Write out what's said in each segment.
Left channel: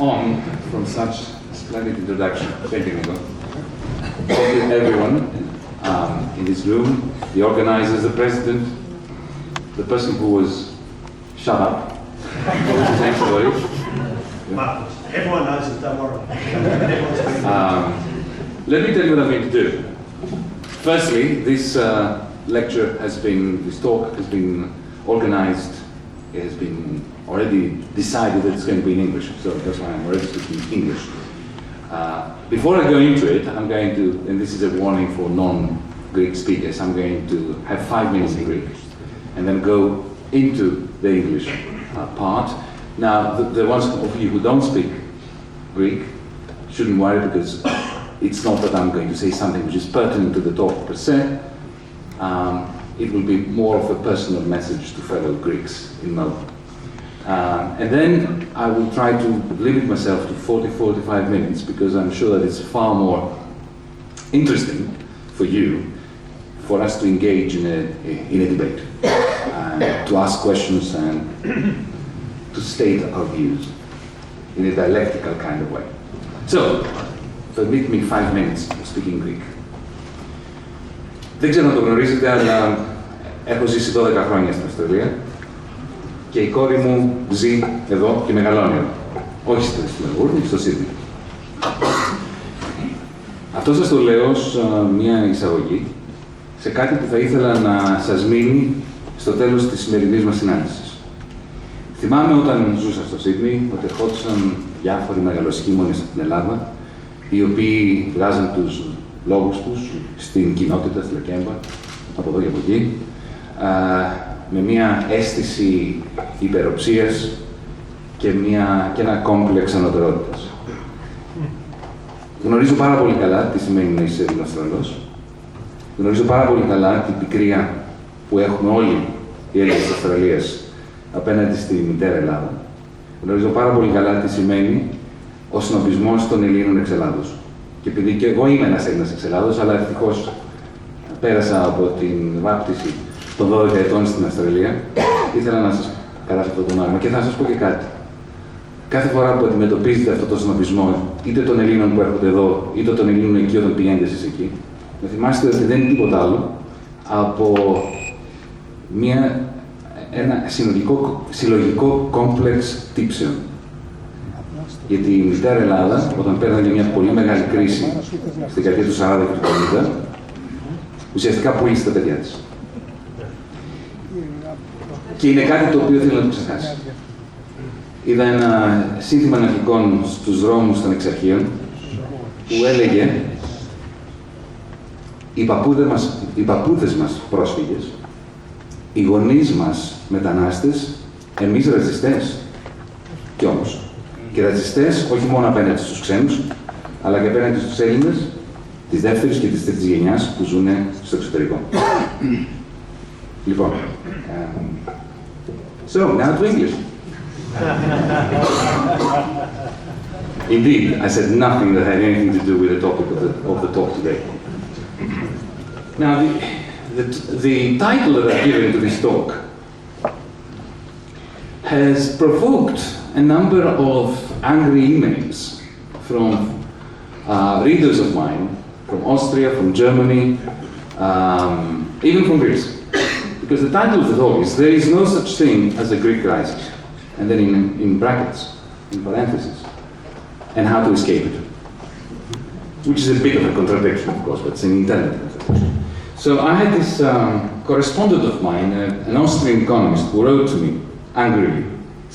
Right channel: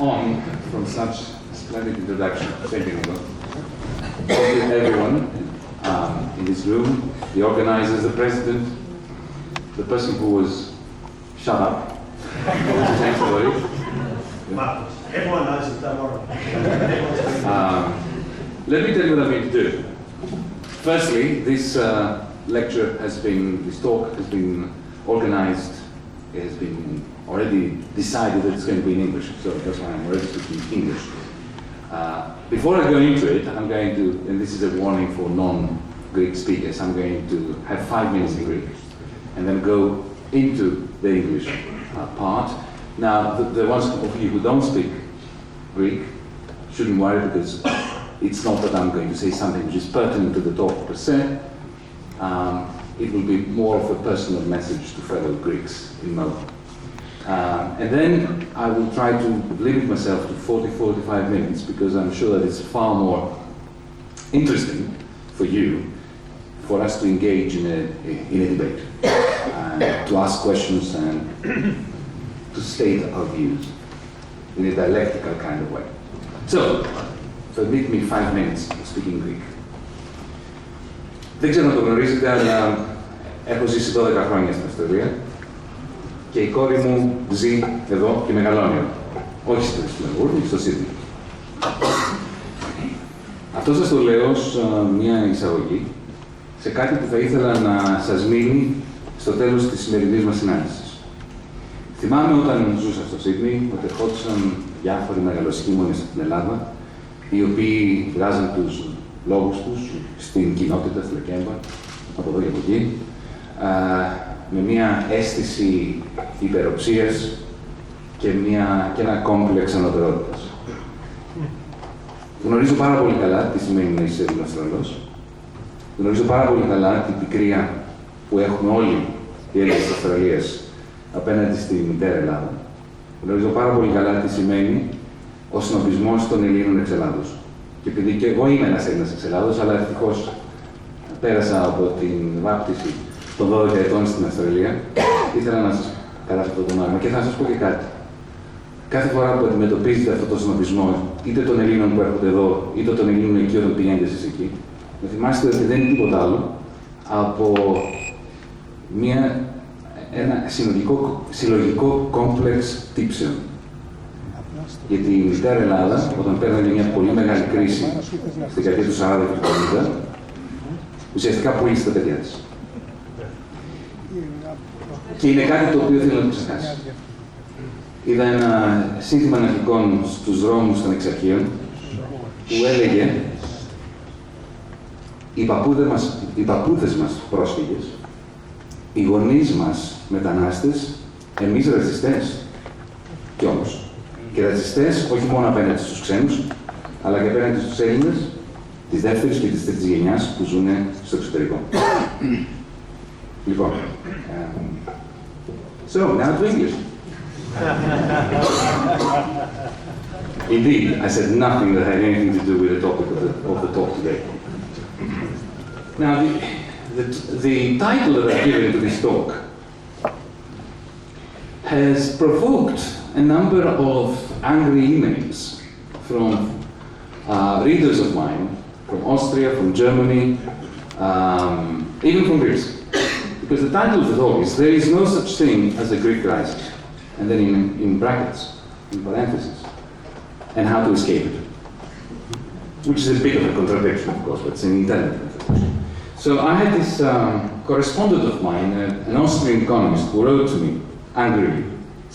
on from such a splendid introduction. Thank you, Nico. Thank you, everyone in this room, the organizers, the president, the person who was shut up, thanks for it. Everyone knows it, don't worry. Let me tell you what I'm going to do. Firstly, this lecture this talk has been organized, it has been already decided that it's going to be in English, so that's why I'm already speaking English. Before I go into it, I'm going to, and this is a warning for non-Greek speakers, I'm going to have 5 minutes in Greek, and then go into the English part. Now, the ones of you who don't speak Greek shouldn't worry, because it's not that I'm going to say something which is pertinent to the talk per se. It will be more of a personal message to fellow Greeks in Melbourne. And then I will try to limit myself to 40-45 minutes, because I'm sure that it's far more interesting for you, for us to engage in a debate, to ask questions and to state our views in a dialectical kind of way. So, permit me 5 minutes speaking Greek. Δεν ξέρω να το γνωρίζετε, αλλά έχω ζήσει 12 χρόνια στην Αυστραλία και η κόρη μου ζει εδώ και μεγαλώνει εδώ. Όχι στο Μελβούρνη, στο Σίδνεϊ. Αυτό σας το λέω ως μια εισαγωγή σε κάτι που θα ήθελα να σας μείνει στο τέλος της σημερινής μας συνάντησης. Θυμάμαι όταν ζούσα στο Σίδνεϊ ότι ερχόντουσαν διάφοροι μεγαλοσχήμονες στην Ελλάδα, οι οποίοι βγάζαν τους λόγους τους στην κοινότητα, στη Λεκέμπα, από εδώ και από εκεί, με μια αίσθηση υπεροψίας και ένα κόμπλεξ ανωτερότητας. Γνωρίζω πάρα πολύ καλά τι σημαίνει να είσαι Ελληνοαυστραλός. Γνωρίζω πάρα πολύ καλά την πικρία που έχουμε όλοι οι Έλληνες της Αυστραλίας απέναντι στη μητέρα Ελλάδα. Γνωρίζω πάρα πολύ καλά τι σημαίνει ο συνοπισμός των Ελλήνων εξ Ελλάδος. Και επειδή και εγώ είμαι ένας Έλληνας εξ Ελλάδος, αλλά ευτυχώς πέρασα από την βάπτιση των 12 ετών στην Αυστραλία, ήθελα να σας περάσω αυτό το νόημα. Και θα σας πω και κάτι. Κάθε φορά που αντιμετωπίζετε αυτό το συνοπισμό, είτε των Ελλήνων που έρχονται εδώ, είτε των Ελλήνων εκεί όταν πηγαίνετε εσείς εκεί, να θυμάστε ότι δεν είναι τίποτα άλλο από ένα συλλογικό κόμπλεξ τύψεων. Γιατί η μητέρα Ελλάδα, όταν πέρανε μια πολύ μεγάλη κρίση στη δεκαετία του 40 και του 50, ουσιαστικά πούλησε τα παιδιά της. Και είναι κάτι το οποίο θέλω να το ξεχάσει. Είδα ένα σύνθημα ναυτικών στους δρόμους των Εξαρχείων που έλεγε οι παππούδες μας πρόσφυγες, οι γονείς μας μετανάστες, εμείς ρατσιστές. Κι όμως, και ρατσιστές όχι μόνο απέναντι στους ξένους, αλλά και απέναντι στους Έλληνες της δεύτερης και της τρίτης γενιάς που ζουν στο εξωτερικό. Λοιπόν, so, now to English. Indeed, I said nothing that had anything to do with the topic of the talk today. Now, the title that I've given to this talk has provoked a number of angry emails from readers of mine, from Austria, from Germany, even from Greece. Because the title of the talk is, "There is no such thing as a Greek crisis," and then in brackets, in parentheses, and how to escape it. Which is a bit of a contradiction, of course, but it's an intelligent contradiction. So I had this correspondent of mine, an Austrian economist, who wrote to me angrily,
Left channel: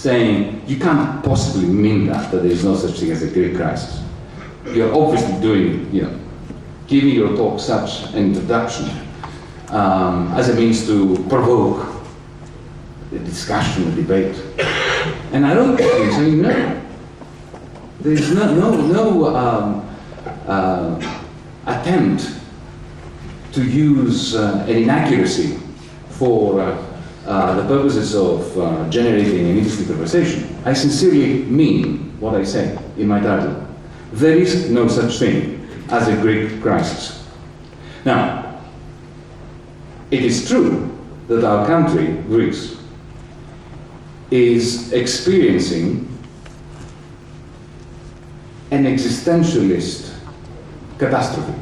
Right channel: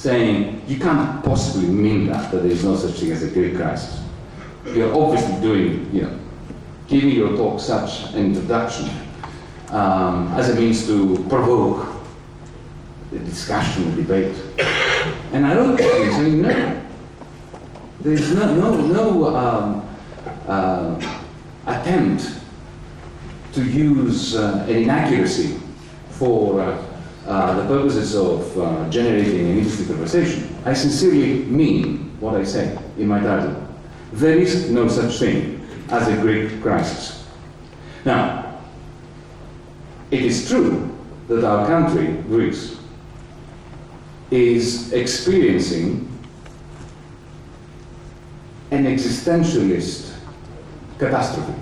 saying, "You can't possibly mean that there is no such thing as a Greek crisis. You're obviously doing, giving your talk such an introduction as a means to provoke a discussion, a debate." And I wrote to him saying, "No, there is no attempt to use an inaccuracy for the purposes of generating an interesting conversation. I sincerely mean what I say in my title. There is no such thing as a Greek crisis." Now, it is true that our country, Greece, is experiencing an existentialist catastrophe,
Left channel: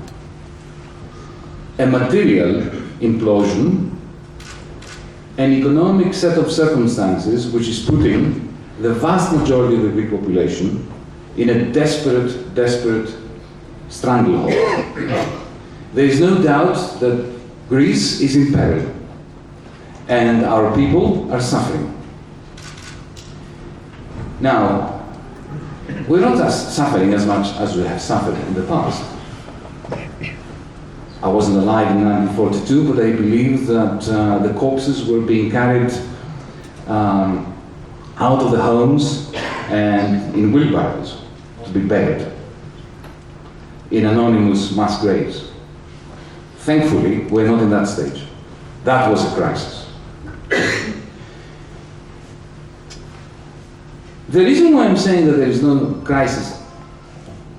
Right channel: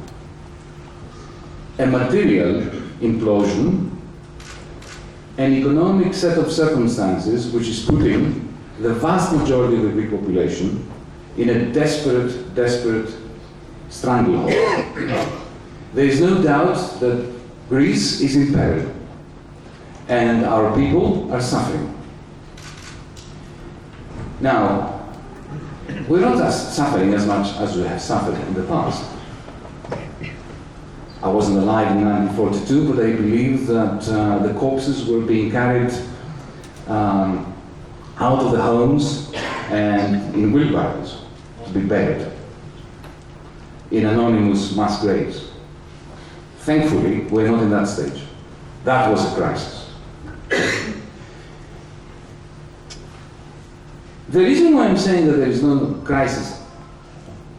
a material implosion, an economic set of circumstances which is putting the vast majority of the Greek population in a desperate stranglehold. There is no doubt that Greece is in peril, and our people are suffering. Now, we're not suffering as much as we have suffered in the past. I wasn't alive in 1942, but I believe that the corpses were being carried out of the homes and in wheelbarrows to be buried in anonymous mass graves. Thankfully, we're not in that stage. That was a crisis. The reason why I'm saying that there is no crisis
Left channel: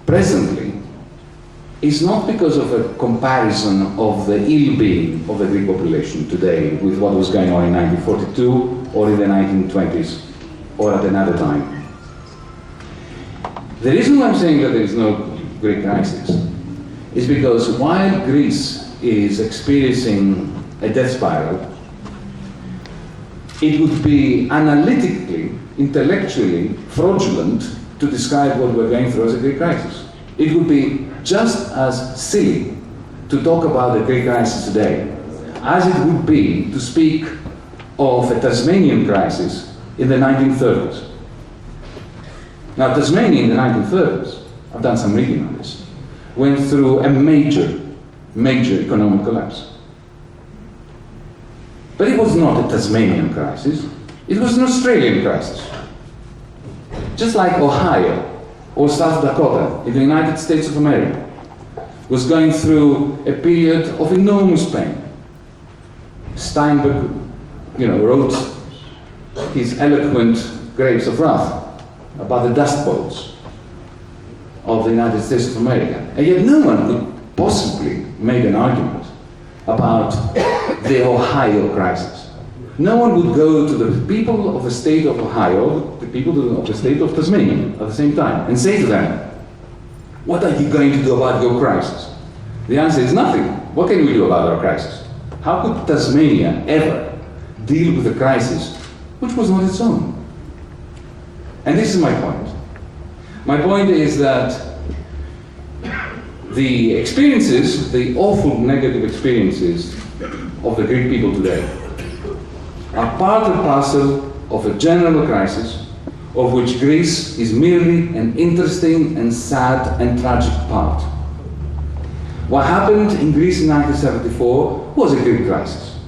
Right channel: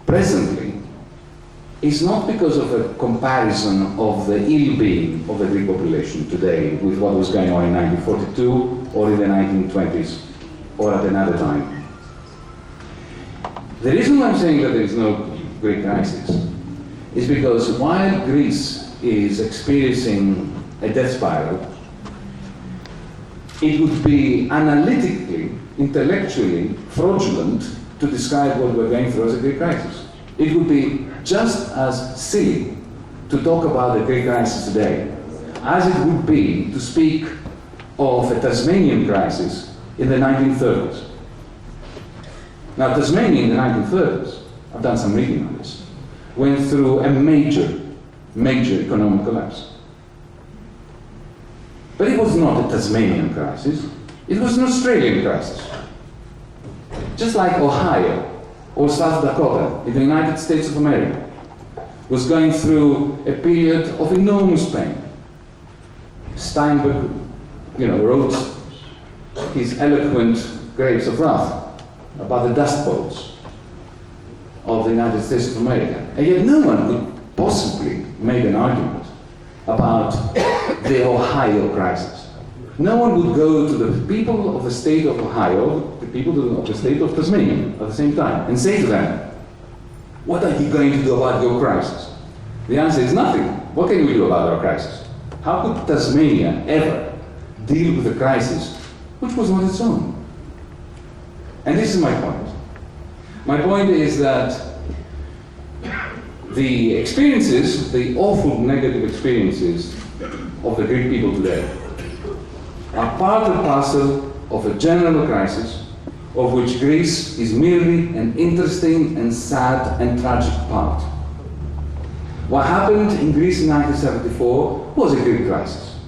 presently is not because of a comparison of the ill-being of the Greek population today with what was going on in 1942 or in the 1920s or at another time. The reason why I'm saying that there is no Greek crisis is because while Greece is experiencing a death spiral, it would be analytically, intellectually fraudulent to describe what we're going through as a Greek crisis. It would be just as silly to talk about the Greek crisis today as it would be to speak of a Tasmanian crisis in the 1930s. Now, Tasmania in the 1930s, I've done some reading on this, went through a major economic collapse. But it was not a Tasmanian crisis, it was an Australian crisis. Just like Ohio or South Dakota in the United States of America was going through a period of enormous pain. Steinbeck, wrote his eloquent Grapes of Wrath about the Dust Bowls of the United States of America. And yet no one could possibly make an argument about the Ohio crisis. No one would go to the people of the state of Ohio, the people of the state of Tasmania at the same time, and say to them, what are you going to do about your crisis? The answer is nothing. What can we do about our crisis? How could Tasmania ever deal with a crisis which was not its own? And this is my point. My point is that the experiences, the awful negative experiences of the Greek people today are part and parcel of a general crisis of which Greece is merely an interesting and sad and tragic part. What happened in Greece in 1974 was a Greek crisis.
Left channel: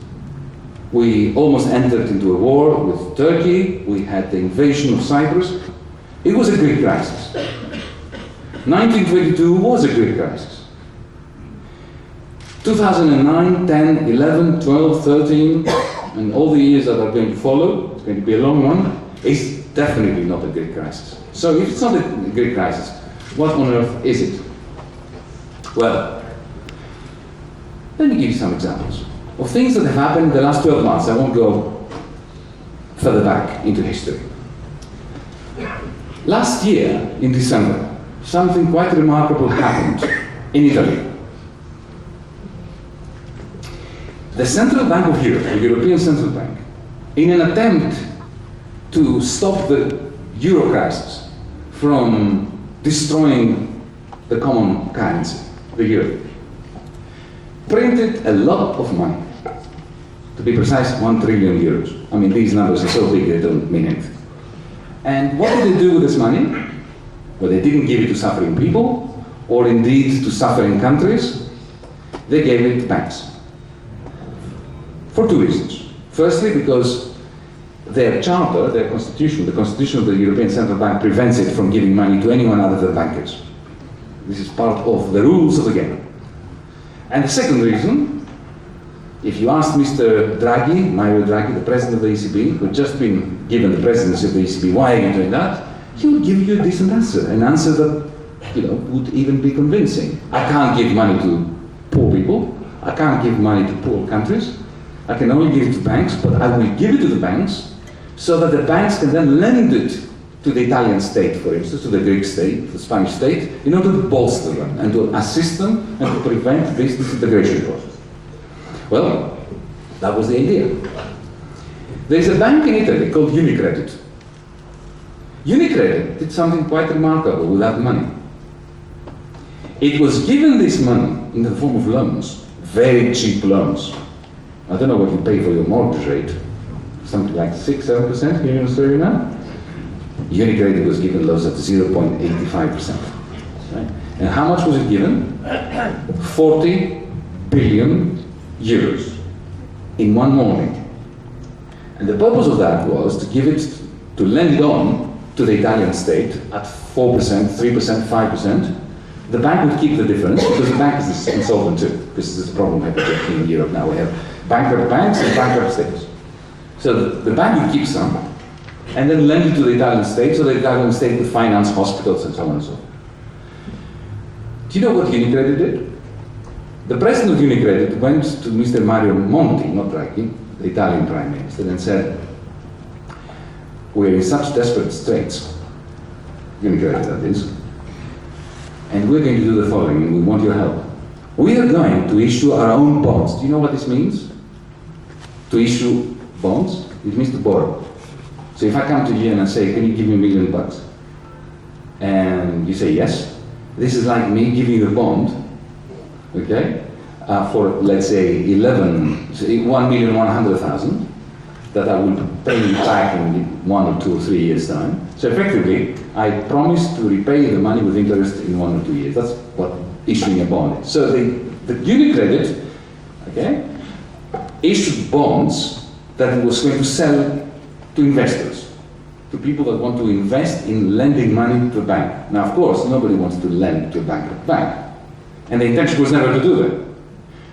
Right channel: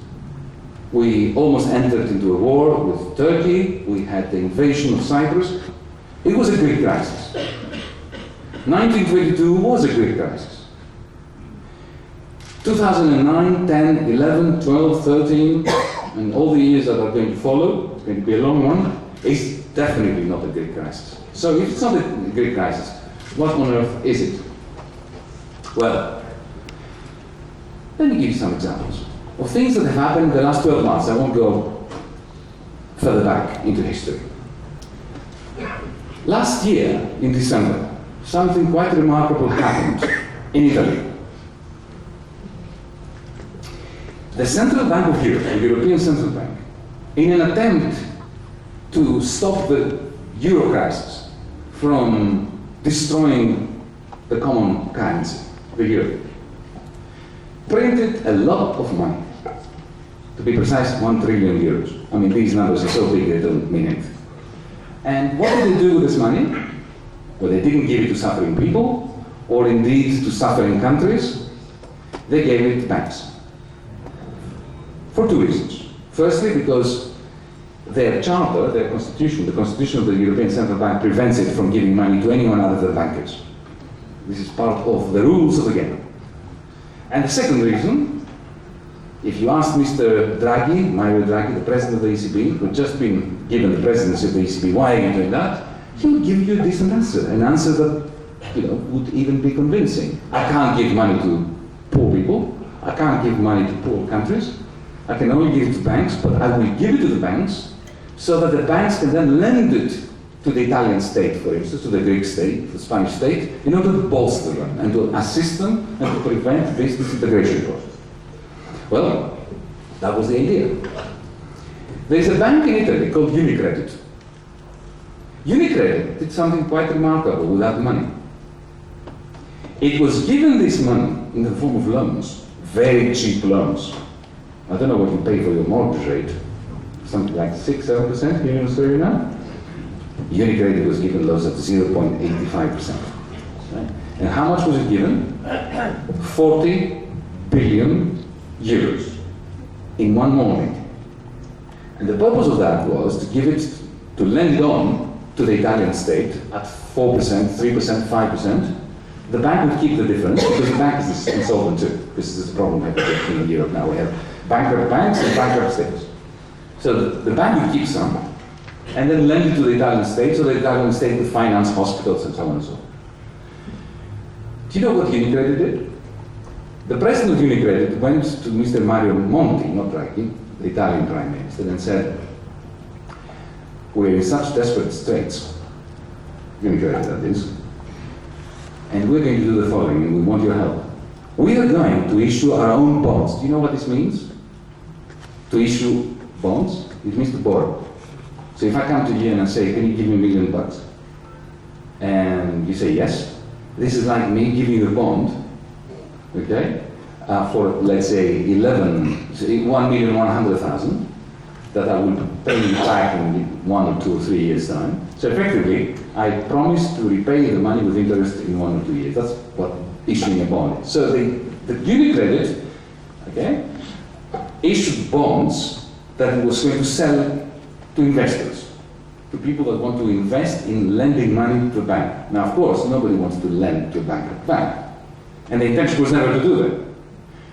We almost entered into a war with Turkey, we had the invasion of Cyprus. It was a Greek crisis. 1922 was a Greek crisis. 2009, 10, 11, 12, 13, and all the years that are going to follow, it's going to be a long one, is definitely not a Greek crisis. So if it's not a Greek crisis, what on earth is it? Well, let me give you some examples of things that have happened in the last 12 months. I won't go further back into history. Last year, in December, something quite remarkable happened in Italy. The Central Bank of Europe, the European Central Bank, in an attempt to stop the euro crisis from destroying the common currency, the euro, printed a lot of money. To be precise, 1 trillion euros. I mean, these numbers are so big they don't mean anything. And what did they do with this money? Well, they didn't give it to suffering people, or indeed to suffering countries. They gave it to banks. For two reasons. Firstly, because their charter, their constitution, the constitution of the European Central Bank prevents it from giving money to anyone other than bankers. This is part of the rules of the game. And the second reason, if you ask Mr. Draghi, Mario Draghi, the president of the ECB, who had just been given the presidency of the ECB, why are you doing that? He would give you a decent answer, an answer that would even be convincing. I can't give money to poor people. I can't give money to poor countries. I can only give it to banks, but I will give it to the banks so that the banks can then lend it to the Italian state, for instance, to the Greek state, the Spanish state, in order to bolster them and to assist them and to prevent this disintegration process. Well, that was the idea. There's a bank in Italy called Unicredit. Unicredit did something quite remarkable with that money. It was given this money in the form of loans, very cheap loans. I don't know what you pay for your mortgage rate, something like 6-7% here in Australia now. Unicredit was given loans at 0.85%. Right? And how much was it given? 40 billion euros in one morning. And the purpose of that was to give it, to lend it on to the Italian state at 4%, 3%, 5%. The bank would keep the difference because the bank is insolvent too. This is a problem happening in Europe now. We have bankrupt banks and bankrupt states. So the bank would keep some and then lend it to the Italian state so the Italian state would finance hospitals and so on and so forth. Do you know what Unicredit did? The president of Unicredit went to Mr. Mario Monti, not Draghi, the Italian prime minister, and said, "We're in such desperate straits, Unicredit that is, and we're going to do the following, and we want your help. We are going to issue our own bonds." Do you know what this means? To issue bonds? It means to borrow. So if I come to you and I say, "Can you give me $1 million?" And you say yes, this is like me giving you a bond, okay, for let's say 1,100,000 that I will pay you back in 1 or 2 or 3 years' time. So effectively, I promise to repay the money with interest in 1 or 2 years. That's what issuing a bond is. So the Unicredit, okay, issued bonds that it was going to sell to investors, to people that want to invest in lending money to a bank. Now, of course, nobody wants to lend to a bankrupt bank, and the intention was never to do that.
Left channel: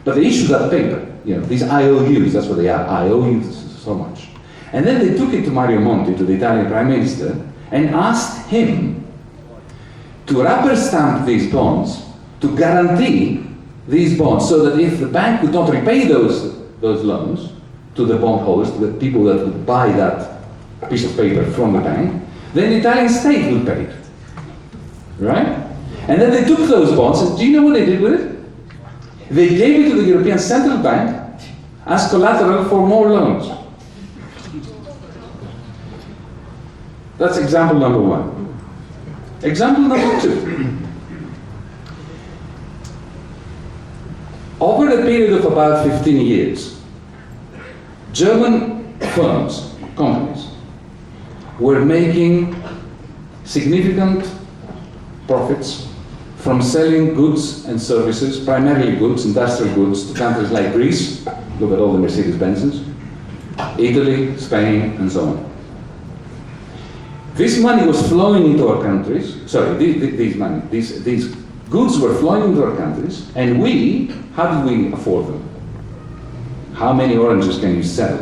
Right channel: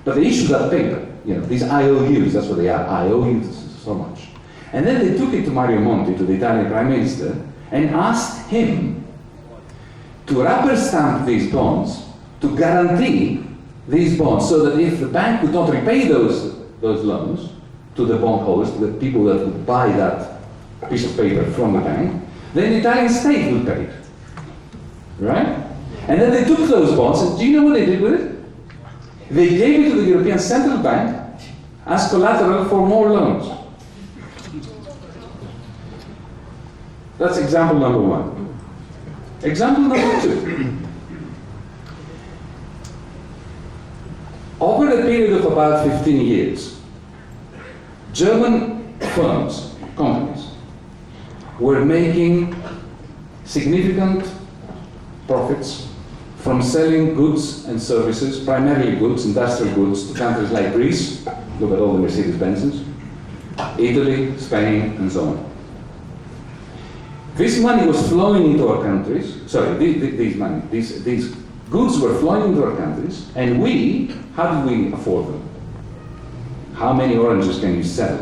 But they issued that paper, these IOUs, that's what they are, I owe you so much. And then they took it to Mario Monti, to the Italian Prime Minister, and asked him to rubber stamp these bonds, to guarantee these bonds, so that if the bank would not repay those loans to the bondholders, to the people that would buy that piece of paper from the bank, then the Italian state would pay it. Right? And then they took those bonds, and do you know what they did with it? They gave it to the European Central Bank as collateral for more loans. That's example number 1. Example number 2. Over a period of about 15 years, German firms, companies, were making significant profits from selling goods and services, primarily goods, industrial goods, to countries like Greece, look at all the Mercedes-Benzes, Italy, Spain, and so on. This money was flowing into our countries, these goods were flowing into our countries, and how did we afford them? How many oranges can you sell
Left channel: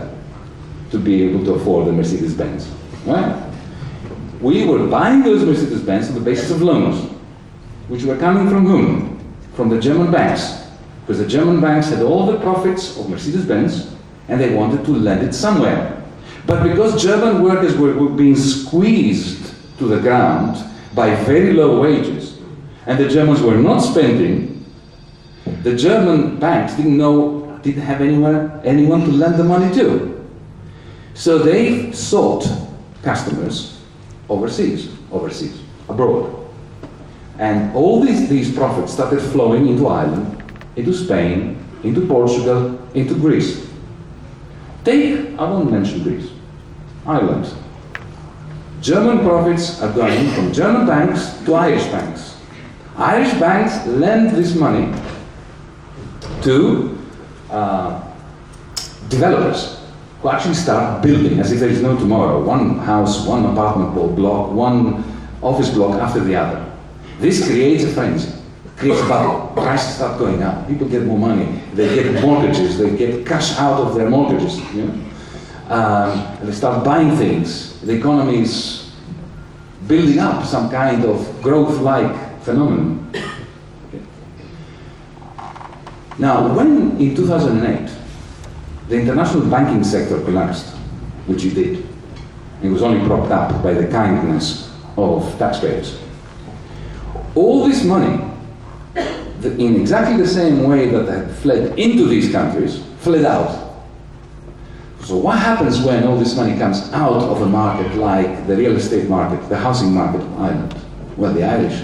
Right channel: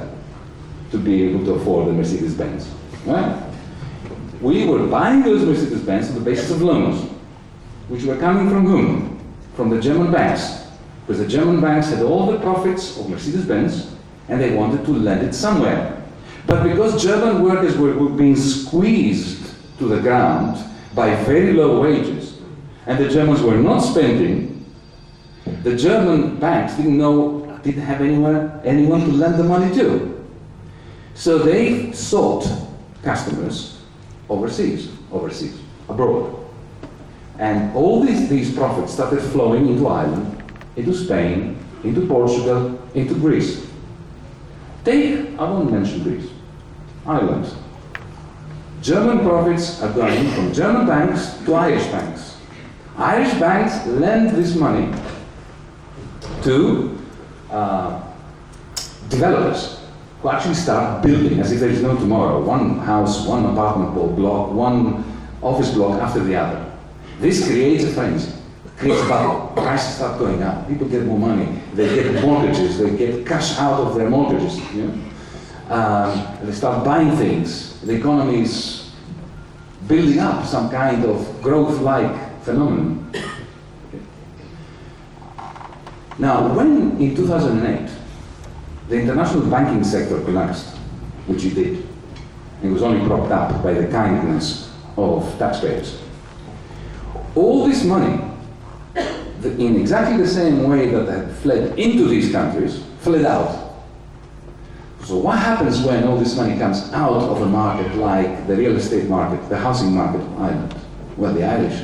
to be able to afford the Mercedes-Benz? Right? We were buying those Mercedes-Benz on the basis of loans, which were coming from whom? From the German banks. Because the German banks had all the profits of Mercedes-Benz, and they wanted to lend it somewhere. But because German workers were being squeezed to the ground by very low wages, and the Germans were not spending, the German banks didn't have anyone to lend the money to. So they sought customers overseas, abroad. And all these profits started flowing into Ireland, into Spain, into Portugal, into Greece. I won't mention Greece, Ireland. German profits are going from German banks to Irish banks. Irish banks lend this money to developers who actually start building as if there is no tomorrow. One house, one apartment block, one office block after the other. This creates a frenzy, creates a bubble. Prices start going up. People get more money. They get mortgages. They get cash out of their mortgages. They start buying things. The economy is building up some kind of growth-like phenomenon. Okay. Now, when in 2008 the international banking sector collapsed, which it did, It was only propped up by the kindness of taxpayers. All this money, in exactly the same way that had fled into these countries, fled out. So what happens when all this money comes out of a market like the real estate market, the housing market of Ireland? Well, the Irish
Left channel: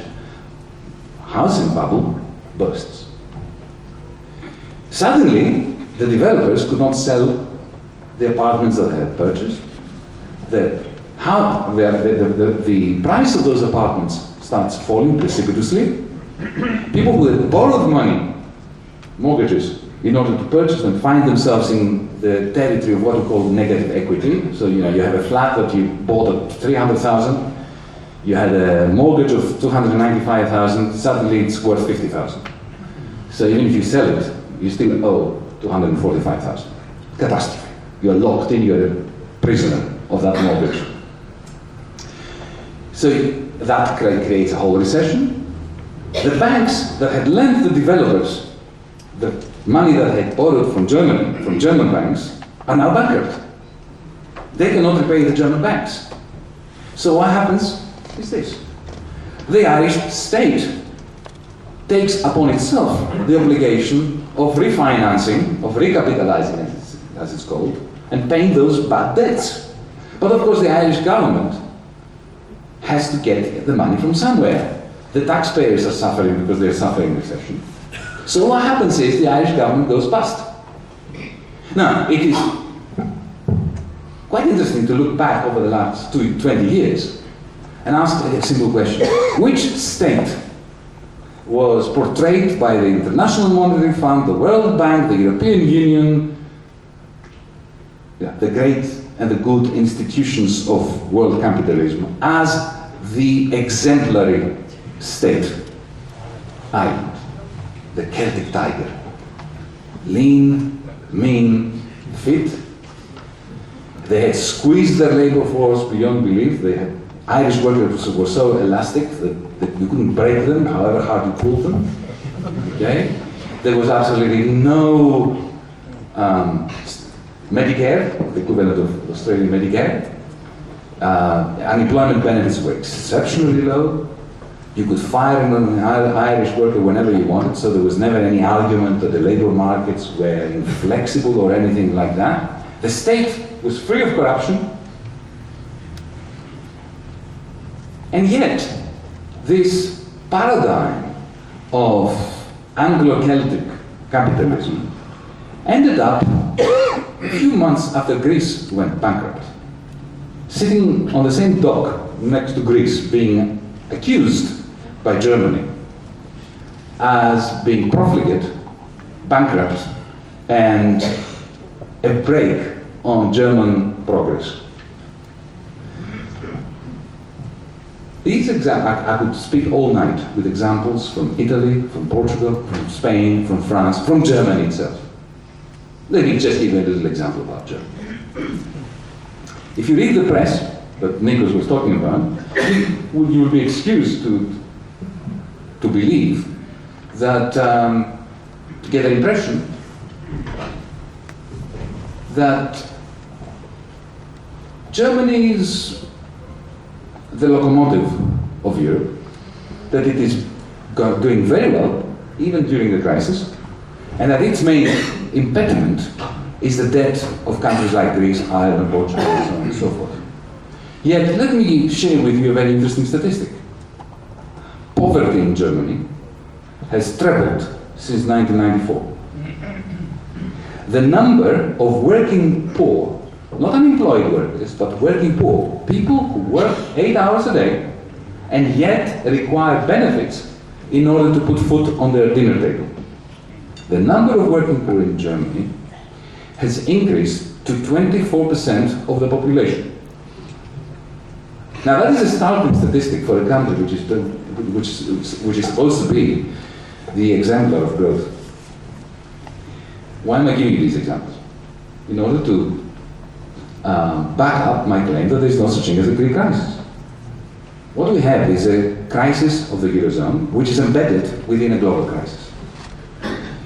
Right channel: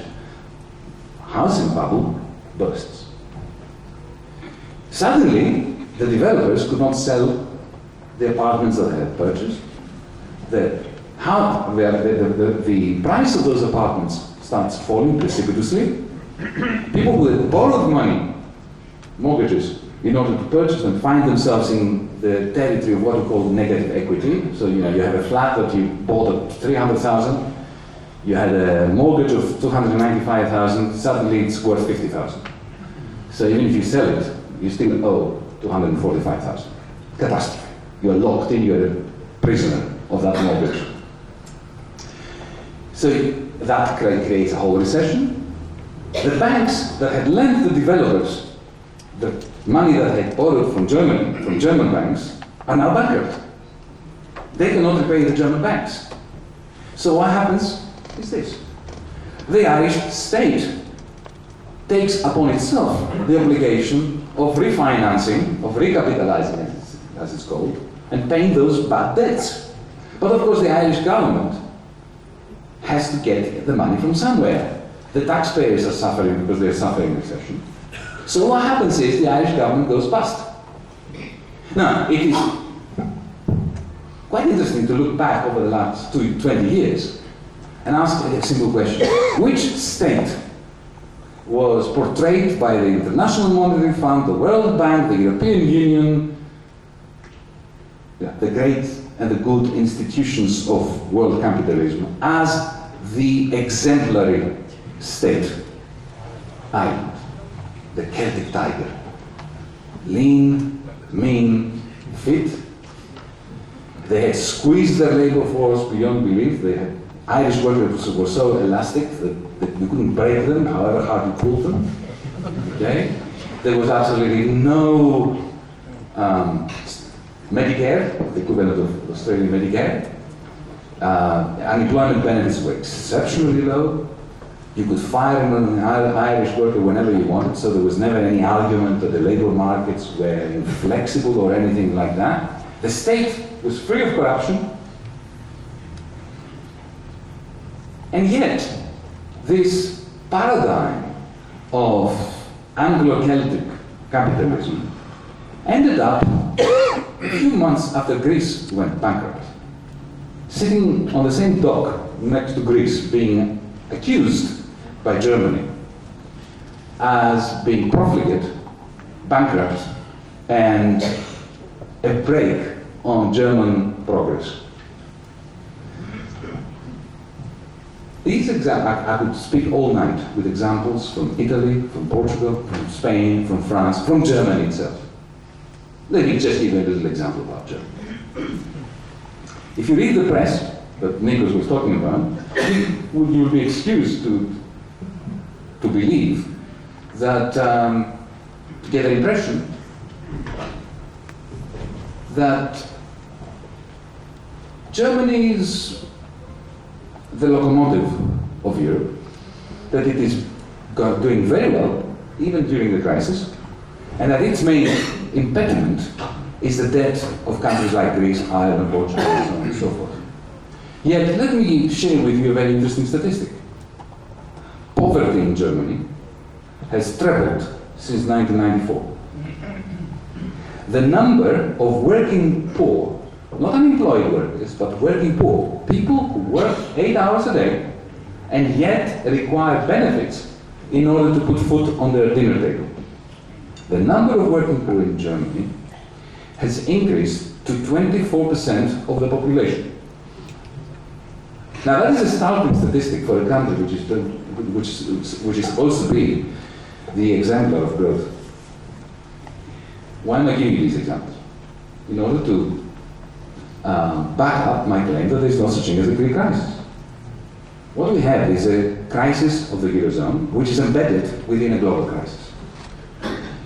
housing bubble bursts. Suddenly, the developers could not sell the apartments that they had purchased. The price of those apartments starts falling precipitously. People who had borrowed money, mortgages, in order to purchase them, find themselves in the territory of what we call negative equity. So, you have a flat that you bought at 300,000, you had a mortgage of 295,000, suddenly it's worth 50,000. So even if you sell it, you still owe 245,000. Catastrophe. You're locked in, you're a prisoner of that mortgage. So that creates a whole recession. The banks that had lent the developers the money that they had borrowed from Germany, from German banks, are now bankrupt. They cannot repay the German banks. So what happens is this. The Irish state takes upon itself the obligation of refinancing, of recapitalizing, as it's called, and paying those bad debts. But of course the Irish government has to get the money from somewhere. The taxpayers are suffering because they're suffering recession. So what happens is the Irish government goes bust. Now, it is quite interesting to look back over the last 20 years and ask a simple question. Which state was portrayed by the International Monetary Fund, the World Bank, the European Union, the great and the good institutions of world capitalism as the exemplary state? Ireland, the Celtic tiger. Lean, mean, fit. They had squeezed their labor force beyond belief. Irish workers were so elastic that you couldn't break them, however hard you pulled them. Okay? There was absolutely no Medicare, the equivalent of Australian Medicare. Unemployment benefits were exceptionally low. You could fire an Irish worker whenever you wanted, so there was never any argument that the labor markets were inflexible or anything like that. The state was free of corruption, and yet this paradigm of Anglo-Celtic capitalism ended up a few months after Greece went bankrupt, sitting on the same dock next to Greece, being accused by Germany as being profligate, bankrupt, and a brake on German progress. I could speak all night with examples from Italy, from Portugal, from Spain, from France, from Germany itself. Let me just give you a little example about Germany. If you read the press that Nikos was talking about, you will be excused to believe that, to get the impression that Germany is the locomotive of Europe, that it is doing very well, even during the crisis, and that its main impediment is the debt of countries like Greece, Ireland, Portugal, and so on and so forth. Yet, let me share with you a very interesting statistic. Poverty in Germany has trebled since 1994. The number of working poor, not unemployed workers, but working poor, people who work 8 hours a day and yet require benefits in order to put food on their dinner table. The number of working poor in Germany has increased to 24% of the population. Now that is a startling statistic for a country which is supposed to be the exemplar of growth. Why am I giving you these examples? In order to back up my claim that there is no such thing as a Greek crisis. What we have is a crisis of the Eurozone, which is embedded within a global crisis.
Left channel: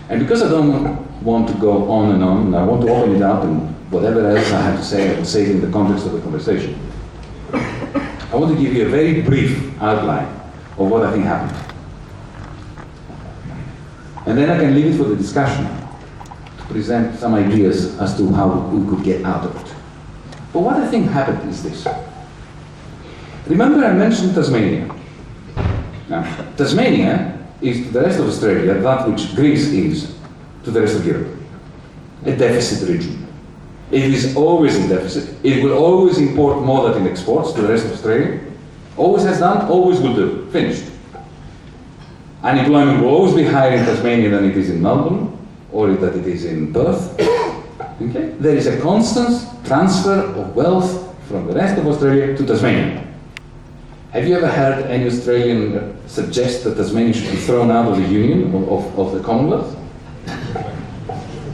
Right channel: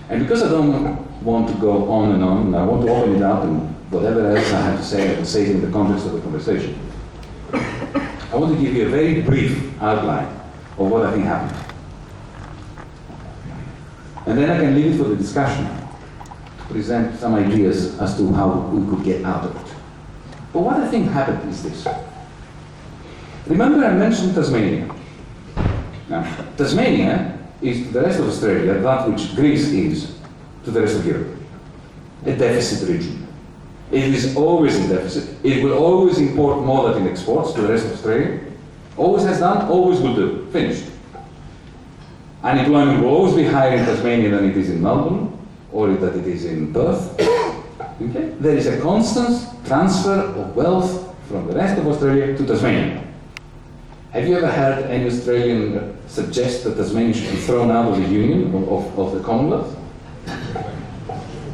And because I don't want to go on and I want to open it up, and whatever else I have to say, I will say it in the context of the conversation. I want to give you a very brief outline of what I think happened. And then I can leave it for the discussion to present some ideas as to how we could get out of it. But what I think happened is this. Remember I mentioned Tasmania. Now, Tasmania is to the rest of Australia that which Greece is to the rest of Europe. A deficit region. It is always in deficit. It will always import more than it exports to the rest of Australia. Always has done, always will do. Finished. Unemployment will always be higher in Tasmania than it is in Melbourne, or that it is in Perth. Okay? There is a constant transfer of wealth from the rest of Australia to Tasmania. Have you ever heard any Australian suggest that Tasmania should be thrown out of the Union, of the Commonwealth?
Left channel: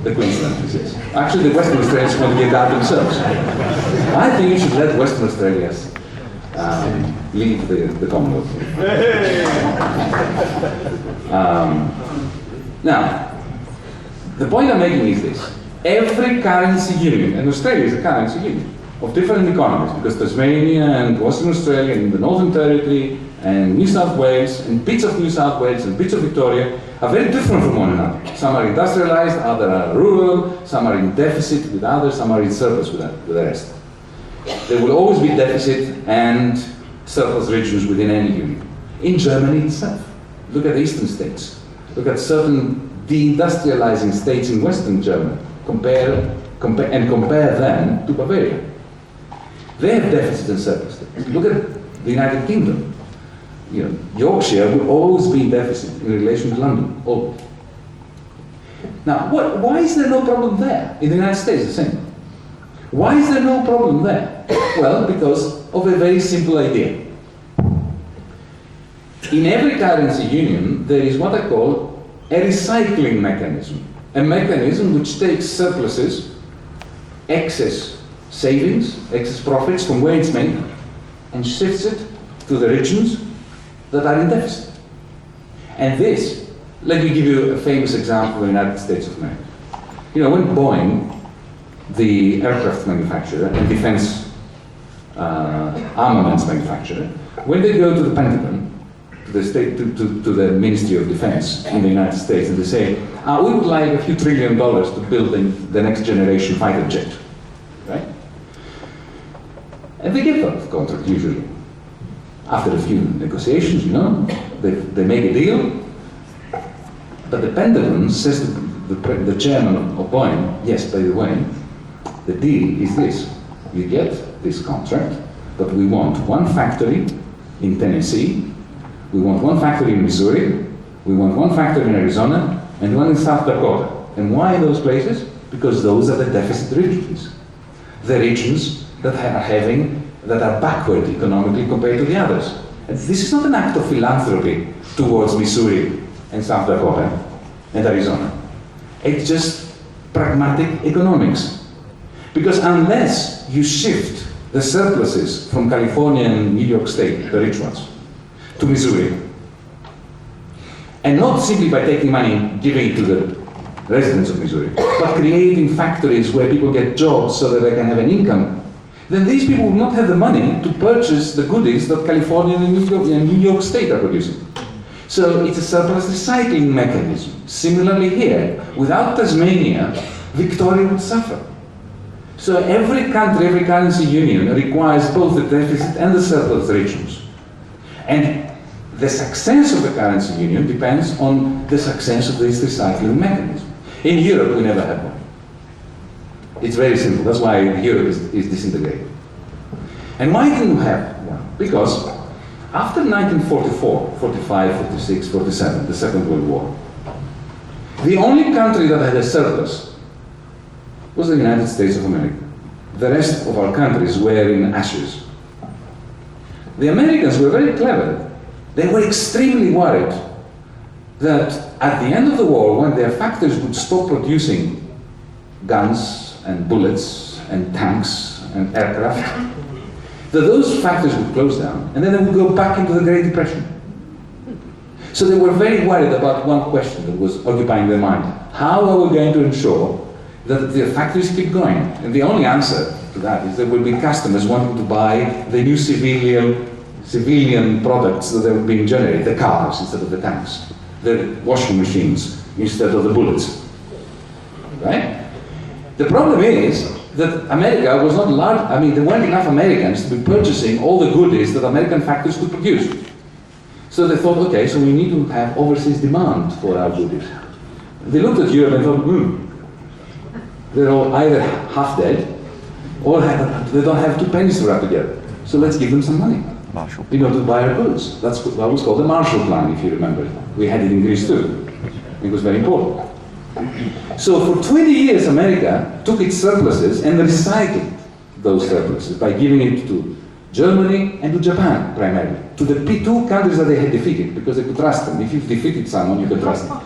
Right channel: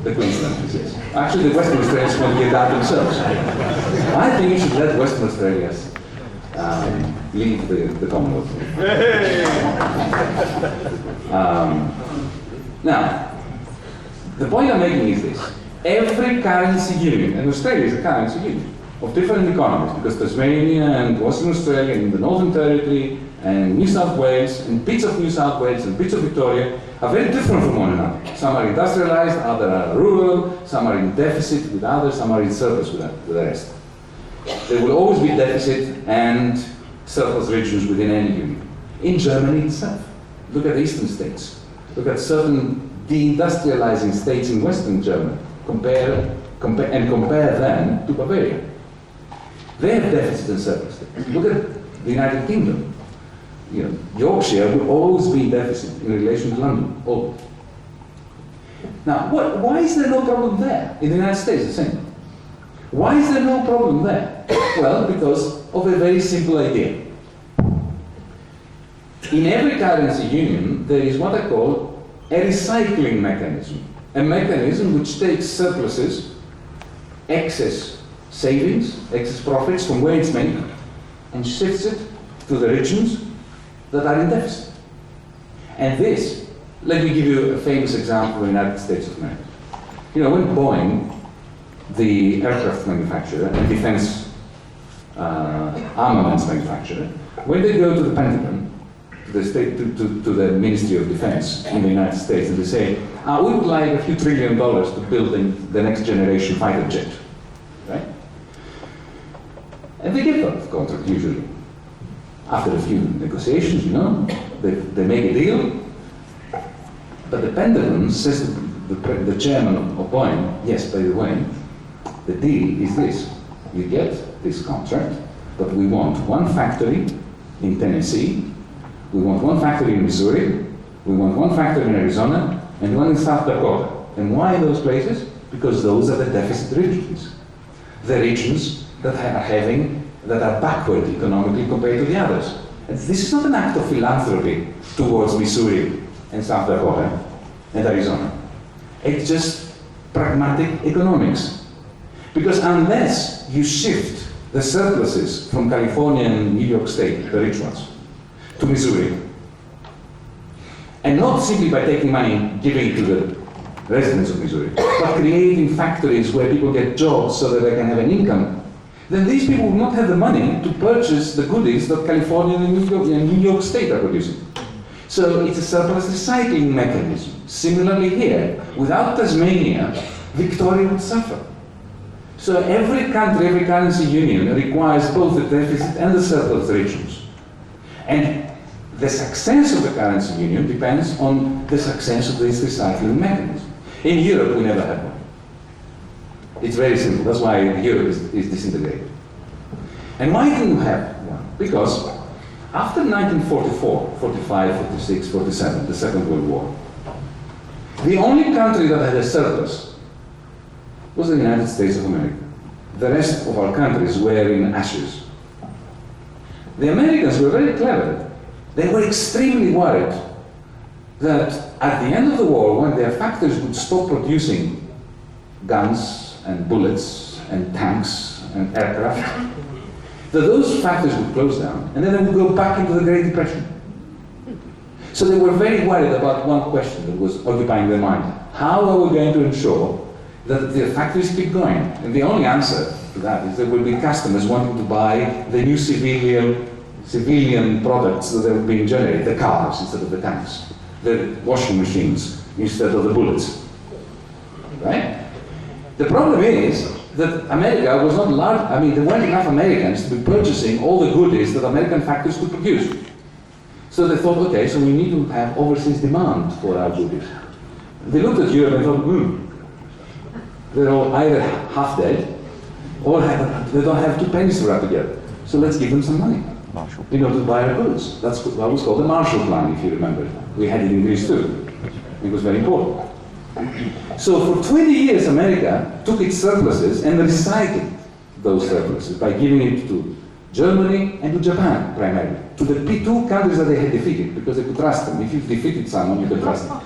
The Queenslanders, yes. Actually, the Western Australians want to get out themselves. I think you should let Western Australians leave the Commonwealth. Now, the point I'm making is this. Every currency union, and Australia is a currency union of different economies, because Tasmania and Western Australia and the Northern Territory and New South Wales and bits of New South Wales and bits of Victoria are very different from one another. Some are industrialized, others are rural, some are in deficit with others, some are in surplus with the rest. There will always be deficit and surplus regions within any union. In Germany itself, look at the eastern states. Look at certain deindustrializing states in Western Germany. Compare them to Bavaria. They have deficit and surplus. Look at the United Kingdom. You know, Yorkshire will always be in deficit in relation to London, always. Now, why is there no problem there? In the United States, the same. Why is there no problem there? Well, because of a very simple idea. In every currency union, there is what I call a recycling mechanism. A mechanism which takes surpluses, excess savings, excess profits from where it's made, and shifts it to the regions that are in deficit. And this, let me give you a famous example of the United States of America. You know, when Boeing, the aircraft manufacturer and defense armaments manufacturer, when they go to the Pentagon, to the Ministry of Defense in the United States, and they say, we would like a few $1 trillion to build the next generation fighter jet, right? And they give that contract usually. After a few negotiations, you know, they make a deal, but the Pentagon says to the chairman of Boeing, yes, by the way, the deal is this. You get this contract, but we want one factory in Tennessee, we want one factory in Missouri, we want one factory in Arizona, and one in South Dakota. And why those places? Because those are the deficit regions. The regions that are backward economically compared to the others. And this is not an act of philanthropy towards Missouri and South Dakota and Arizona. It's just pragmatic economics. Because unless you shift the surpluses from California and New York State, the rich ones, to Missouri, and not simply by taking money and giving it to the residents of Missouri, but creating factories where people get jobs so that they can have an income, then these people will not have the money to purchase the goodies that California and New York State are producing. So it's a surplus recycling mechanism. Similarly here, without Tasmania, Victoria would suffer. So every country, every currency union requires both the deficit and the surplus regions. And the success of the currency union depends on the success of this recycling mechanism. In Europe, we never had one. It's very simple. That's why Europe is disintegrated. And why didn't we have one? Because after 1944, 45, 46, 47, the Second World War, the only country that had a surplus was the United States of America. The rest of our countries were in ashes. The Americans were very clever. They were extremely worried that at the end of the war, when their factories would stop producing guns and bullets and tanks and aircraft, that those factories would close down and then they would go back into the Great Depression. So they were very worried about one question that was occupying their mind. How are we going to ensure that the factories keep going. And the only answer to that is there will be customers wanting to buy the new civilian products that are being generated, the cars instead of the tanks, the washing machines instead of the bullets, right? The problem is that America was not large, I mean, there weren't enough Americans to be purchasing all the goodies that American factories could produce. So they thought, okay, so we need to have overseas demand for our goodies. They looked at Europe and thought, they're all either half dead or they don't have 2 pennies to rub together. So let's give them some money in order to buy our goods. That's what was called the Marshall Plan, if you remember. We had it in Greece too. It was very important. So for 20 years, America took its surpluses and recycled those surpluses by giving it to Germany and to Japan, primarily. To the two countries that they had defeated, because they could trust them. If you've defeated someone, you can trust them.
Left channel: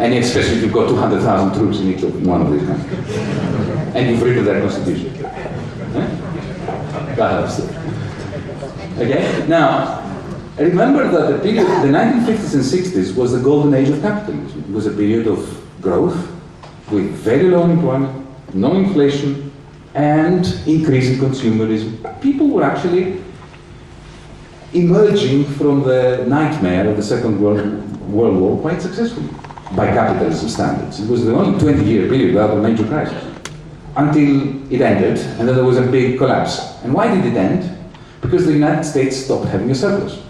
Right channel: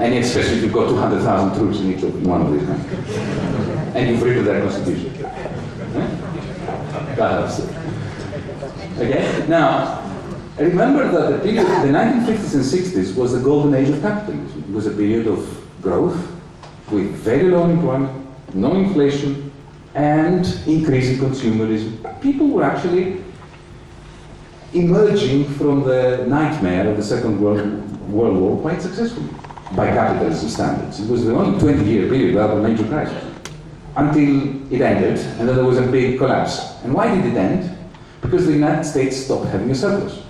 And especially if you've got 200,000 troops in each of one of these countries. And you've written their constitution. That helps. Okay? Now, remember that the period, the 1950s and 60s was the golden age of capitalism. It was a period of growth with very low unemployment, no inflation, and increasing consumerism. People were actually emerging from the nightmare of the Second World War quite successfully by capitalism standards. It was the only 20-year period without a major crisis until it ended, and then there was a big collapse. And why did it end? Because the United States stopped having a surplus.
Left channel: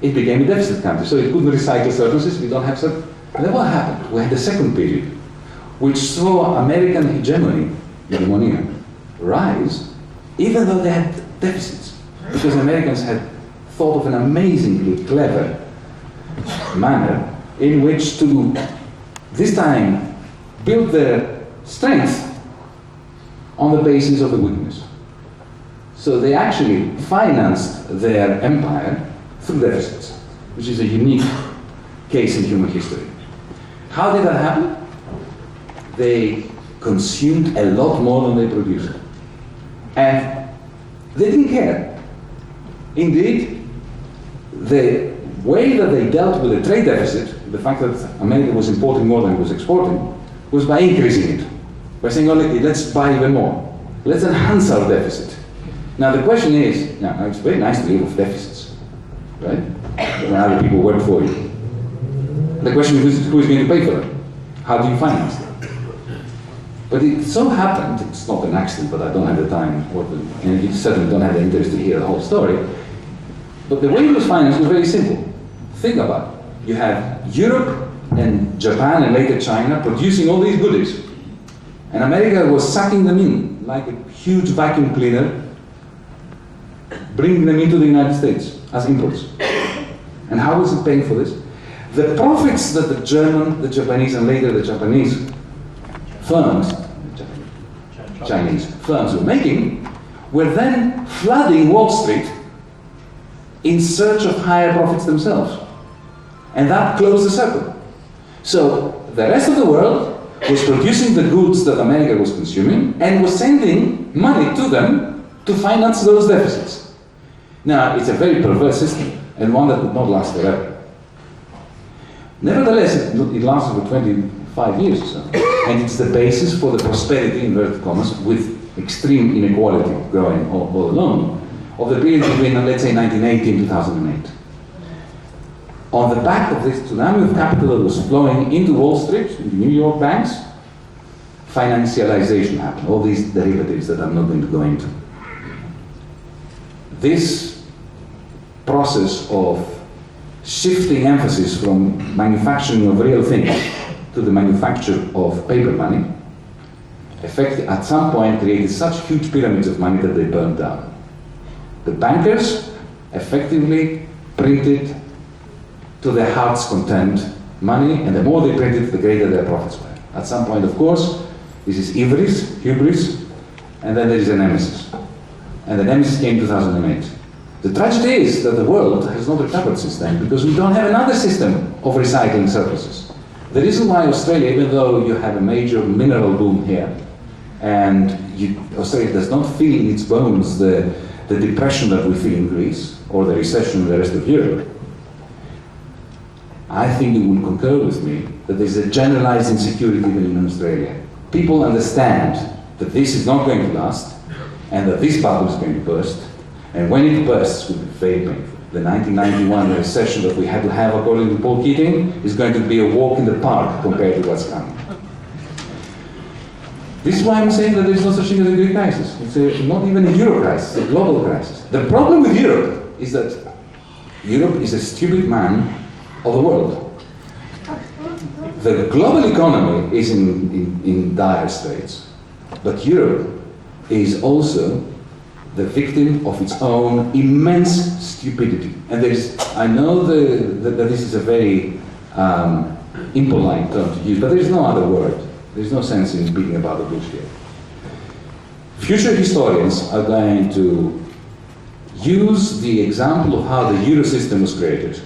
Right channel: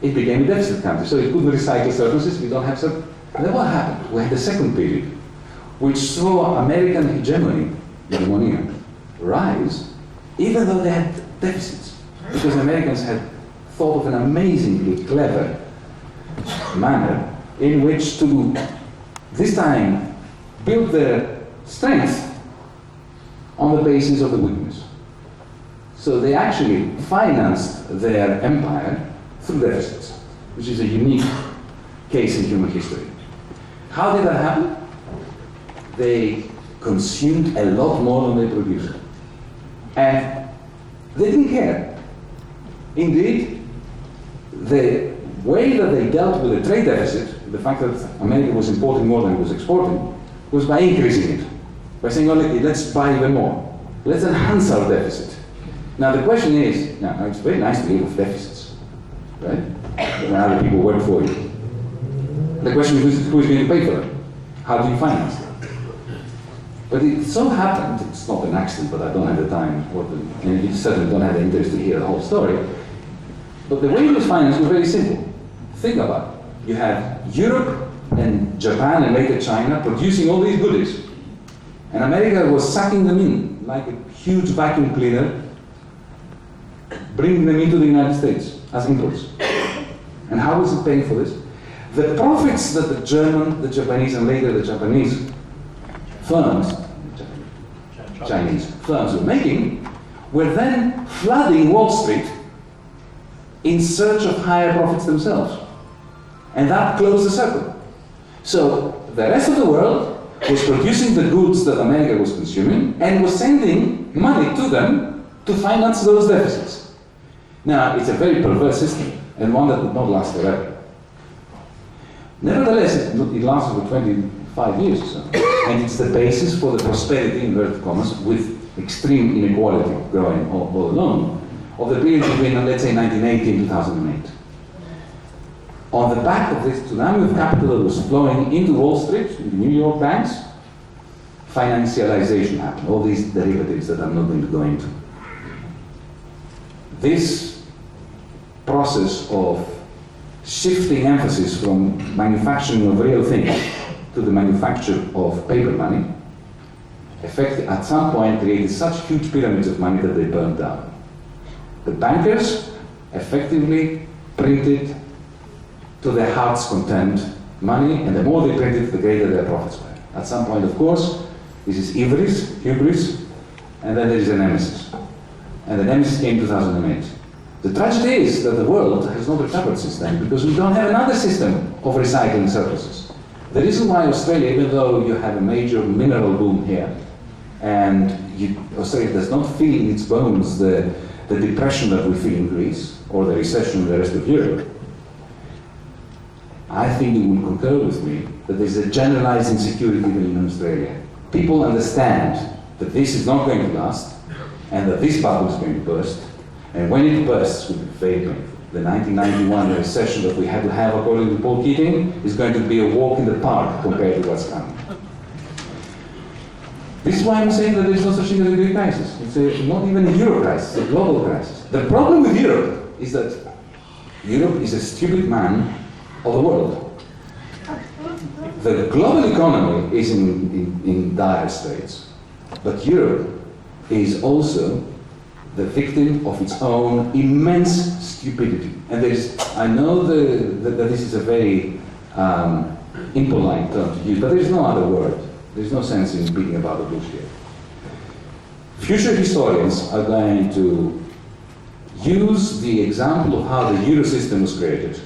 It became a deficit country, so it couldn't recycle surpluses. We don't have surplus. And then what happened? We had the second period, which saw American hegemony rise, even though they had deficits, because Americans had thought of an amazingly clever manner in which to, this time, build their strength on the basis of the weakness. So they actually financed their empire through deficits, which is a unique case in human history. How did that happen? They consumed a lot more than they produced. And they didn't care. Indeed, the way that they dealt with the trade deficit, the fact that America was importing more than it was exporting, was by increasing it. By saying, oh, let's buy even more. Let's enhance our deficit. Now the question is, now it's very nice to live with deficits, right? When other people work for you. The question is, who is going to pay for them? How do you finance them? But it so happened, it's not an accident, but I don't have the time, and you certainly don't have the interest to hear the whole story, but the way it was financed was very simple. Think about it. You have Europe and Japan and later China producing all these goodies. And America was sucking them in like a huge vacuum cleaner, bringing them into the United States as imports. And how was it paying for this? The profits that the German, the Japanese, and later the Japanese firms, Chinese firms were making, were then flooding Wall Street in search of higher profits themselves. And that closed the circle. So the rest of the world was producing the goods that America was consuming and was sending money to them to finance those deficits. Now, it's a very perverse system and one that would not last forever. Nevertheless, it lasted for 25 years or so. And it's the basis for the prosperity, in inverted commas, with extreme inequality growing all along, of the period between, let's say, 1980 and 2008. On the back of this tsunami of capital that was flowing into Wall Street, into New York banks, financialization happened, all these derivatives that I'm not going to go into. This process of shifting emphasis from manufacturing of real things to the manufacture of paper money, at some point created such huge pyramids of money that they burned down. The bankers effectively printed to their heart's content money, and the more they printed, the greater their profits were. At some point, of course, this is hubris, and then there is a nemesis. And the nemesis came in 2008. The tragedy is that the world has not recovered since then because we don't have another system of recycling surpluses. The reason why Australia, even though you have a major mineral boom here, and Australia does not feel in its bones the depression that we feel in Greece, or the recession in the rest of Europe, I think you will concur with me that there's a generalized insecurity even in Australia. People understand that this is not going to last, and that this bubble is going to burst, and when it bursts, it will be very painful. The 1991 recession that we had to have, according to Paul Keating, is going to be a walk in the park compared to what's coming. This is why I'm saying that there is no such thing as a Greek crisis. It's not even a Euro crisis, it's a global crisis. The problem with Europe is that Europe is a stupid man of the world. The global economy is in dire straits, but Europe is also the victim of its own immense stupidity. And I know that this is a very impolite term to use, but there is no other word. There's no sense in beating about the bush here. Future historians are going to use the example of how the Euro system was created,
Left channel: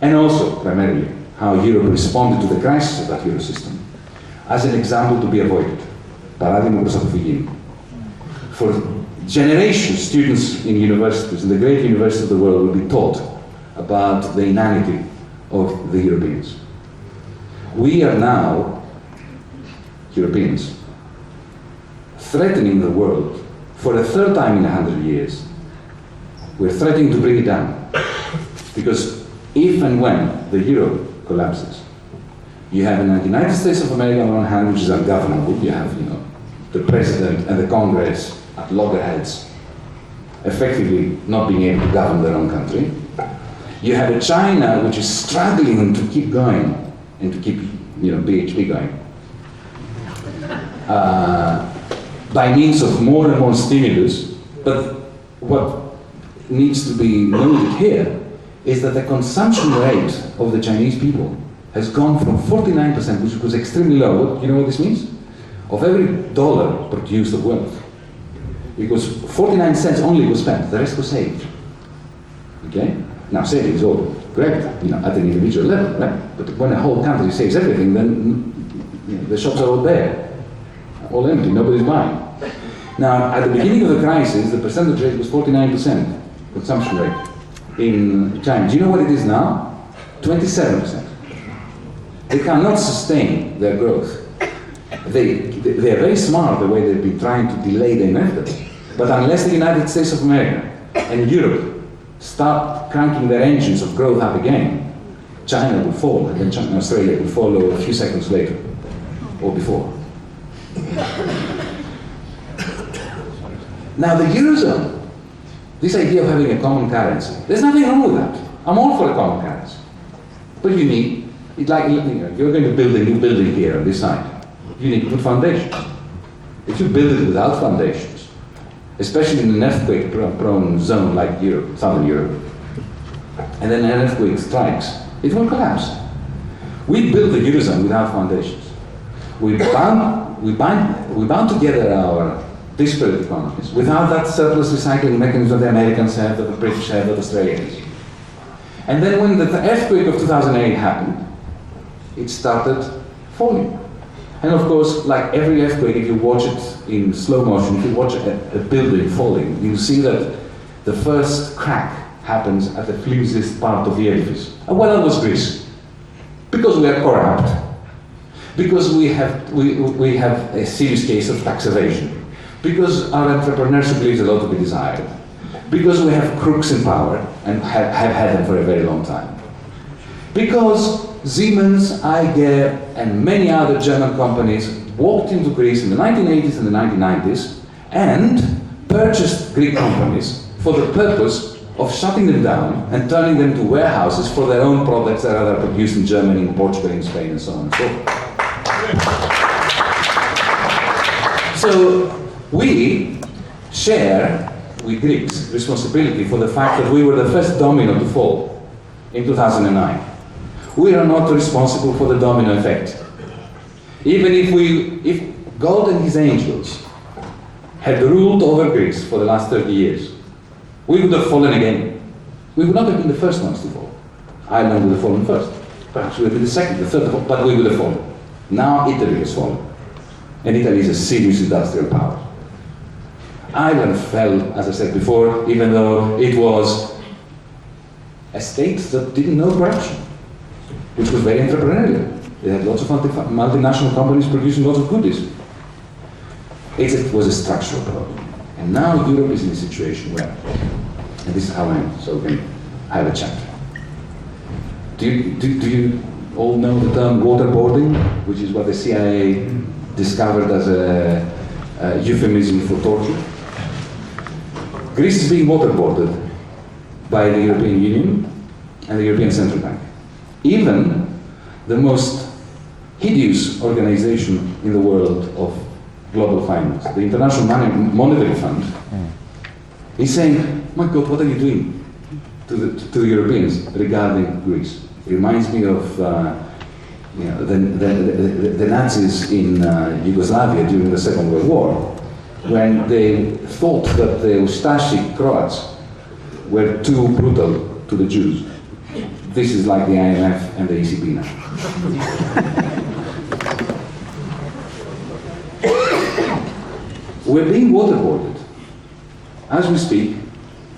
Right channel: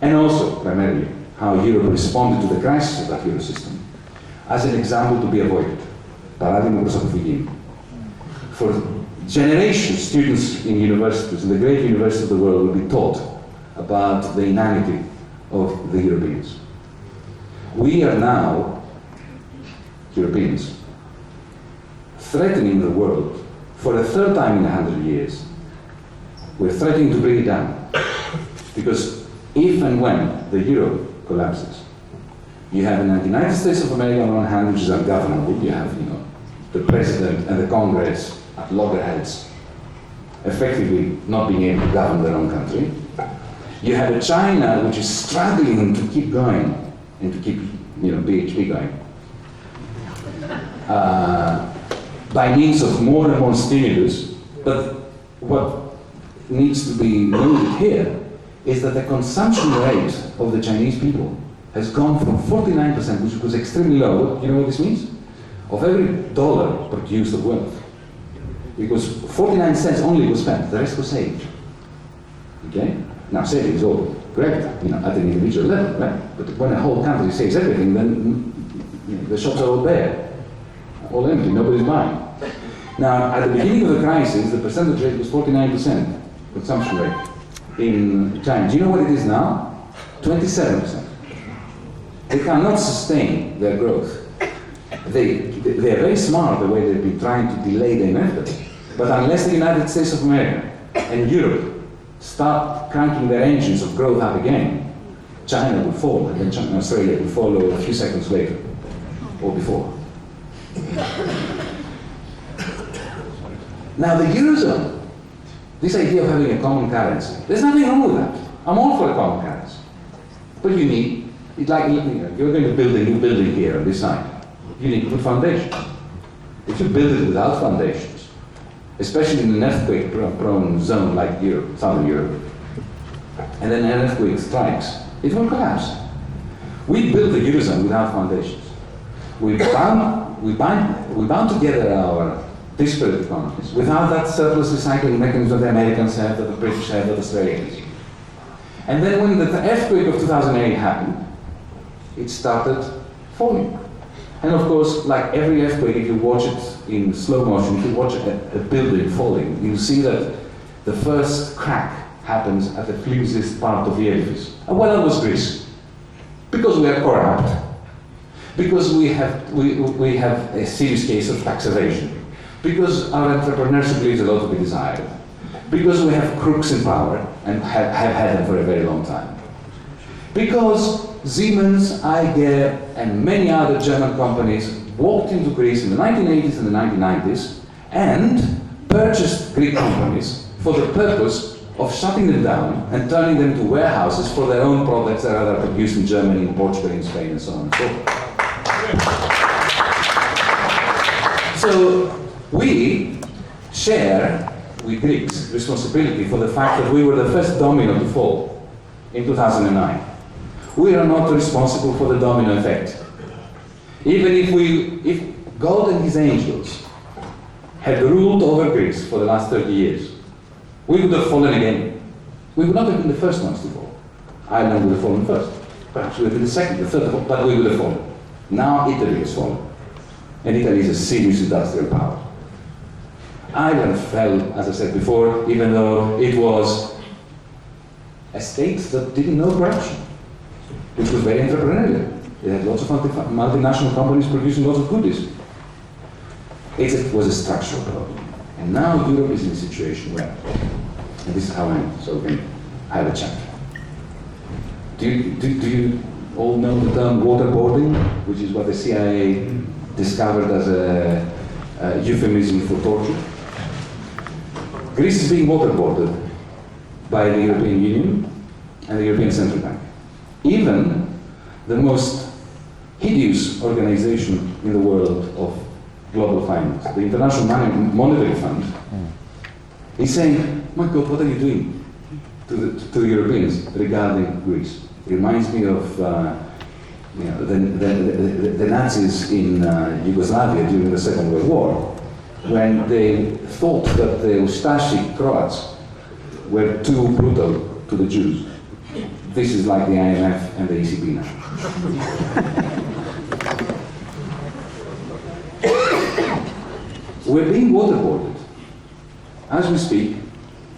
and also, primarily, how Europe responded to the crisis of that Euro system, as an example to be avoided. Παράδειγμα προς αποφυγή. For generations, students in universities, in the great universities of the world, will be taught about the inanity of the Europeans. We are now, Europeans, threatening the world for a third time in 100 years. We're threatening to bring it down. Because if and when the euro collapses, you have in the United States of America on one hand, which is ungovernable. You have, the president and the Congress at loggerheads, effectively not being able to govern their own country. You have a China which is struggling to keep going and to keep, BHP going. By means of more and more stimulus, but what needs to be noted here is that the consumption rate of the Chinese people has gone from 49%, which was extremely low. You know what this means? Of every dollar produced of wealth, because 49 cents only was spent, the rest was saved. Okay? Now saving is all great, at an individual level, right? But when a whole country saves everything, then the shops are all bare, all empty, nobody's buying. Now, at the beginning of the crisis, the percentage rate was 49% consumption rate in China. Do you know what it is now? 27%. They cannot sustain their growth. They are very smart the way they've been trying to delay the inevitable. But unless the United States of America and Europe start cranking their engines of growth up again, China will fall, and then Australia will follow a few seconds later, or before. Now the Eurozone, this idea of having a common currency, there's nothing wrong with that. I'm all for a common currency. But you need, you're going to build a new building here on this side. You need to put foundations. If you build it without foundations, especially in an earthquake-prone zone like Europe, Southern Europe, and then an earthquake strikes, it will collapse. We built the Eurozone without foundations. We bound together our disparate economies without that surplus recycling mechanism that the Americans have, that the British have, that Australia has. And then when the earthquake of 2008 happened, it started falling. And of course, like every earthquake, if you watch it in slow motion, if you watch a building falling, you see that the first crack happens at the flimsiest part of the edifice. And well, that was Greece. Because we are corrupt, because we have a serious case of tax evasion, because our entrepreneurship leaves a lot to be desired, because we have crooks in power and have had them for a very long time, because Siemens, IG, and many other German companies walked into Greece in the 1980s and the 1990s and purchased Greek companies for the purpose of shutting them down and turning them into warehouses for their own products that are produced in Germany, in Portugal, in Spain, and so on and so forth. So we share with Greeks responsibility for the fact that we were the first domino to fall in 2009. We are not responsible for the domino effect. Even if God and his angels had ruled over Greece for the last 30 years, we would have fallen again. We would not have been the first ones to fall. Ireland would have fallen first. Perhaps we would have been the second, the third, but we would have fallen. Now Italy has fallen. And Italy is a serious industrial power. Ireland fell, as I said before, even though it was a state that didn't know corruption. which was very entrepreneurial. They had lots of multinational companies producing lots of goodies. It was a structural problem. And now Europe is in a situation where, and this is how I end, so we can have a chapter. Do you all know the term waterboarding, which is what the CIA discovered as a euphemism for torture? Greece is being waterboarded by the European Union and the European Central Bank. Even the most hideous organization in the world of global finance, the International Monetary Fund, is saying, my God, what are you doing to the Europeans regarding Greece? It reminds me of the Nazis in Yugoslavia during the Second World War, when they thought that the Ustashi Croats were too brutal to the Jews. This is like the IMF and the ECB now. We're being waterboarded. As we speak,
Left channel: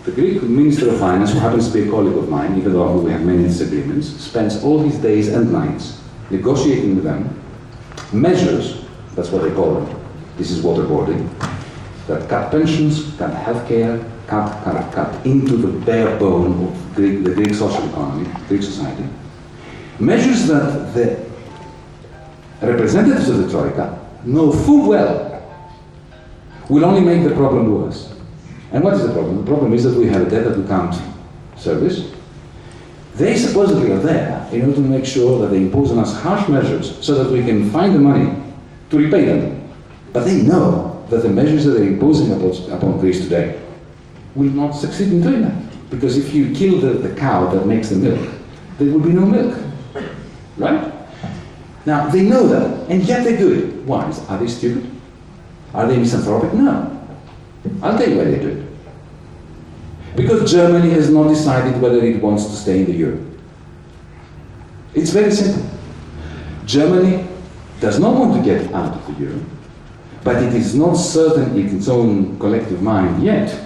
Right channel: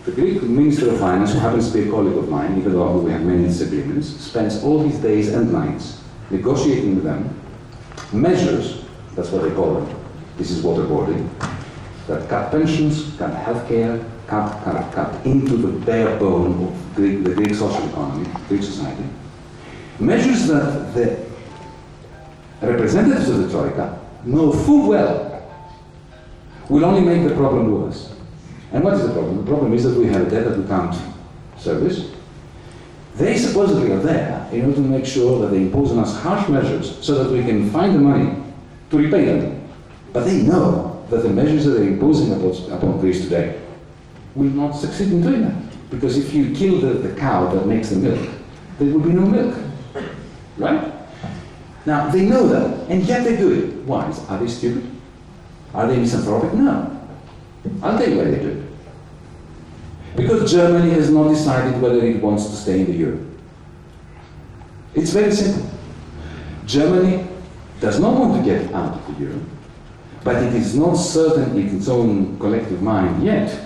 the Greek Minister of Finance, who happens to be a colleague of mine, even though we have many disagreements, spends all his days and nights negotiating with them measures, that's what they call them, this is waterboarding, that cut pensions, cut healthcare, cut into the bare bone of the Greek social economy, Greek society. Measures that the representatives of the Troika know full well will only make the problem worse. And what is the problem? The problem is that we have a debt that we can't service. They supposedly are there in order to make sure that they impose on us harsh measures so that we can find the money to repay them. But they know that the measures that they're imposing upon Greece today will not succeed in doing that. Because if you kill the cow that makes the milk, there will be no milk. Right? Now, they know that, and yet they do it. Why? Are they stupid? Are they misanthropic? No. I'll tell you why they do it. Because Germany has not decided whether it wants to stay in the euro. It's very simple. Germany does not want to get out of the euro, but it is not certain in its own collective mind yet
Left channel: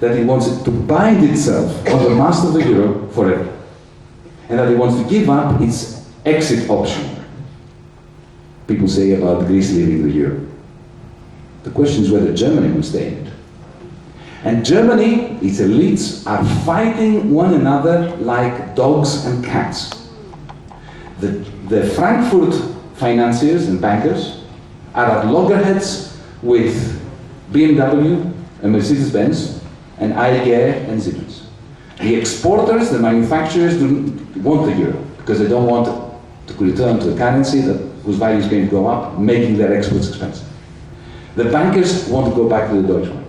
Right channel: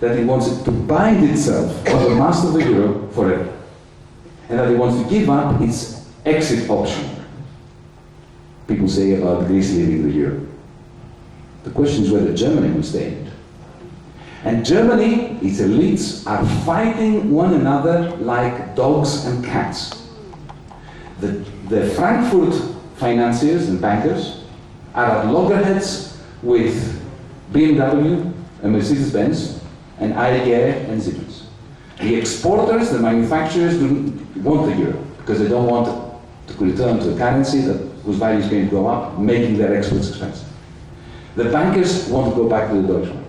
that it wants it to bind itself on the mast of the euro forever, and that it wants to give up its exit option. People say about Greece leaving the euro. The question is whether Germany will stay in it. And Germany, its elites, are fighting one another like dogs and cats. The Frankfurt financiers and bankers are at loggerheads with BMW and Mercedes-Benz and AEG and Siemens. The exporters, the manufacturers, want the euro because they don't want to return to a currency whose value is going to go up, making their exports expensive. The bankers want to go back to the Deutschmark.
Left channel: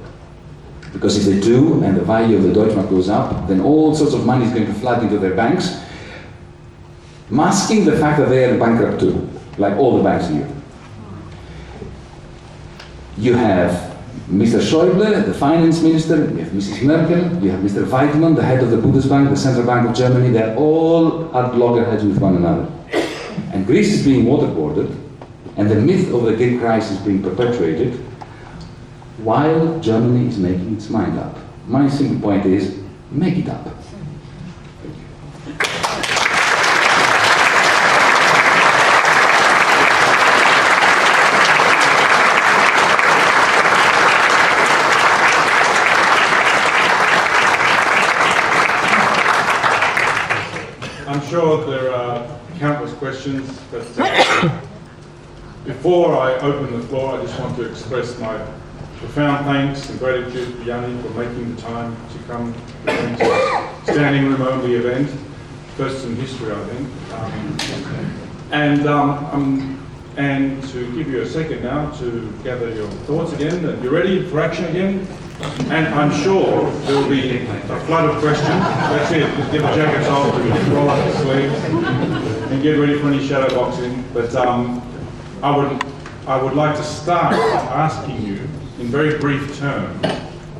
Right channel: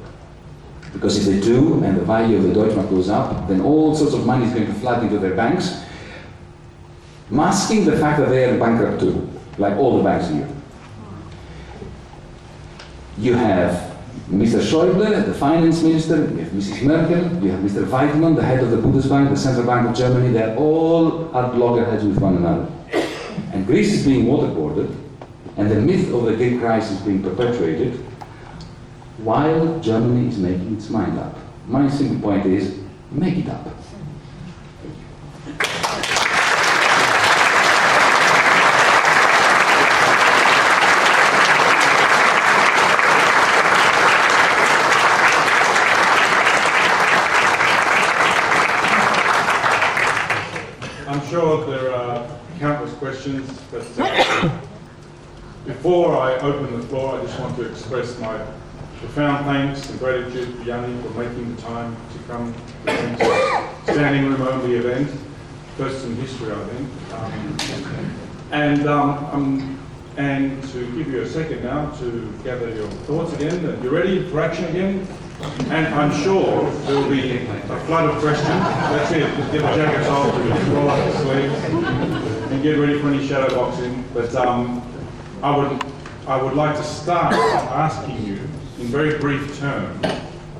Because if they do, and the value of the Deutschmark goes up, then all sorts of money is going to flood into their banks, masking the fact that they are bankrupt too, like all the banks in Europe. You have Mr. Schäuble, the finance minister, you have Mrs. Merkel, you have Mr. Weidmann, the head of the Bundesbank, the central bank of Germany, they're all at loggerheads with one another. And Greece is being waterboarded, and the myth of the Greek crisis being perpetuated, while Germany is making its mind up. My simple point is, make it up. I'm sure there are countless questions, but before I open the floor, I just want to express my profound thanks and gratitude to Yanis for making the time to come to the standing room only event, first in history, I think. And to give you a second now to gather your thoughts again, and you're ready for action again. And I'm sure there will be a flood of questions. That's it. Just get the jackets off, roll up the sleeves, and get ready for any shadow boxing. But I would like to start by asking you, in very brief terms,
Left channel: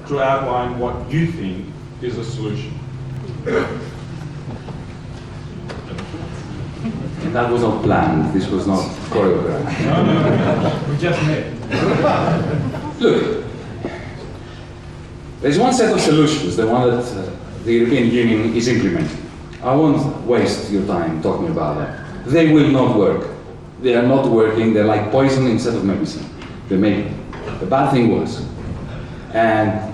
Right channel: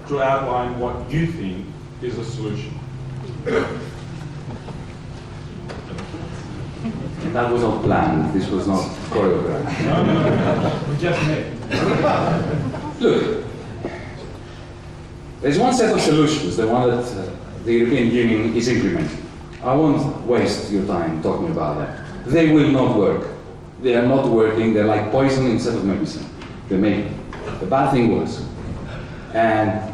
to outline what you think is a solution. And that was not planned, this was not choreographed. No, we just met. Look, there's one set of solutions, the one that the European Union is implementing. I won't waste your time talking about that. They will not work. They are not working. They're like poison instead of medicine. They make the bad thing worse. And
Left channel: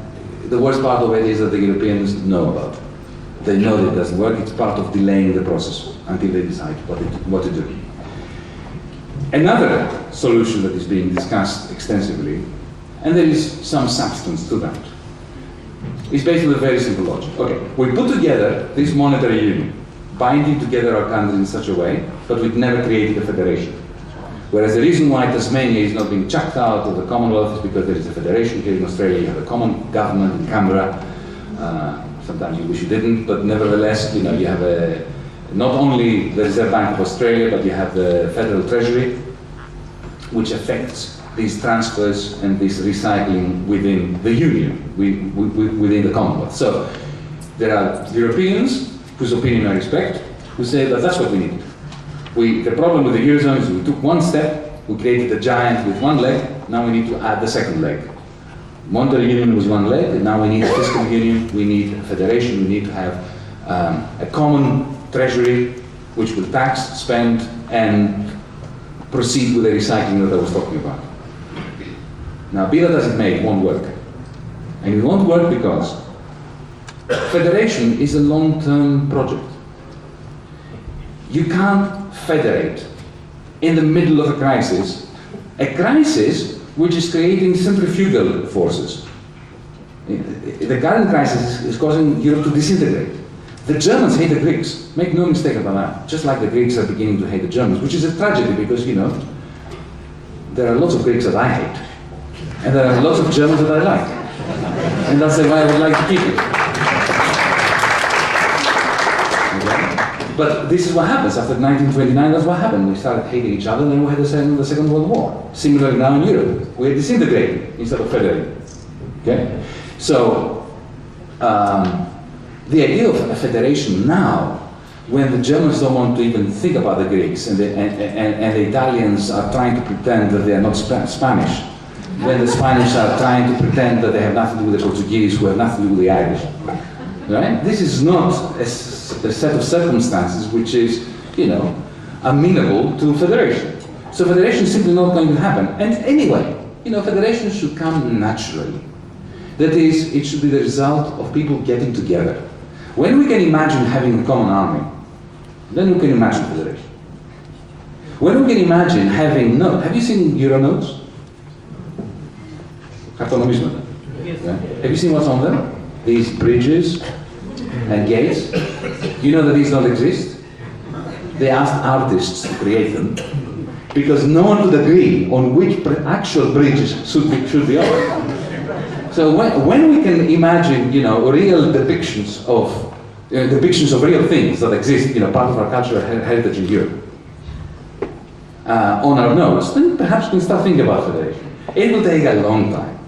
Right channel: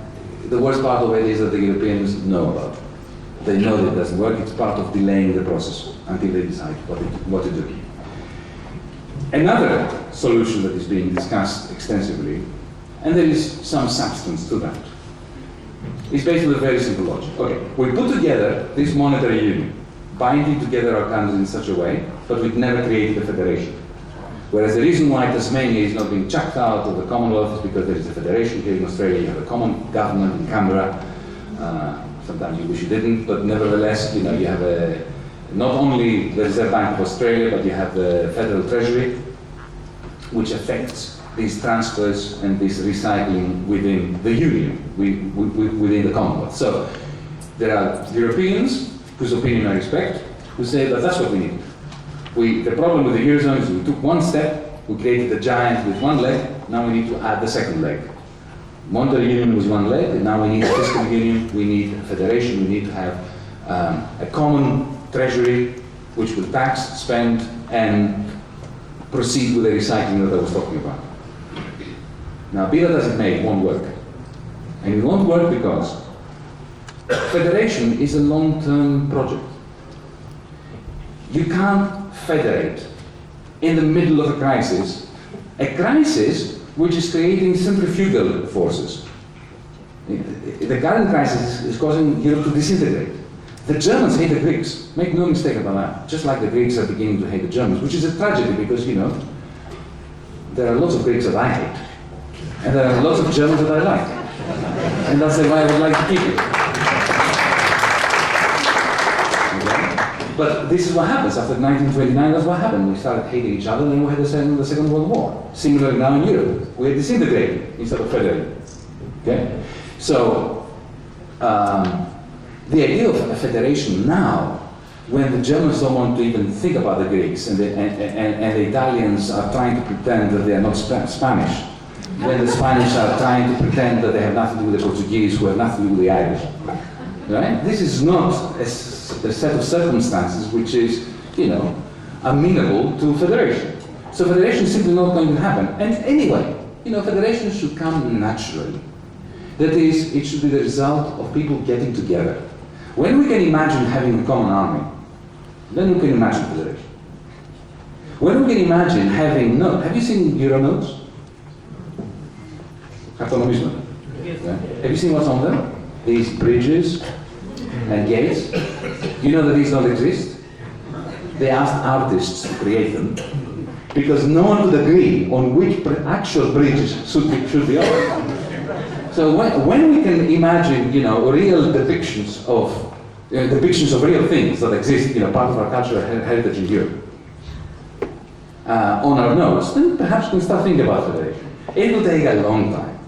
the worst part of it is that the Europeans know about it. They know that it doesn't work. It's part of delaying the process until they decide what to do. Another solution that is being discussed extensively, and there is some substance to that, is based on a very simple logic. Okay, we put together this monetary union, binding together our countries in such a way, but we've never created a federation. Whereas the reason why Tasmania is not being chucked out of the Commonwealth is because there is a federation here in Australia. You have a common government in Canberra. Sometimes you wish you didn't, but nevertheless, you have not only the Reserve Bank of Australia, but you have the Federal Treasury, which affects these transfers and this recycling within the Union, within the Commonwealth. So there are Europeans, whose opinion I respect, who say that that's what we need. The problem with the Eurozone is we took one step, we created a giant with one leg, now we need to add the second leg. Monetary union was one leg, and now we need a fiscal union, we need a federation, we need to have a common treasury which will tax, spend, and proceed with the recycling that I was talking about. Now, be that as it may, it won't work. And it won't work because federation is a long-term project. You can't federate in the middle of a crisis which is creating centrifugal forces. The current crisis is causing Europe to disintegrate. The Germans hate the Greeks. Make no mistake about that. Just like the Greeks are beginning to hate the Germans, which is a tragedy because, there are lots of Greeks that I hate. And there are lots of Germans that I like. And that's the way I would like to keep it. But this is what happens. After 1929, that's what happened. We started hating each other, and then we had the Second World War. Similarly now in Europe. We're disintegrating instead of federating. Okay? So, the idea of a federation now, when the Germans don't want to even think about the Greeks, and the Italians are trying to pretend that they are not Spanish, when the Spanish are trying to pretend that they have nothing to do with the Portuguese, who have nothing to do with the Irish. Right? This is not a set of circumstances which is, amenable to federation. So federation is simply not going to happen. And anyway, federation should come naturally. That is, it should be the result of people getting together. When we can imagine having a common army, then we can imagine federation. When we can imagine having notes, have you seen Euro notes? Yes. Yeah. Have you seen what's on them? These bridges and gates. You know that these don't exist? They asked artists to create them because no one would agree on which actual bridges should be on. So when we can imagine, real depictions of real things that exist, part of our cultural heritage in Europe, on our notes, then perhaps we can start thinking about federation. It will take a long time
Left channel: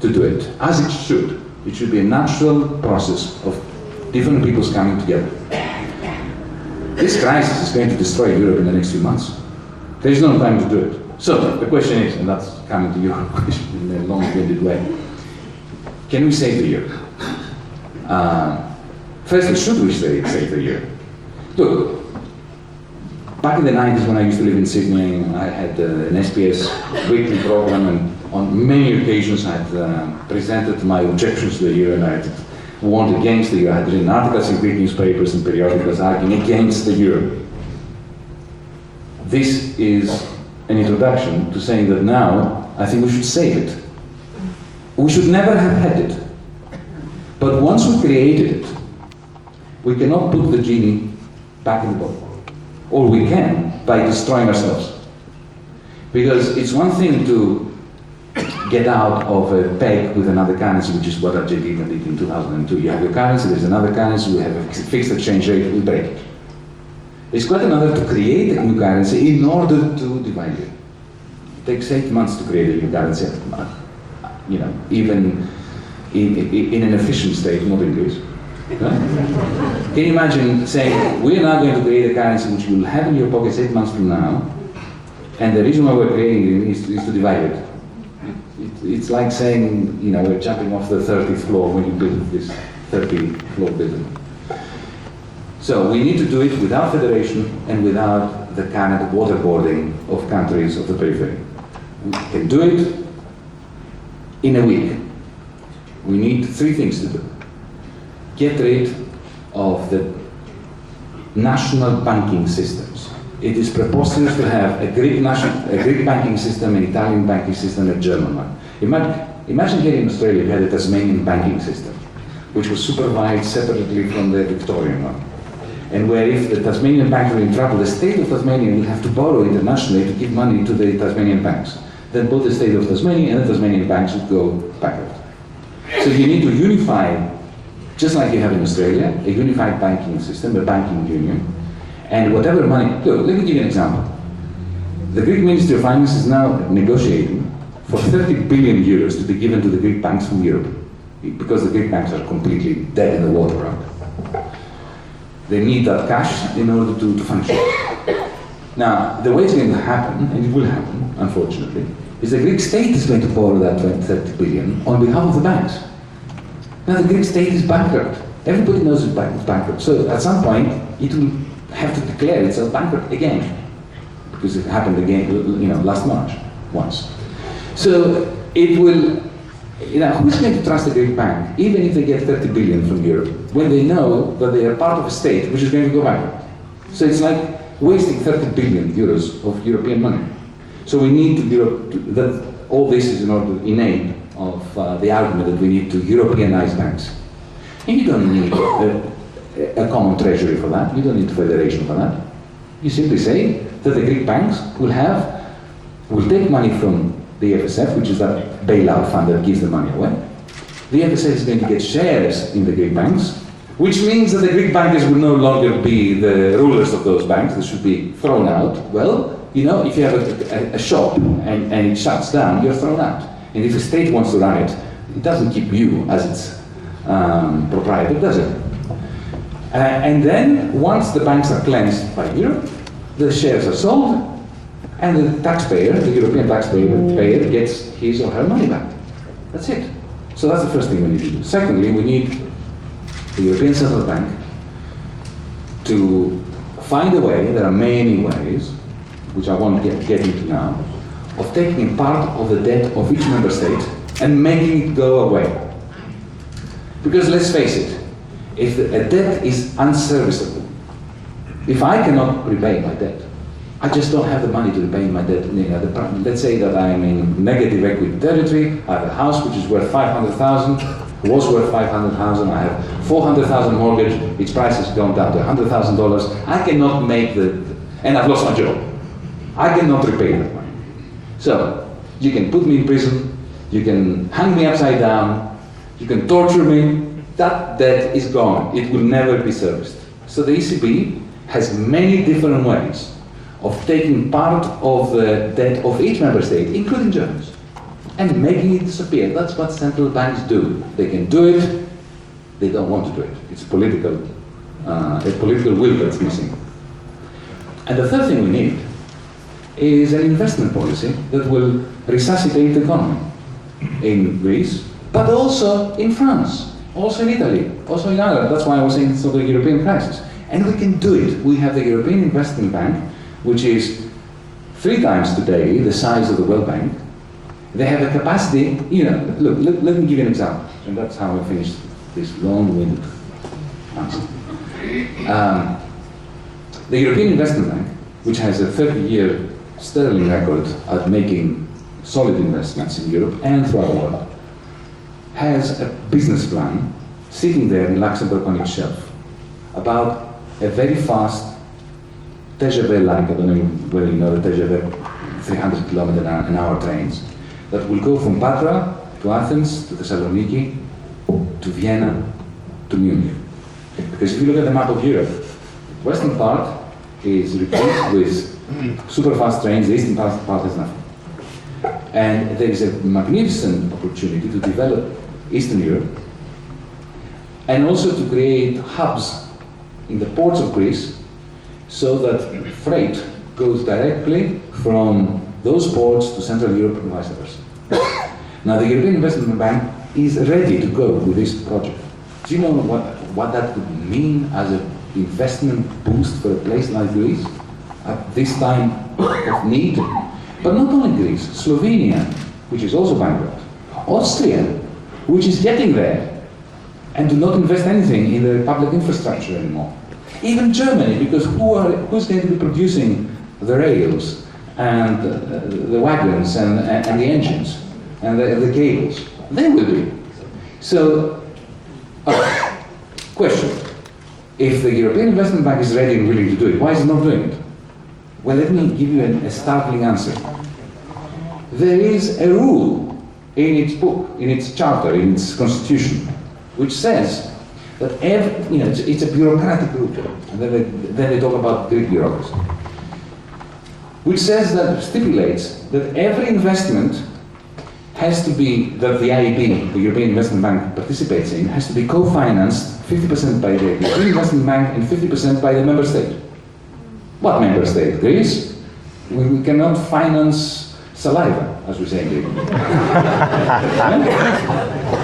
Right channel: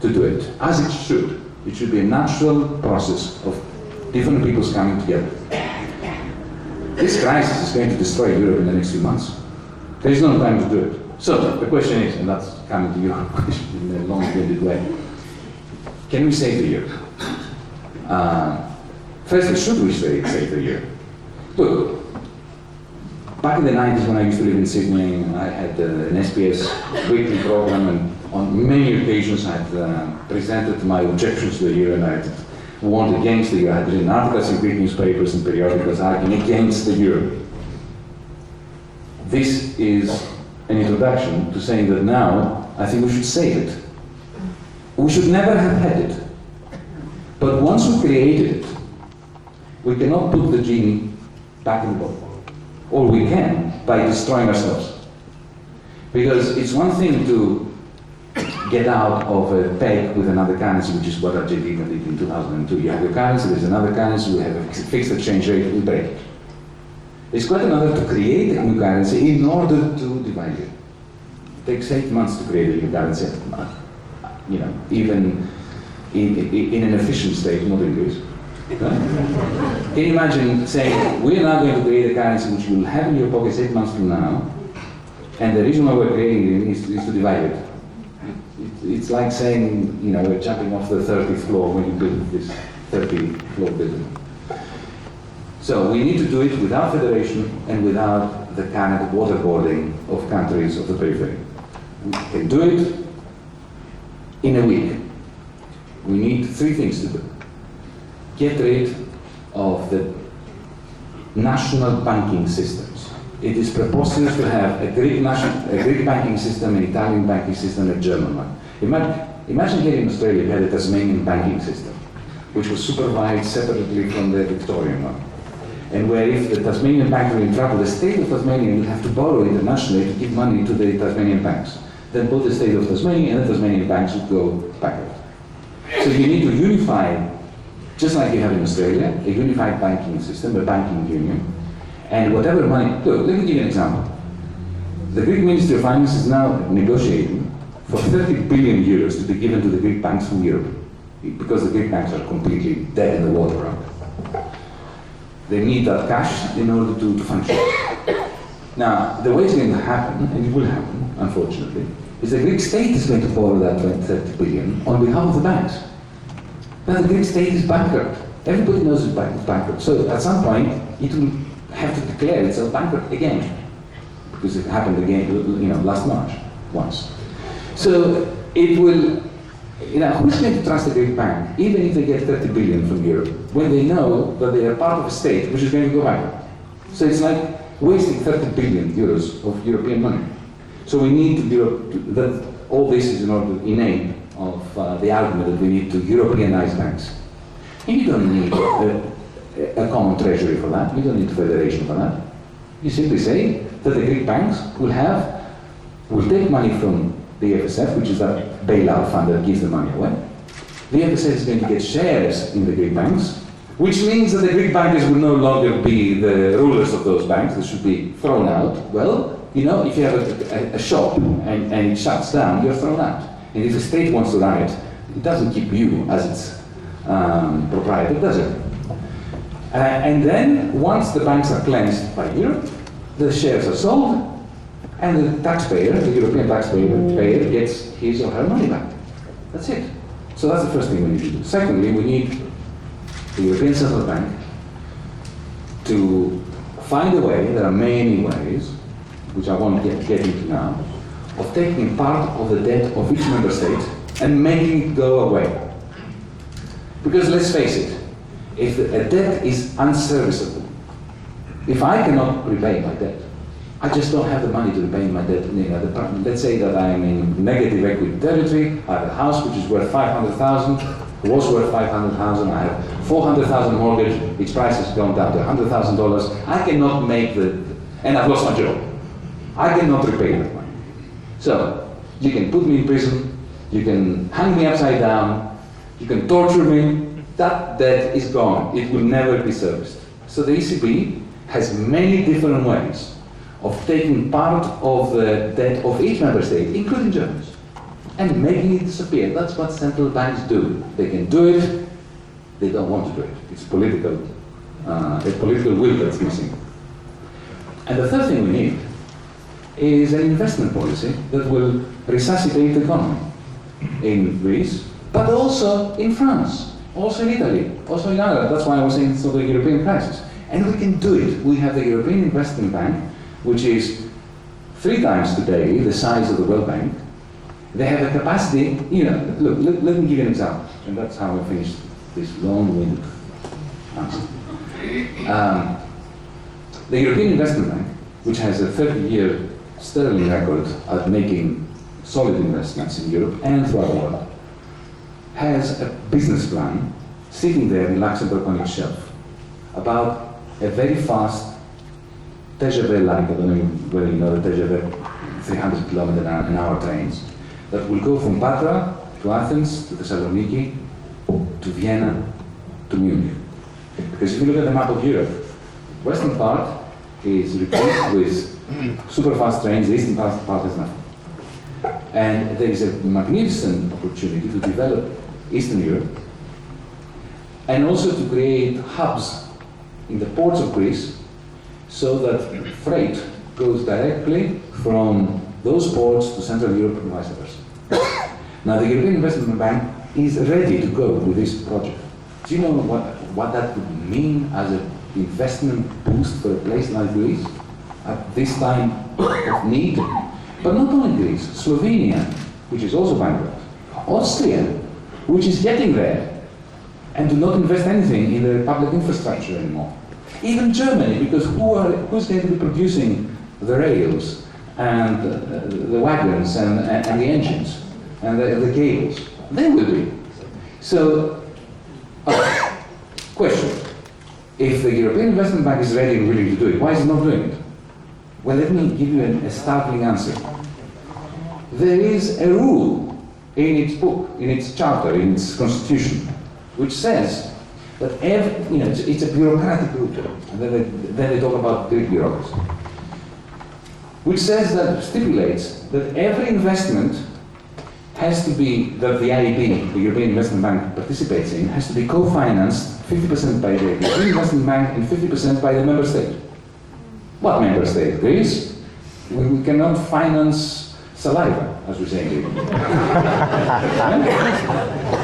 to do it, as it should. It should be a natural process of different peoples coming together. This crisis is going to destroy Europe in the next few months. There is no time to do it. So the question is, and that's coming to your question in a long-winded way, can we save the euro? Firstly, should we save the euro? Look, back in the 90s when I used to live in Sydney, I had an SPS weekly program, and on many occasions I had presented my objections to the euro, and I had warned against the euro. I had written articles in Greek newspapers and periodicals arguing against the euro. This is an introduction to saying that now I think we should save it. We should never have had it. But once we created it, we cannot put the genie back in the bottle. Or we can by destroying ourselves. Because it's one thing to get out of a peg with another currency, which is what Argentina did in 2002. You have your currency, there's another currency, we have a fixed exchange rate, we break it. It's quite another to create a new currency in order to divide it. It takes 8 months to create a new currency, even in an efficient state, not in Greece. Right? Can you imagine saying, we're now going to create a currency which you will have in your pockets 8 months from now, and the reason why we're creating it is to divide it. It's like saying, we're jumping off the 30th floor when you build this 30th floor building. So we need to do it without federation and without the kind of waterboarding of countries of the periphery. We can do it in a week. We need three things to do. Get rid of the national banking systems. It is preposterous to have a Greek banking system, an Italian banking system, a German one. Imagine here in Australia you had a Tasmanian banking system, which was supervised separately from the Victorian one. And where if the Tasmanian banks were in trouble, the state of Tasmania would have to borrow internationally to give money to the Tasmanian banks. Then both the state of Tasmania and the Tasmanian banks would go bankrupt. So you need to unify, just like you have in Australia, a unified banking system, a banking union, and whatever money. Look, let me give you an example. The Greek Ministry of Finance is now negotiating for 30 billion euros to be given to the Greek banks from Europe, because the Greek banks are completely dead in the water around. They need that cash in order to function. Now, the way it's going to happen, and it will happen, unfortunately, is the Greek state is going to borrow that 30 billion on behalf of the banks. Now, the Greek state is bankrupt. Everybody knows it's bankrupt. So at some point, it will have to declare itself bankrupt again, because it happened again, last March, once. So it will, who's going to trust a Greek bank, even if they get 30 billion from Europe, when they know that they are part of a state which is going to go bankrupt? So it's like wasting 30 billion euros of European money. So we need that all this is in order to innate of the argument that we need to Europeanize banks. And you don't need a common treasury for that. You don't need a federation for that. You simply say that the Greek banks will take money from the FSF, which is that bailout fund that gives the money away. The FSF is going to get shares in the Greek banks, which means that the Greek bankers will no longer be the rulers of those banks. They should be thrown out. Well, if you have a shop and it shuts down, you're thrown out. And if the state wants to run it, it doesn't keep you as its proprietor, does it? And then, once the banks are cleansed by Europe, the shares are sold, and the taxpayer, the European taxpayer, gets his or her money back. That's it. So that's the first thing we need to do. Secondly, we need the European Central Bank to find a way, there are many ways, which I won't get into now, of taking part of the debt of each member state and making it go away. Because let's face it, if a debt is unserviceable, if I cannot repay my debt, I just don't have the money to repay my debt. Let's say that I'm in negative equity territory, I have a house which is worth 500,000, was worth 500,000, I have 400,000 mortgage, its price has gone down to $100,000, I cannot make and I've lost my job. I cannot repay that money. So, you can put me in prison, you can hang me upside down, you can torture me, that debt is gone. It will never be serviced. So the ECB has many different ways of taking part of the debt of each member state, including Germany's, and making it disappear. That's what central banks do. They can do it, they don't want to do it. It's a political will that's missing. And the third thing we need is an investment policy that will resuscitate the economy in Greece, but also in France, also in Italy, also in Ireland. That's why I was saying it's not a European crisis. And we can do it. We have the European Investment Bank, which is 3 times today the size of the World Bank. They have a capacity, look, let me give you an example, and that's how I finished this long-winded answer. The European Investment Bank, which has a 30-year sterling record at making solid investments in Europe and throughout the world, has a business plan sitting there in Luxembourg on its shelf about a very fast TGV-like, I don't know whether you know the TGV, 300 kilometer an hour trains, that will go from Patra to Athens, to Thessaloniki, to Vienna, to Munich. Because if you look at the map of Europe, the western part is replaced with super fast trains, the eastern part has nothing. And there is a magnificent opportunity to develop Eastern Europe and also to create hubs in the ports of Greece so that freight goes directly from those ports to Central Europe and vice versa. Now the European Investment Bank is ready to go with this project. Do you know what that would mean as a investment boost for a place like Greece at this time of need. But not only Greece, Slovenia, which is also bankrupt, Austria, which is getting there, and do not invest anything in the public infrastructure anymore. Even Germany, because who's going to be producing the rails and the wagons and the engines and the cables? They will be. So, question. If the European Investment Bank is ready and willing to do it, why is it not doing it? Well, let me give you a startling answer. There is a rule in its book, in its charter, in its constitution, which says that it's a bureaucratic group, and then they talk about Greek bureaucracy, which says that stipulates that every investment has to be, that the EIB, the European Investment Bank, participates in, has to be co-financed 50% by the European Investment Bank and 50% by the member state. What member state? Greece? We cannot finance saliva, as we say in Greek.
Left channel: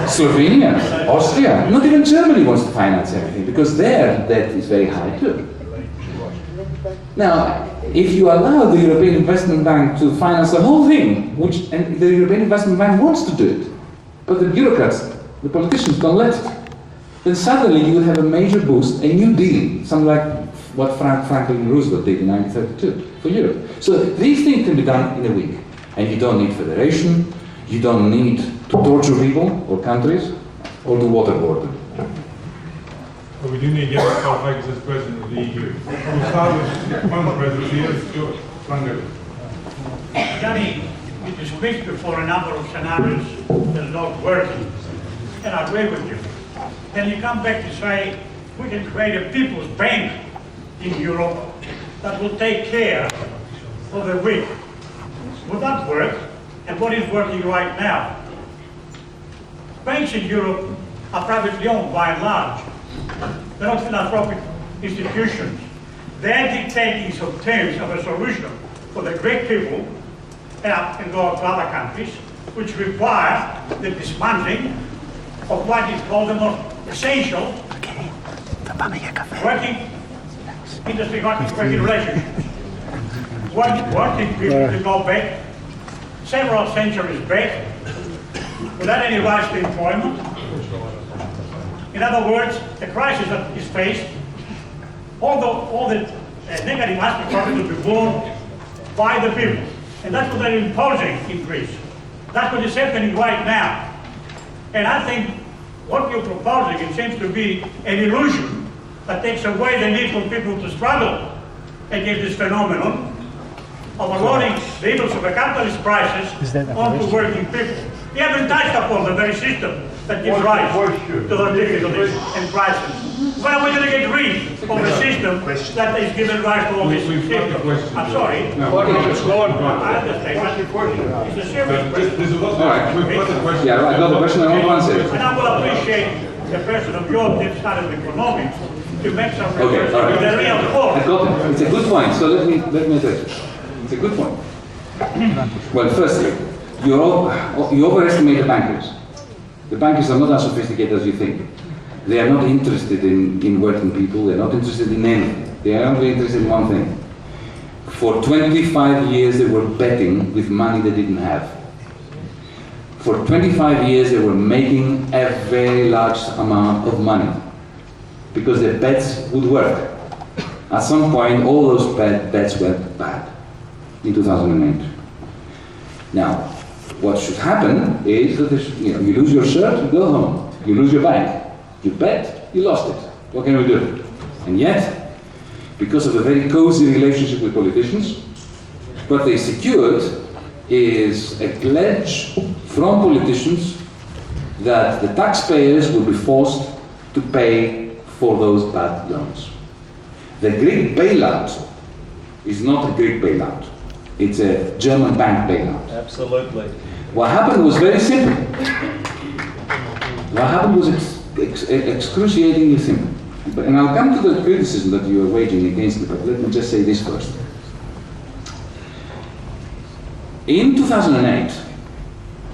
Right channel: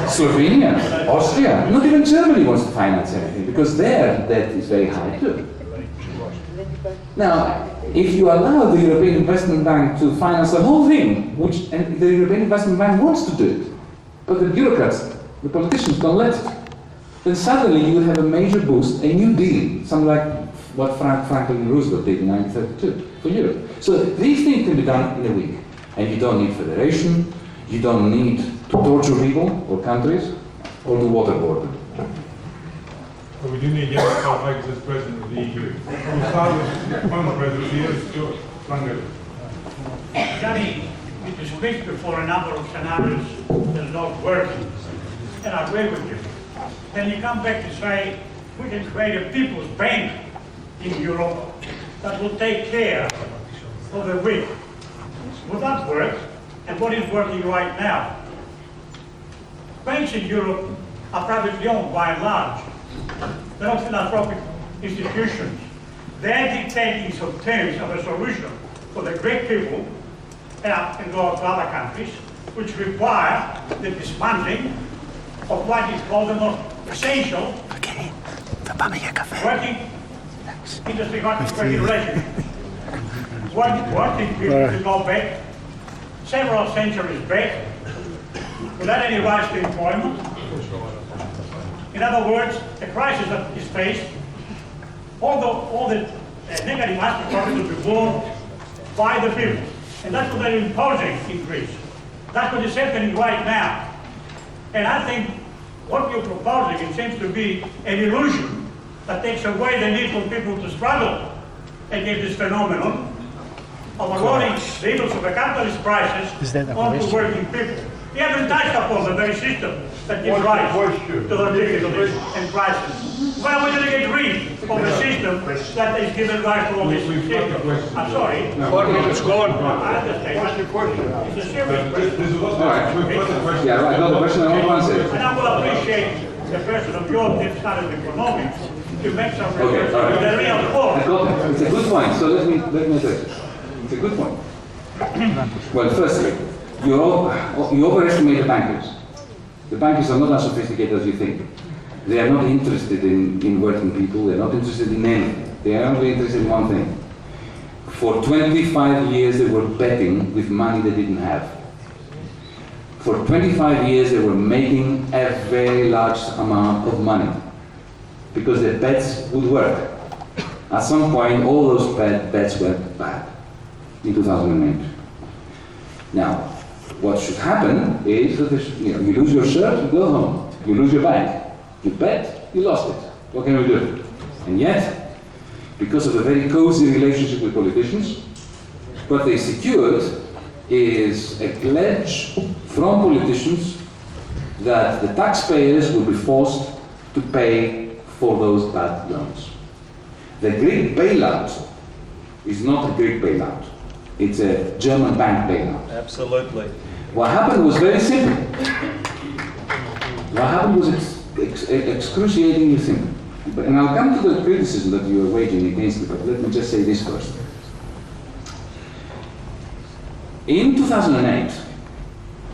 Slovenia, Austria, not even Germany wants to finance everything because their debt is very high too. Now, if you allow the European Investment Bank to finance the whole thing, and the European Investment Bank wants to do it, but the bureaucrats, the politicians don't let it, then suddenly you will have a major boost, a new deal, something like what Franklin Roosevelt did in 1932 for Europe. So these things can be done in a week. And you don't need federation, you don't need to torture people or countries, or to waterboard them. But we do need Yanis Varoufakis as president of the EU. We'll start with one of the presidents here, Stuart Lungo. Yanni, you speak before a number of scenarios that are not working, and I agree with you. Then you come back to say, we can create a people's bank in Europe that will take care of the weak. Would that work? And what is working right now? Banks in Europe are privately owned by and large. They're not philanthropic institutions. They're dictating some terms of a solution for the Greek people and go to other countries, which require the dismantling of what is called the most essential working industry, working relationships. Working people to go back several centuries back without any rights to employment. In other words, the crisis that is faced, all the negative aspects of it will be borne by the people. And that's what they're imposing in Greece. That's what is happening right now. And I think what you're proposing, it seems to be an illusion that takes away the need for people to struggle against this phenomenon of allowing the evils of a capitalist crisis onto working people. We haven't touched upon the very system that gives rise to the difficulties and crisis. When are we going to get rid of the system that is giving rise to all this system? I'm sorry. It's gone. I understand. What's your question? It's a serious question. There's a lot All right. we've got the question. Yeah, right, got the question, I want to answer it. And I will appreciate the person of your deep study of economics to make some Okay, reference all right. to the real I course. got it. It's a good point, so let me address it. It's a good point. Well, firstly, you overestimate the bankers. The bankers are not as sophisticated as you think. They are not interested in working people, they're not interested in anything. They are only interested in one thing. For 25 years they were betting with money they didn't have. For 25 years they were making a very large amount of money because their bets would work. At some point all those bets went bad in 2008. Now, what should happen is that you lose your shirt, you go home. You lose your bag. You bet, you lost it. What can we do? And yet, because of a very cozy relationship with politicians, what they secured is a pledge from politicians that the taxpayers will be forced to pay for those bad loans. The Greek bailout is not a Greek bailout. It's a German bank bailout. Absolutely. What happened was very simple. What happened was excruciatingly simple. And I'll come to the criticism that you are waging against me, but let me just say this first. In 2008,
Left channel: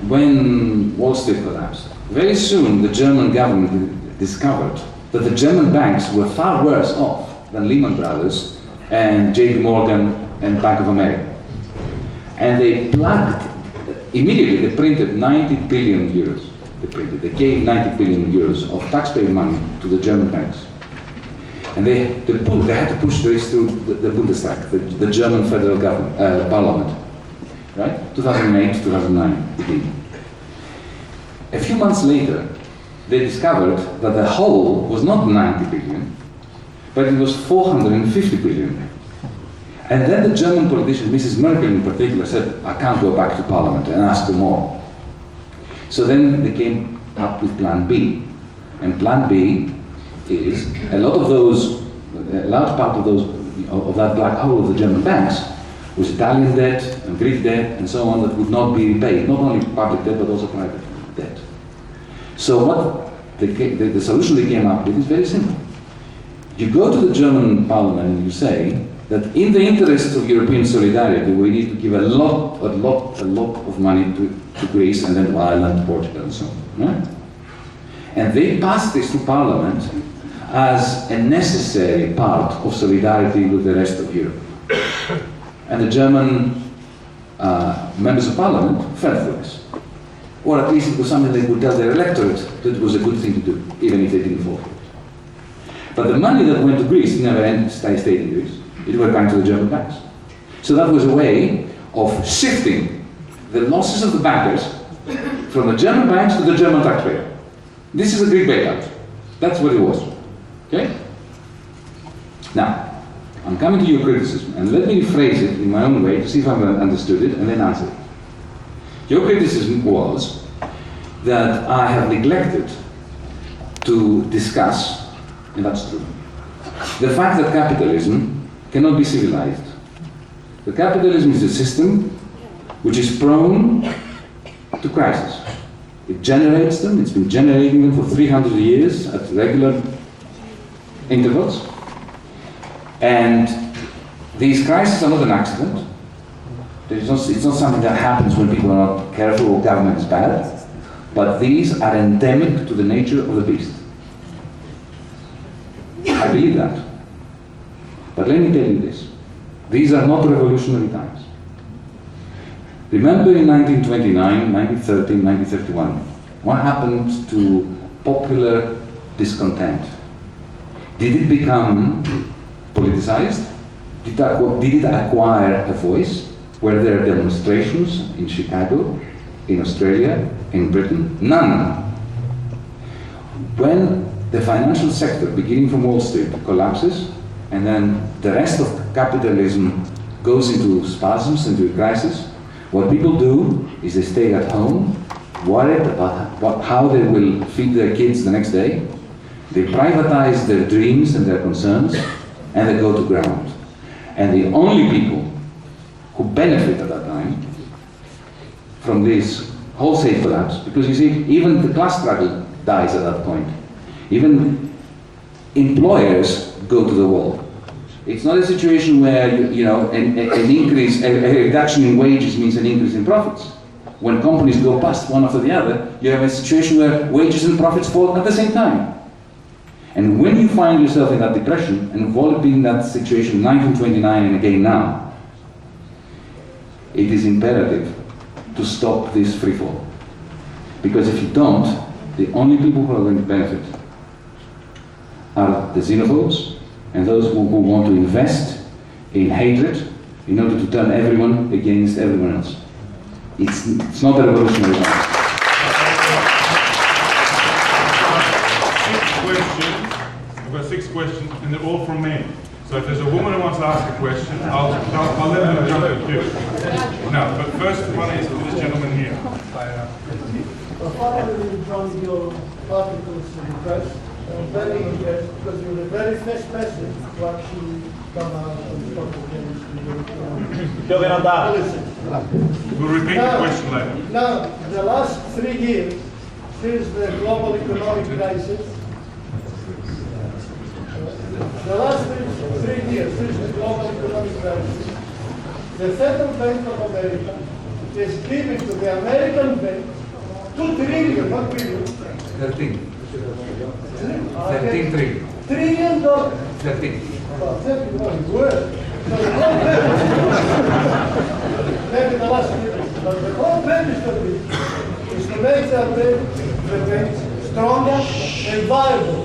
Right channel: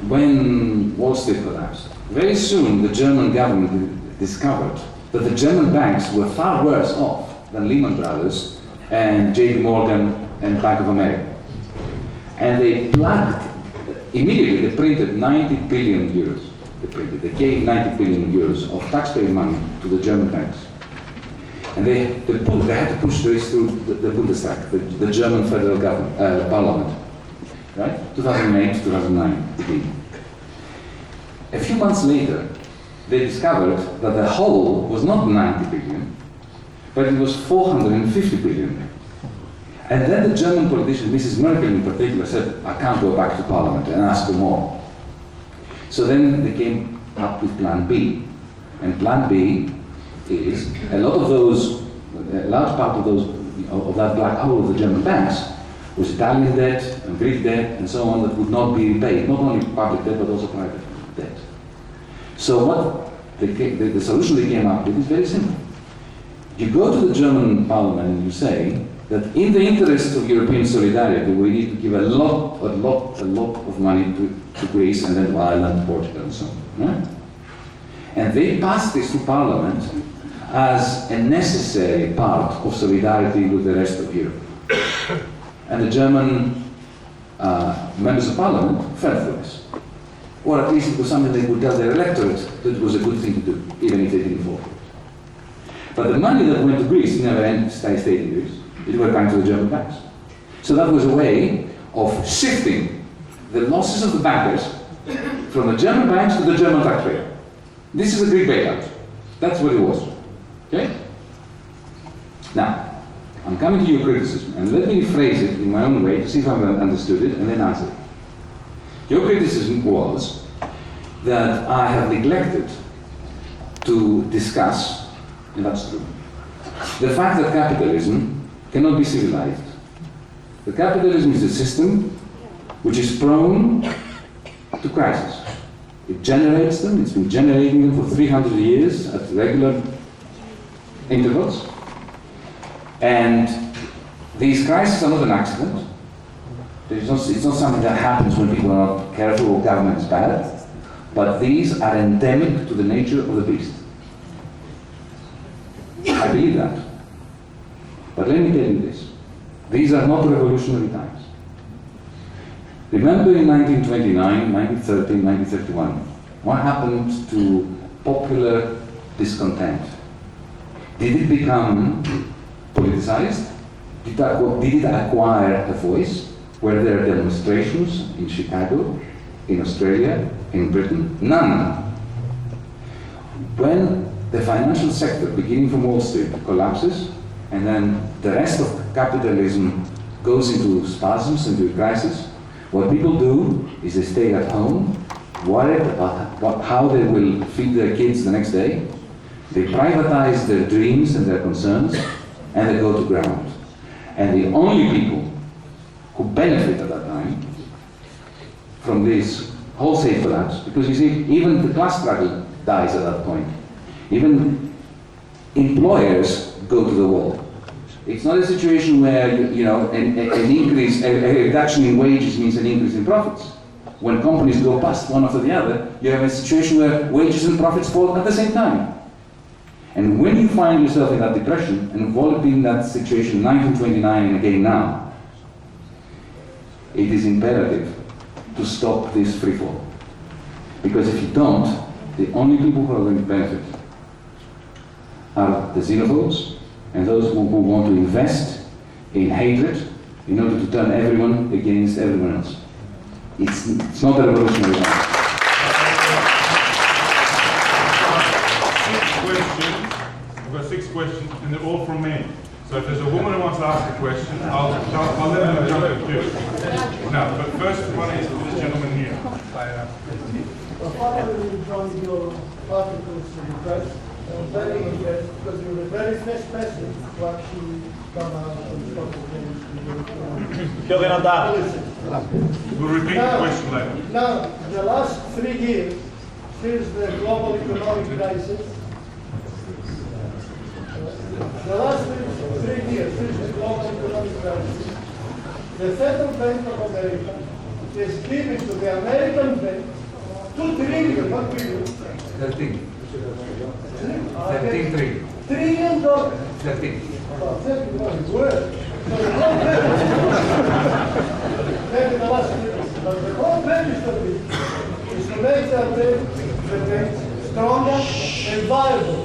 when Wall Street collapsed, very soon the German government discovered that the German banks were far worse off than Lehman Brothers and JP Morgan and Bank of America. And they plugged, immediately they printed 90 billion euros. They gave 90 billion euros of taxpayer money to the German banks. And they had to push this through the Bundestag, the German federal government, parliament, right? 2008, 2009, beginning. A few months later, they discovered that the whole was not 90 billion, but it was 450 billion. And then the German politician, Mrs. Merkel in particular, said, I can't go back to parliament and ask for more. So then they came up with Plan B. And Plan B is a large part of that black hole of the German banks was Italian debt and Greek debt and so on that would not be repaid, not only public debt but also private debt. So what the solution they came up with is very simple. You go to the German parliament and you say that in the interests of European solidarity, we need to give a lot of money to Greece and then to Ireland, Portugal and so on. Right? And they passed this to Parliament as a necessary part of solidarity with the rest of Europe. And the German members of Parliament fell for this. Or at least it was something they would tell their electorate that it was a good thing to do, even if they didn't fall for it. But the money that went to Greece never stayed in Greece. It went back to the German banks. So that was a way of shifting the losses of the bankers from the German banks to the German taxpayer. This is a Greek bailout. That's what it was. Okay? Now, I'm coming to your criticism, and let me phrase it in my own way to see if I've understood it, and then answer it. Your criticism was that I have neglected to discuss, and that's true, the fact that capitalism cannot be civilized. The capitalism is a system which is prone to crisis. It generates them, it's been generating them for 300 years at regular intervals. And these crises are not an accident. It's not something that happens when people are not careful or government is bad. But these are endemic to the nature of the beast. I believe that. But let me tell you this. These are not revolutionary times. Remember in 1929, 1930, 1931, what happened to popular discontent? Did it become politicized? Did it acquire a voice? Were there demonstrations in Chicago, in Australia, in Britain? None. When the financial sector, beginning from Wall Street, collapses, and then the rest of capitalism goes into spasms, into a crisis, what people do is they stay at home, worried about how they will feed their kids the next day. They privatize their dreams and their concerns, and they go to ground. And the only people who benefit at that time from this wholesale collapse, because you see, even the class struggle dies at that point. Even employers go to the wall. It's not a situation where an increase, a reduction in wages means an increase in profits. When companies go bust one after the other, you have a situation where wages and profits fall at the same time. And when you find yourself in that depression, and involved in that situation in 1929 and again now, it is imperative to stop this freefall. Because if you don't, the only people who are going to benefit are the xenophobes and those who want to invest in hatred in order to turn everyone against everyone else. It's not a revolutionary time. 6 questions. I've got 6 questions, and they're all from men. So if there's a woman who wants to ask a question, I'll let them jump in too. No, but first one is to this gentleman here. Following from your articles in the press, I'm very interested because you were the very first person to actually come out and talk against the European policy. We'll repeat the question later. Now, the last 3 years, since the global economic crisis, the last 3 years since the global economic crisis, the Federal Bank of America is giving to the American bank 2 trillion, not billion, 13. 13.3. $1 trillion. 13. Well, 30 was worse. So the whole purpose, maybe the last year, but the whole purpose of it is to make the banks stronger and viable.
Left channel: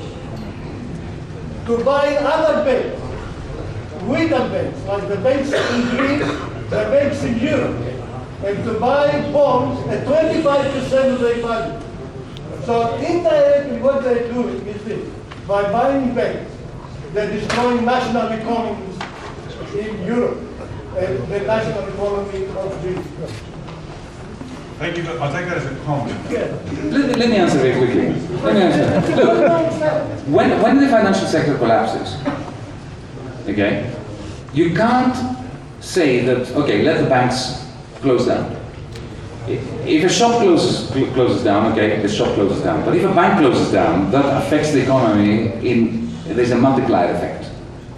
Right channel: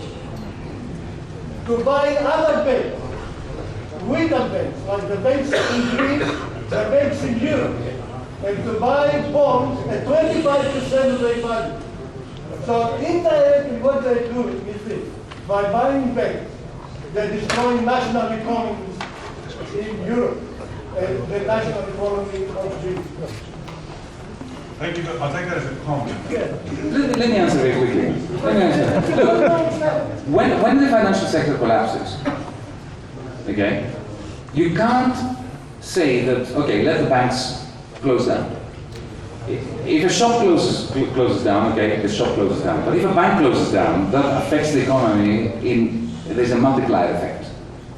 To buy other banks, weaker banks, like the banks in Greece, the banks in Europe, and to buy bonds at 25% of their value. So indirectly what they're doing is this: by buying banks, they're destroying national economies in Europe and the national economy of Greece. Thank you, but I'll take that as a comment. Yeah. Let me answer very quickly. Let me answer. Look, when the financial sector collapses, okay, you can't say that, okay, let the banks close down. If a shop closes down, okay, the shop closes down. But if a bank closes down, that affects the economy there's a multiplier effect.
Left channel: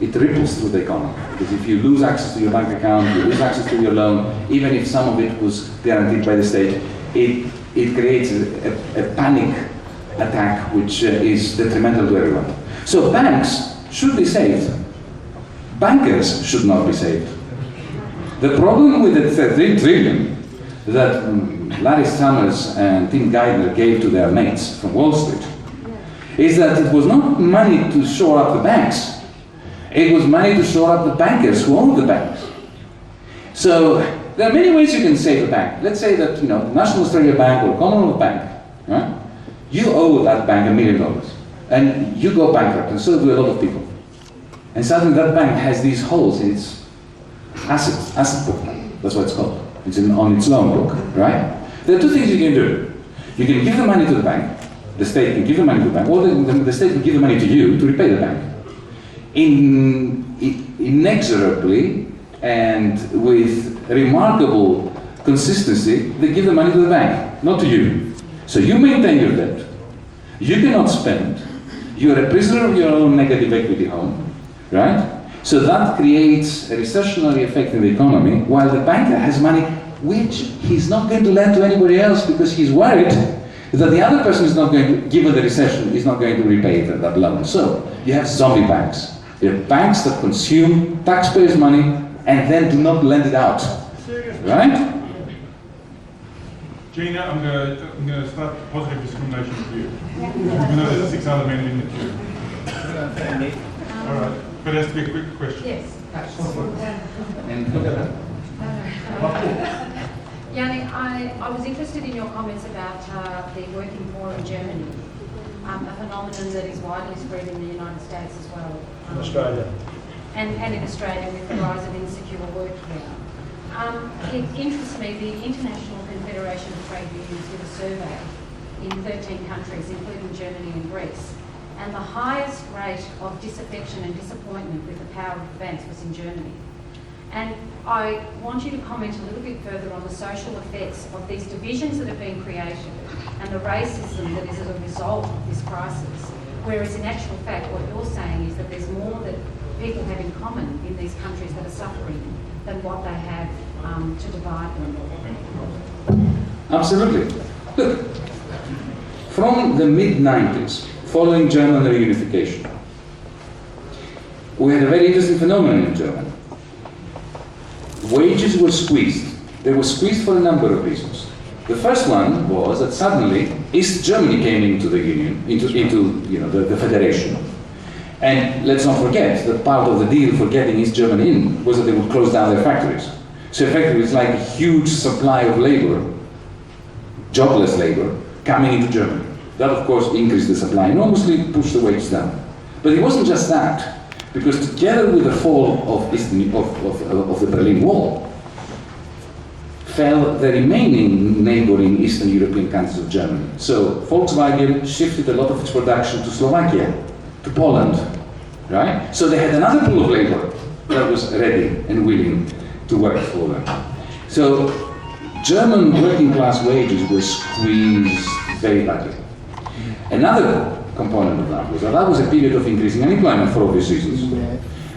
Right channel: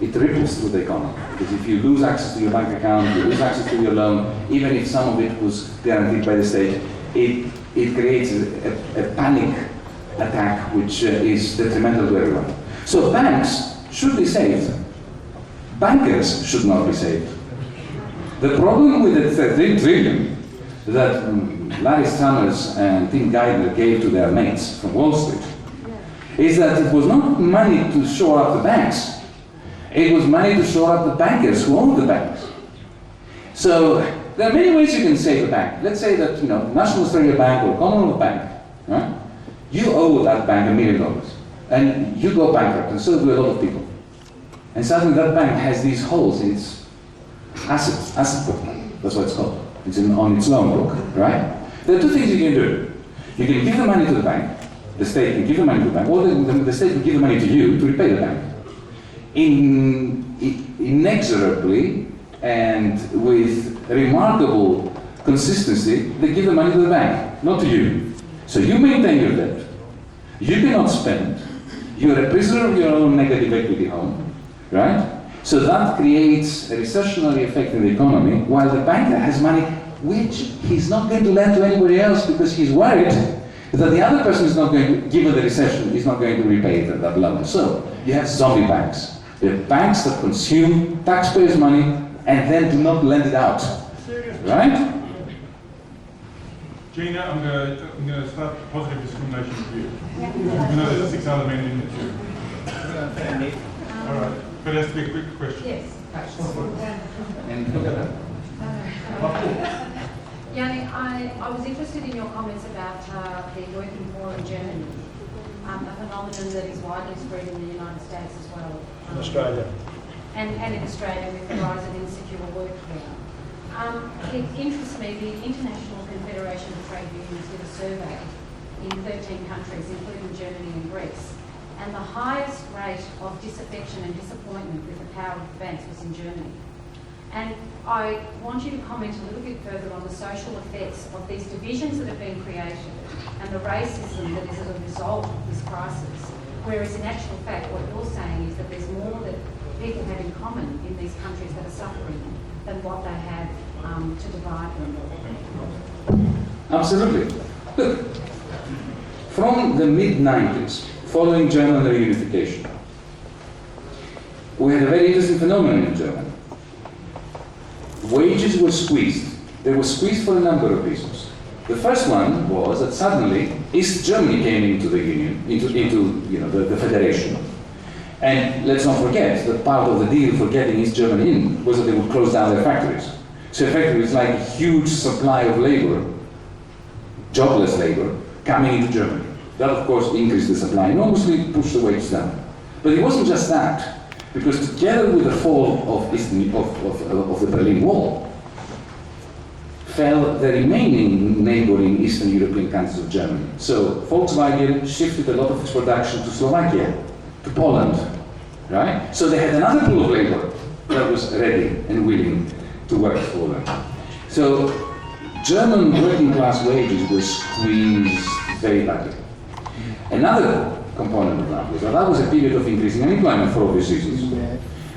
It ripples through the economy. Because if you lose access to your bank account, you lose access to your loan, even if some of it was guaranteed by the state, it creates a panic attack which is detrimental to everyone. So banks should be saved. Bankers should not be saved. The problem with the 13 trillion that Larry Summers and Tim Geithner gave to their mates from Wall Street is that it was not money to shore up the banks. It was money to shore up the bankers who own the banks. So there are many ways you can save a bank. Let's say that National Australia Bank or Commonwealth Bank, right? You owe that bank $1 million, and you go bankrupt, and so do a lot of people. And suddenly that bank has these holes in its asset book. That's what it's called. It's on its loan book, right? There are two things you can do. You can give the money to the bank. The state can give the money to the bank, or the state can give the money to you to repay the bank. Inexorably and with remarkable consistency, they give the money to the bank, not to you. So you maintain your debt. You cannot spend. You are a prisoner of your own negative equity home, right? So that creates a recessionary effect in the economy, while the banker has money which he's not going to lend to anybody else because he's worried that the other person is not going to, given the recession, is not going to repay that loan. So you have zombie banks. You have banks that consume taxpayers' money and then do not lend it out. Right? Gina, I'm going to start positive discrimination with you. You know there's 6 other men in the queue. All right, but it has to be a quick question. Yes. And look at that. Yanni, I was interested in your comments about the working poor in Germany, a phenomenon that is widely spread in the United States as well. In Australia. And in Australia with the rise of insecure work here. It interests me, the International Confederation of Trade Unions did a survey in 13 countries, including Germany and Greece. And the highest rate of disaffection and disappointment with the power of the banks was in Germany. And I want you to comment a little bit further on the social effects of these divisions that have been created and the racism that is as a result of this crisis. Whereas in actual fact, what you're saying is that there's more that people have in common in these countries that are suffering than what they have to divide them. Absolutely. Look, from the mid-90s, following German reunification, we had a very interesting phenomenon in Germany. Wages were squeezed. They were squeezed for a number of reasons. The first one was that suddenly East Germany came into the union, into the federation. And let's not forget that part of the deal for getting East Germany in was that they would close down their factories. So effectively it's like a huge supply of labor, jobless labor, coming into Germany. That of course increased the supply, enormously pushed the wages down. But it wasn't just that, because together with the fall of the Berlin Wall, fell the remaining neighboring Eastern European countries of Germany. So Volkswagen shifted a lot of its production to Slovakia, to Poland, right? So they had another pool of labor that was ready and willing to work for them. So German working class wages were squeezed very badly. Another component of that was a period of increasing unemployment for obvious reasons.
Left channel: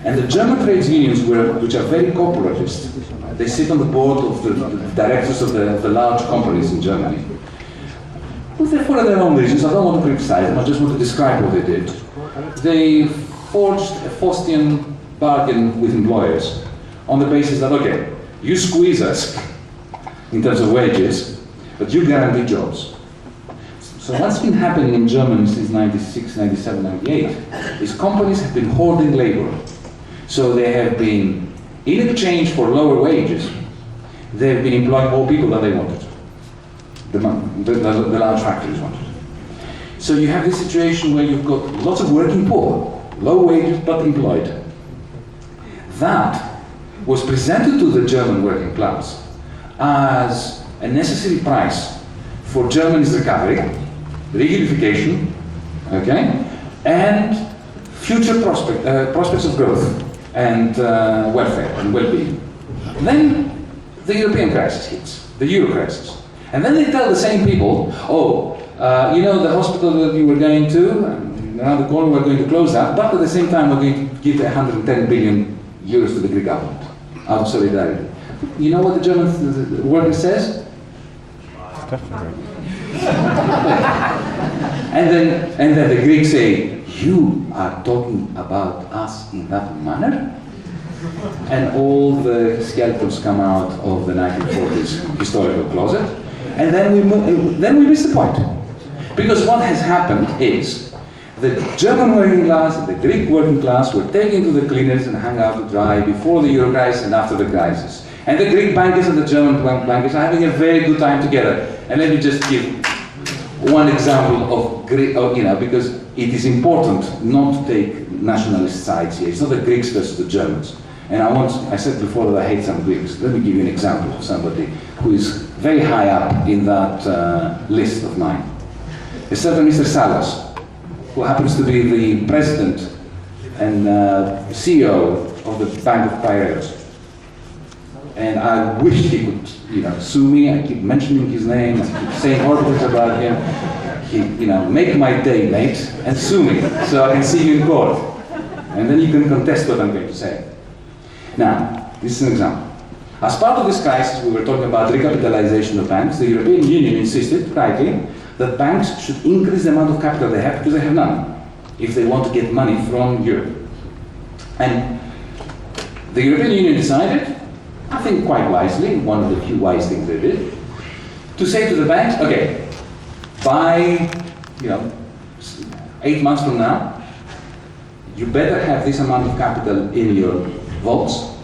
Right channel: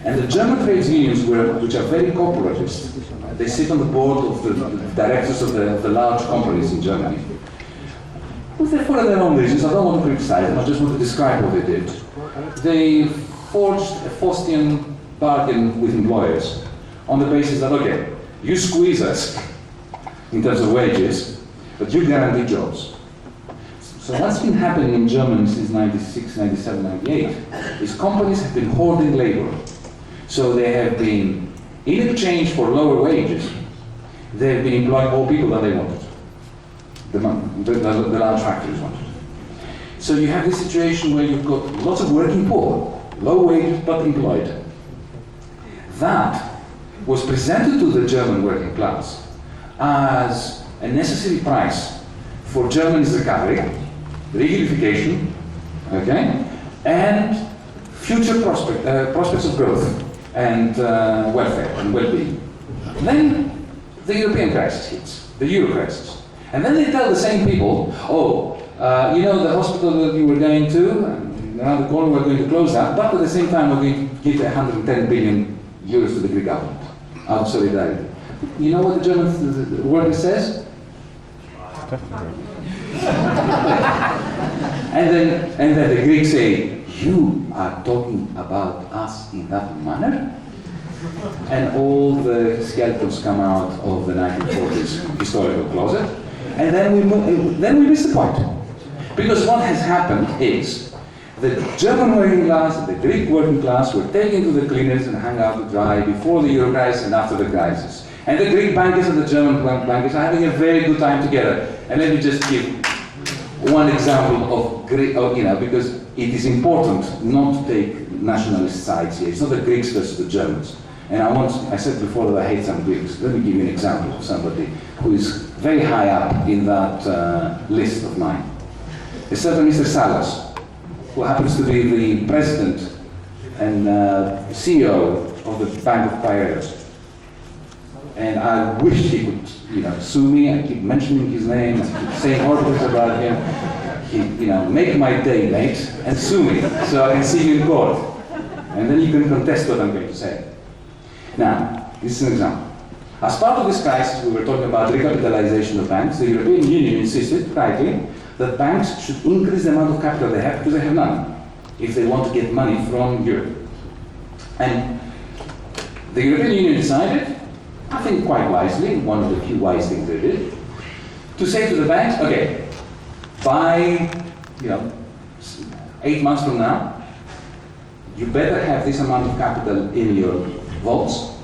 And the German trades unions, which are very corporatist, they sit on the board of the directors of the large companies in Germany, for their own reasons. I don't want to criticize them, I just want to describe what they did. They forged a Faustian bargain with employers on the basis that, okay, you squeeze us in terms of wages, but you guarantee jobs. So what's been happening in Germany since 96, 97, 98 is companies have been hoarding labor. So they have been, in exchange for lower wages, they've been employing more people than they wanted. The large factories wanted. So you have this situation where you've got lots of working poor, low wages but employed. That was presented to the German working class as a necessary price for Germany's recovery, reunification, okay, and future prospects of growth and welfare and well-being. Then the European crisis hits, the Euro crisis. And then they tell the same people, oh, you know the hospital that you were going to, around the corner we're going to close that, but at the same time we're going to give 110 billion euros to the Greek government out of solidarity. You know what the German worker says? and then the Greeks say, you are talking about us in that manner? And all the skeletons come out of the 1940s historical closet. And then we miss the point. Because what has happened is the German working class and the Greek working class were taken to the cleaners and hung out to dry before the Euro crisis and after the crisis. And the Greek bankers and the German bankers are having a very good time together. And let me just give one example of Greek, because it is important not to take nationalist sides here. It's not the Greeks versus the Germans. And I said before that I hate some Greeks. Let me give you an example of somebody who is very high up in that list of mine. A certain Mr. Salas, who happens to be the president and CEO of the Bank of Piraeus. And I wish he could, sue me. I keep mentioning his name, I keep saying horrible things about him. He, make my day, mate, and sue me so I can see you in court. And then you can contest what I'm going to say. Now, this is an example. As part of this crisis, we were talking about recapitalization of banks. The European Union insisted, rightly, that banks should increase the amount of capital they have because they have none, if they want to get money from Europe. And the European Union decided, I think quite wisely, one of the few wise things they did, to say to the banks, okay, by 8 months from now, you better have this amount of capital in your vaults,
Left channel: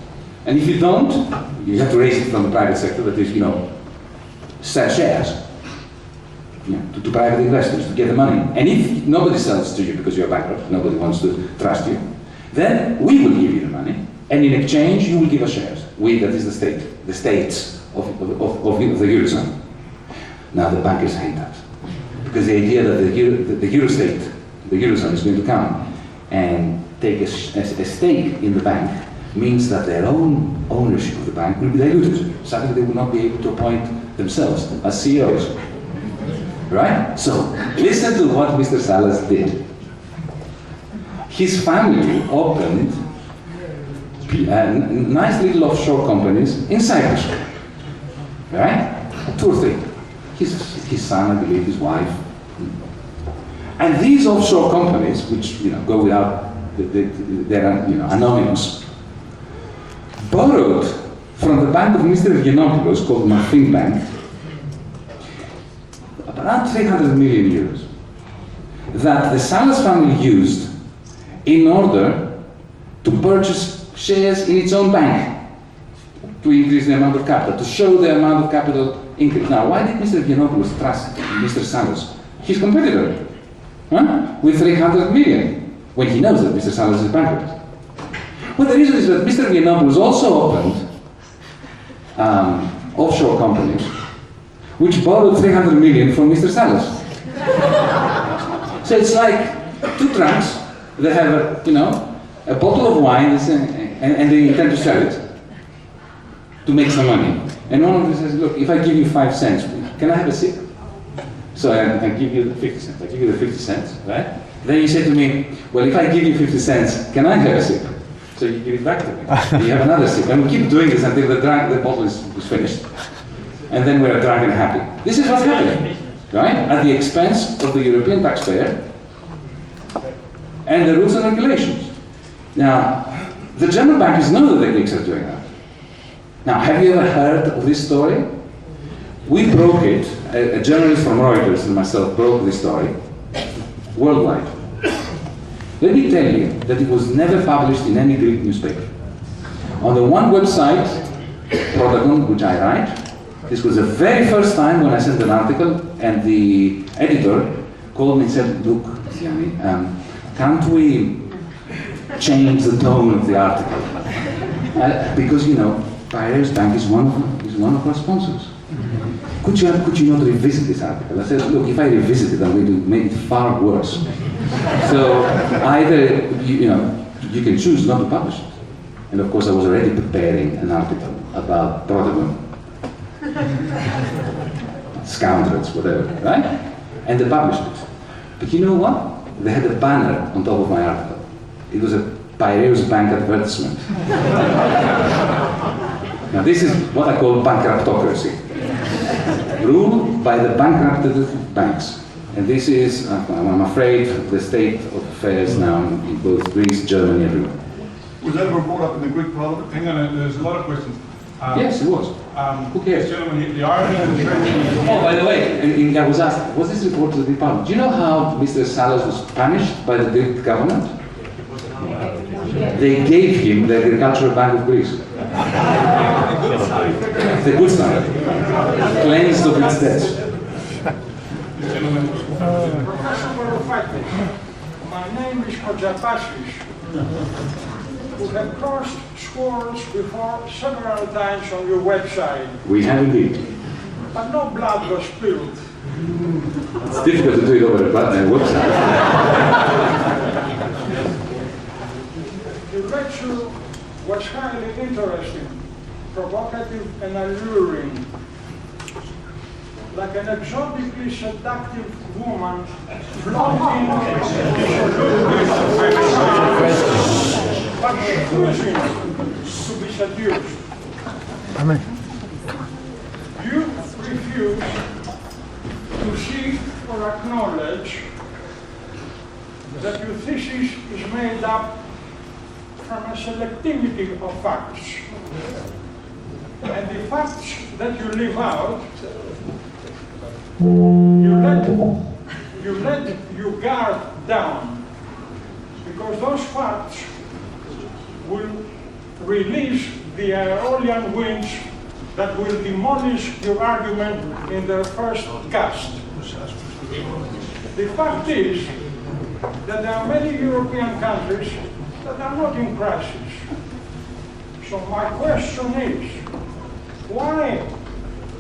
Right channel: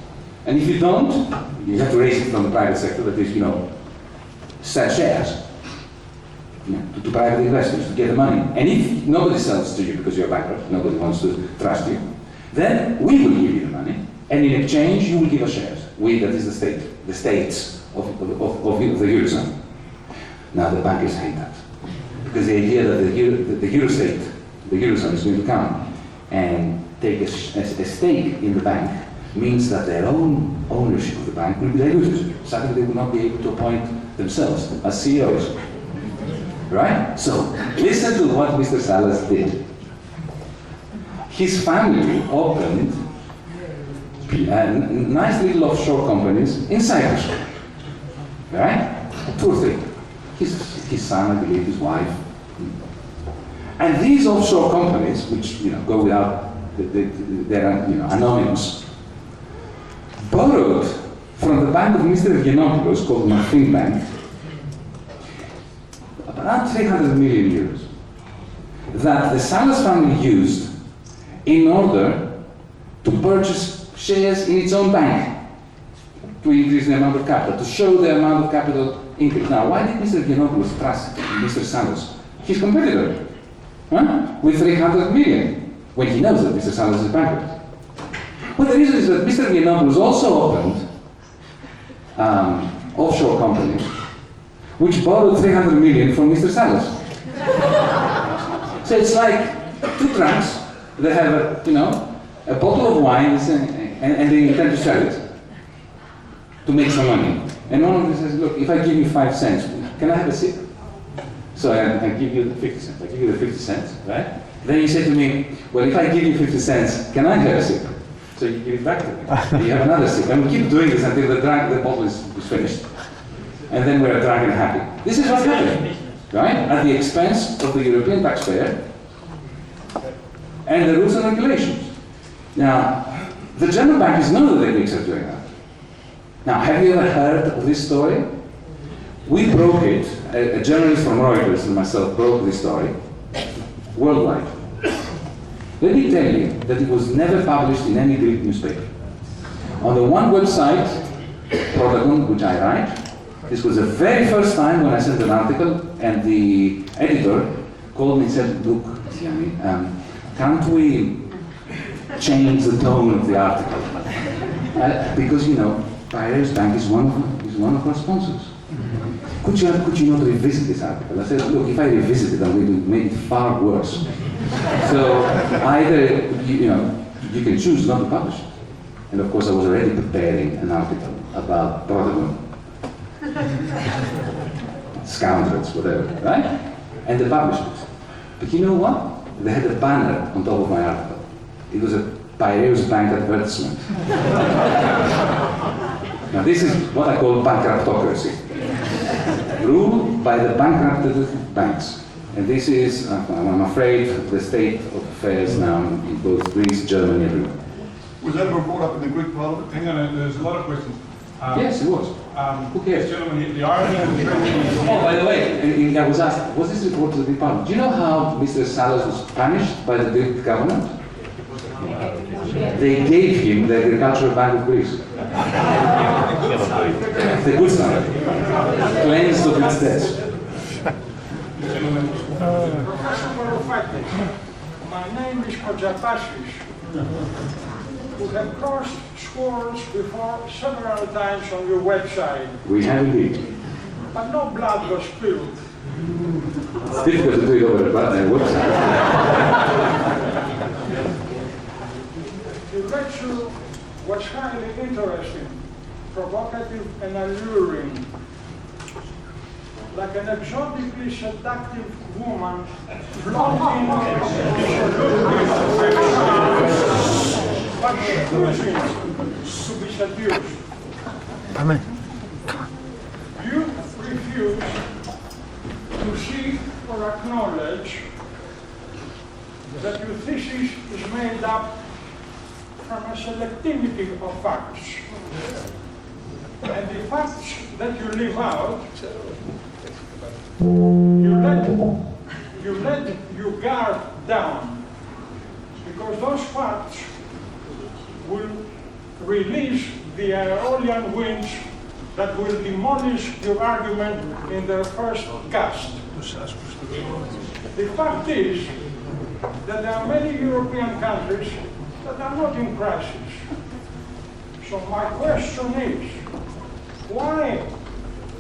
and if you don't, you have to raise it from the private sector, that is, sell shares to private investors to get the money. And if nobody sells to you because you're bankrupt, nobody wants to trust you, then we will give you the money, and in exchange you will give us shares. We, that is the state, the states of the Eurozone. Now the bankers hate that, because the idea that the Eurozone is going to come and take a stake in the bank means that their own ownership of the bank will be diluted. Suddenly they will not be able to appoint themselves as CEOs. Right? So, listen to what Mr. Salas did. His family opened nice little offshore companies in Cyprus. Right? 2 or 3. His son, I believe, his wife. And these offshore companies, which go without, they're anonymous, borrowed from the bank of Mr. Yiannopoulos, called Martin Bank, around 300 million euros that the Salas family used in order to purchase shares in its own bank to increase the amount of capital, to show the amount of capital increase. Now, why did Mr. Yiannopoulos trust Mr. Salas, his competitor, with 300 million, when he knows that Mr. Salas is bankrupt? Well, the reason is that Mr. Yiannopoulos also opened offshore companies which borrowed 300 million from Mr. Salas. So it's like 2 trunks that have a bottle of wine and they intend to sell it to make some money. And one of them says, look, if I give you 5 cents, can I have a sip? So I give you the 50 cents. I give you the 50 cents, right? Then you say to me, well, if I give you 50 cents, can I have a sip? So you give it back to me. You have another sip. And we keep doing this until the bottle is finished. And then we're drunk and happy. This is what's happening. right? At the expense of the European taxpayer and the rules and regulations. Now, the German bankers know that the Greeks are doing that. Now, have you ever heard of this story? We broke it, a journalist from Reuters and myself broke this story worldwide. Let me tell you that it was never published in any Greek newspaper. On the one website, Protagon, which I write, this was the very first time when I sent an article, and the editor called me and said, look, Yanni, can't we change the tone of the article? Because, you know, Piraeus Bank is one of our sponsors. Could you not revisit this article? I said, look, if I revisit it, I'm going to make it far worse. So either, you can choose not to publish it. And of course, I was already preparing an article about Protagon. Scoundrels, whatever, right? And they published it. But you know what? They had a banner on top of my article. It was a Piraeus Bank advertisement. Now this is what I call bankruptocracy. Ruled by the bankrupted banks. And this is, I'm afraid, the state of affairs now in both Greece, Germany, everywhere. Was that ever brought up in the Greek Parliament? Hang on, there's a lot of questions. Yes, it was. Who cares? Gentlemen, the irony of the trade. Oh, by the way, I was asked, was this report to the Greek Parliament? Do you know how Mr. Salas was punished by the Greek government? They gave him the Agricultural Bank of Greece. The good side. Cleansed of its debts. Professor Varoufakis, my name is Kojapasis, who have crossed swords before several times on your website, We have indeed. but no blood was spilled. It's difficult to do it over a website. Your lecture was highly interesting, provocative and alluring. Like an exotically seductive woman flaunting but refusing to be seduced. You refuse to see or acknowledge that your thesis is made up from a selectivity of facts. And the facts that you leave out, you let your guard down, because those facts will release the Aeolian winds that will demolish your argument in their first gust. The fact is that there are many European countries that are not in crisis. So my question is, why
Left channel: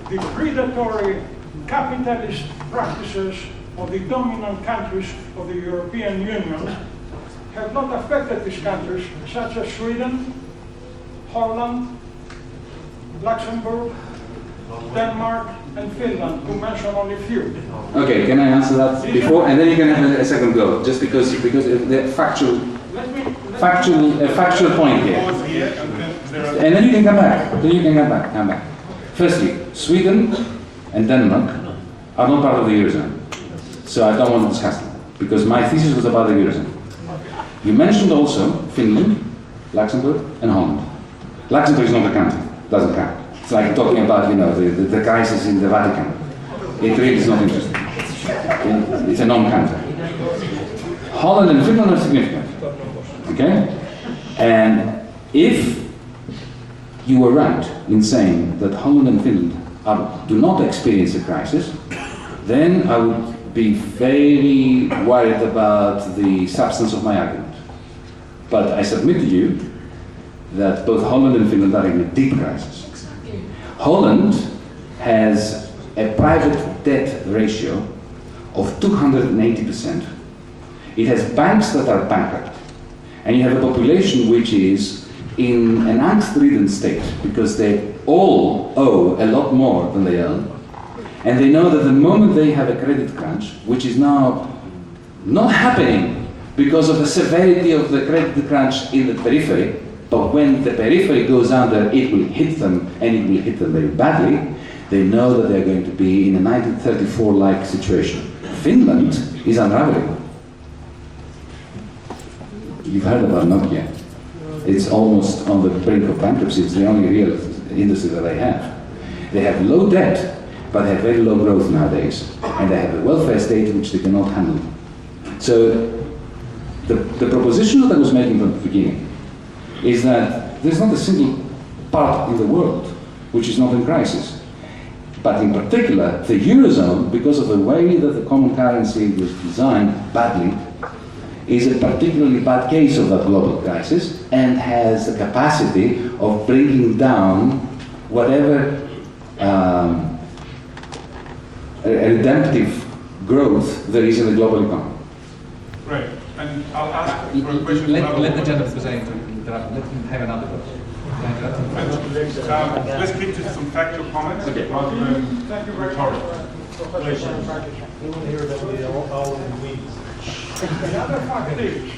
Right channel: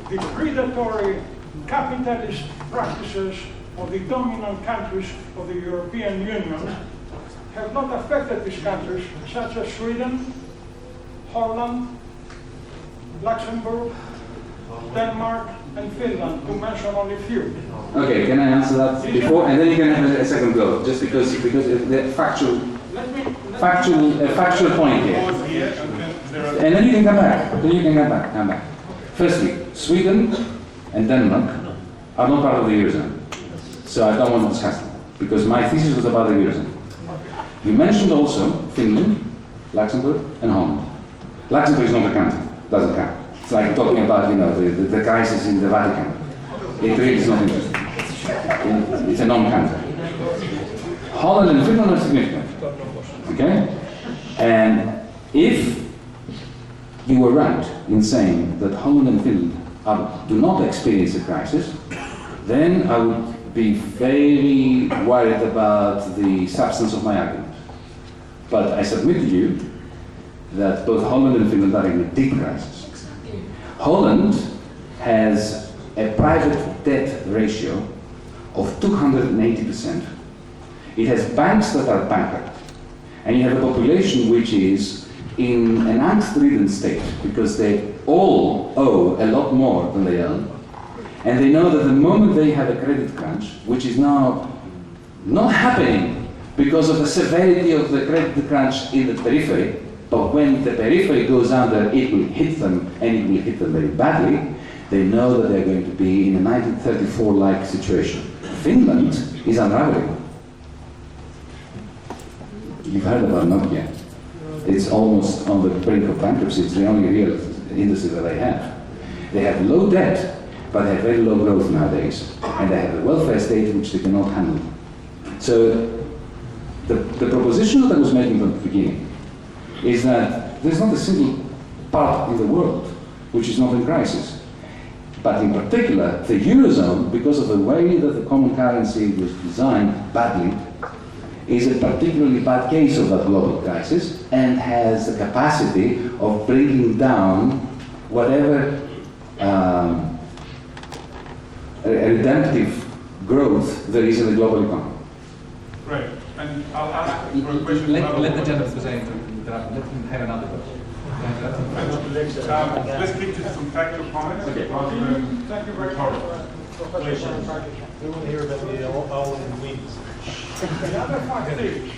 the predatory capitalist practices of the dominant countries of the European Union have not affected these countries, such as Sweden, Holland, Luxembourg, Denmark, and Finland, to mention only a few. Okay, can I answer that before, and then you can have a second go, just because the factual point here. And then you can come back. Come back. Firstly, Sweden and Denmark are not part of the Eurozone. So I don't want to discuss them, because my thesis was about the Eurozone. You mentioned also Finland, Luxembourg, and Holland. Luxembourg is not a country, doesn't count. It's like talking about, the crisis in the Vatican. It really is not interesting. It's a non-country. Holland and Finland are significant. Okay? And if you were right in saying that Holland and Finland do not experience a crisis, then I would be very worried about the substance of my argument. But I submit to you that both Holland and Finland are in a deep crisis. Holland has a private debt ratio of 280%. It has banks that are bankrupt. And you have a population which is in an angst-ridden state because they all owe a lot more than they earn. And they know that the moment they have a credit crunch, which is now not happening because of the severity of the credit crunch in the periphery, but when the periphery goes under, it will hit them, and it will hit them very badly. They know that they're going to be in a 1934-like situation. Finland is unraveling. You've heard about Nokia. It's almost on the brink of bankruptcy. It's the only real industry that they have. They have low debt, but they have very low growth nowadays. And they have a welfare state which they cannot handle. So the proposition that I was making from the beginning is that there's not a single part in the world which is not in crisis. But in particular, the Eurozone, because of the way that the common currency was designed badly, is a particularly bad case of that global crisis and has the capacity of bringing down whatever redemptive growth there is in the global economy. Right. And I'll ask for a question. Let the gentleman present interrupt. Let him have another question. Let's keep to some factual comments. Thank you very much. We want to hear about the owl and weeds. The other fact is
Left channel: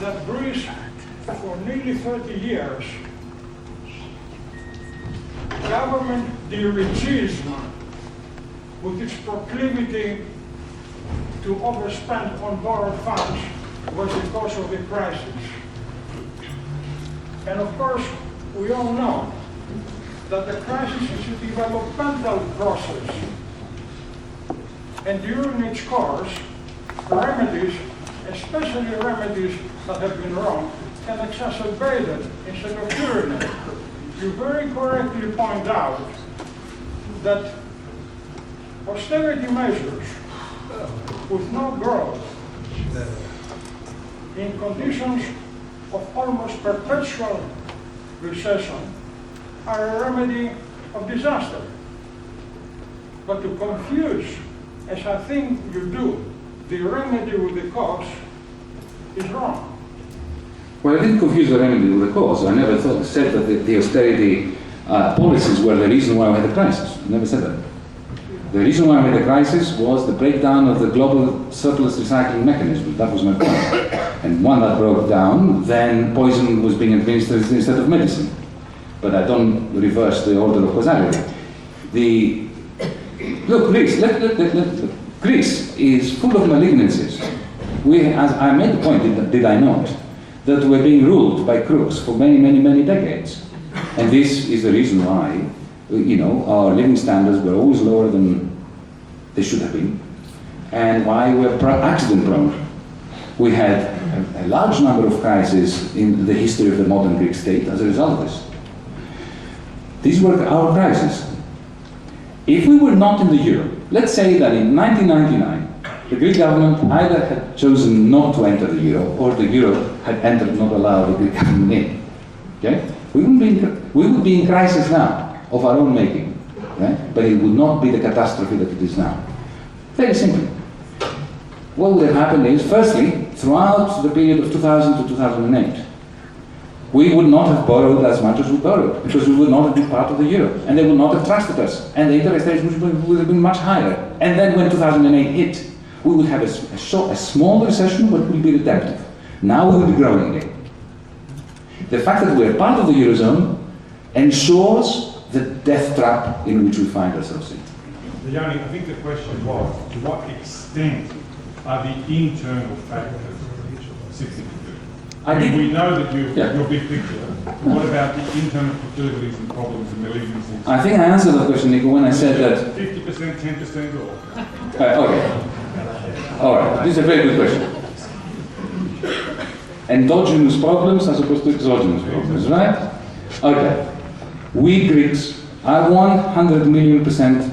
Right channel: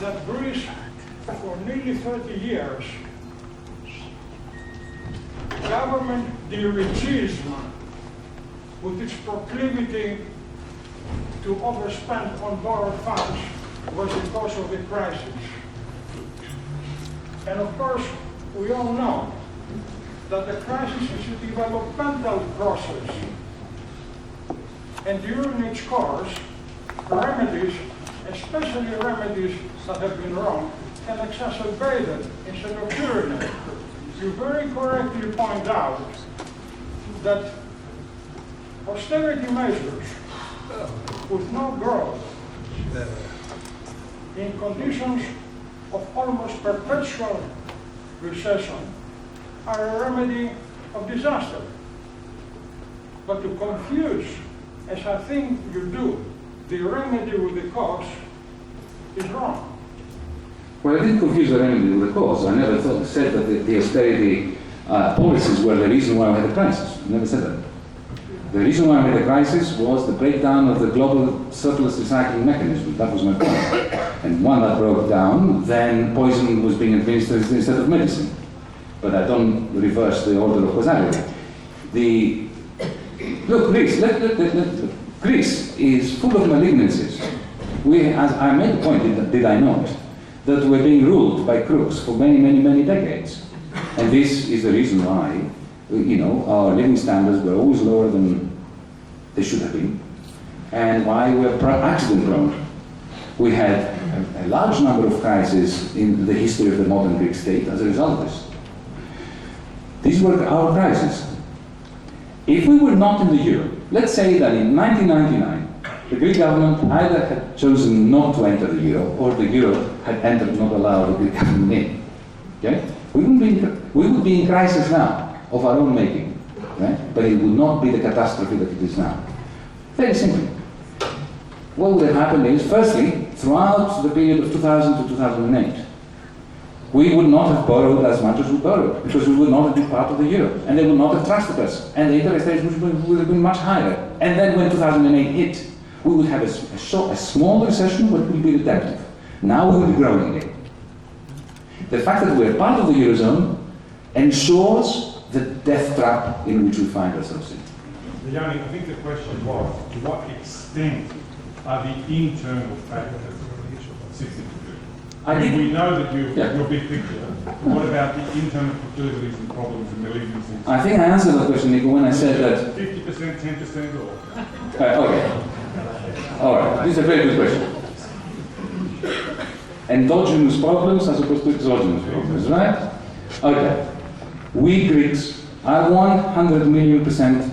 that Greece, for nearly 30 years, government dirigism, with its proclivity to overspend on borrowed funds, was the cause of the crisis. And of course, we all know that the crisis is a developmental process. And during its course, remedies, especially remedies that have been wrong, can exacerbate it instead of curing it. You very correctly point out that austerity measures with no growth in conditions of almost perpetual recession are a remedy of disaster. But to confuse, as I think you do, the remedy with the cause is wrong. Well, I didn't confuse the remedy with the cause. I never said that the austerity policies were the reason why we had the crisis. I never said that. The reason why we had the crisis was the breakdown of the global surplus recycling mechanism. That was my point. And when that broke down, then poison was being administered instead of medicine. But I don't reverse the order of causality. Look, Greece is full of malignancies. As I made the point, did I not, that we're being ruled by crooks for many, many, many decades. And this is the reason why, our living standards were always lower than they should have been, and why we're accident prone. We had a large number of crises in the history of the modern Greek state as a result of this. These were our crises. If we were not in the euro, let's say that in 1999, the Greek government either had chosen not to enter the euro, or the euro had entered, not allowed the Greek government in. Okay? We would be in crisis now, of our own making, right? But it would not be the catastrophe that it is now. Very simply. What would have happened is, firstly, throughout the period of 2000 to 2008, we would not have borrowed as much as we borrowed, because we would not have been part of the euro, and they would not have trusted us, and the interest rates would have been much higher. And then when 2008 hit, we would have a small recession, but it would be redemptive. Now we will be growing again. The fact that we are part of the Eurozone ensures the death trap in which we find ourselves in. Yanni, I think the question was, to what extent are the internal factors significant? We know that your big picture. What about the internal proclivities and problems and malignancies? I think I answered that question, Nico, when I said that... 50%, 10% or? Okay. All right. This is a very good question. Endogenous problems as opposed to exogenous problems, right? Okay. We Greeks are 100 million%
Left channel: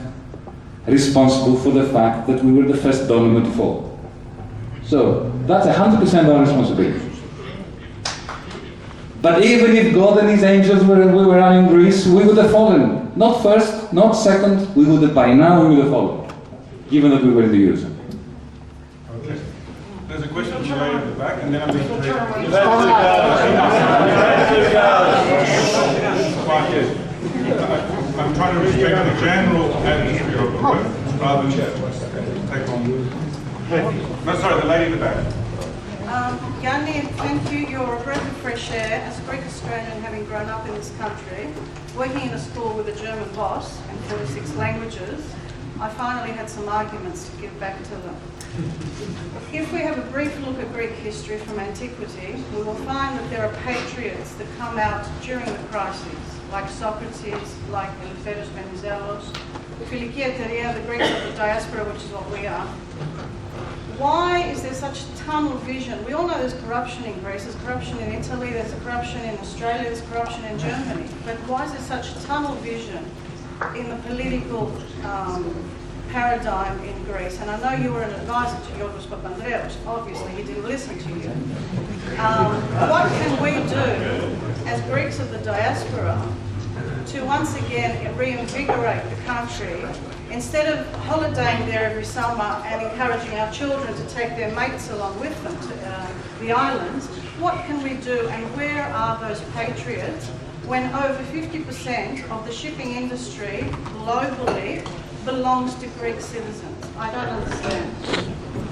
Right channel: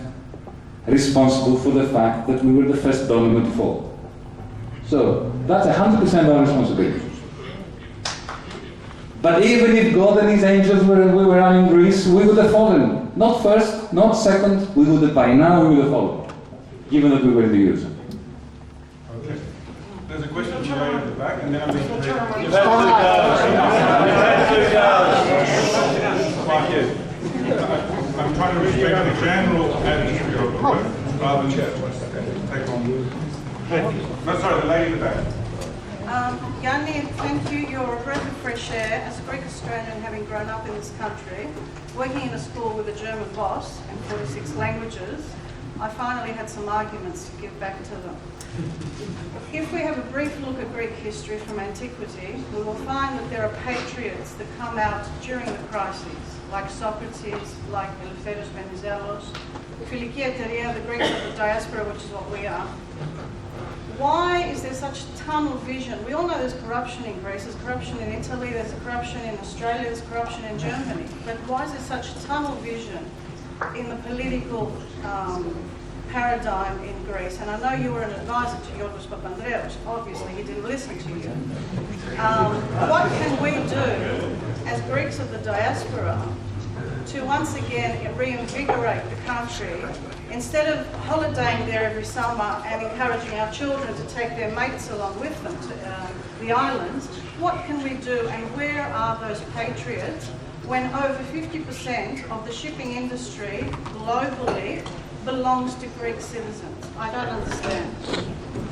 responsible for the fact that we were the first domino to fall. So that's 100% our responsibility. But even if God and His angels we were running Greece, we would have fallen. Not first, not second, we would have, by now we would have fallen, given that we were in the Eurozone. Okay. There's a question from the lady at the back, and then I'm going to take... I'm trying to respect the general atmosphere of the room, rather than take on... No, sorry, the lady in the back. Yanis, thank you. You're a breath of fresh air. As a Greek Australian, having grown up in this country, working in a school with a German boss and 46 languages, I finally had some arguments to give back to them. If we have a brief look at Greek history from antiquity, we will find that there are patriots that come out during the crises, like Socrates, like Eleftherios Venizelos, Philiki Eteria, the Greeks of the diaspora, which is what we are. Why is there such tunnel vision? We all know there's corruption in Greece, there's corruption in Italy, there's corruption in Australia, there's corruption in Germany. But why is there such tunnel vision in the political paradigm in Greece? And I know you were an advisor to Yanis Varoufakis. Obviously, he didn't listen to you. What can we do as Greeks of the diaspora to once again reinvigorate the country, instead of holidaying there every summer and encouraging our children to take their mates along with them to the islands? What can we do, and where are those patriots when over 50% of the shipping industry globally belongs to Greek citizens? I don't understand.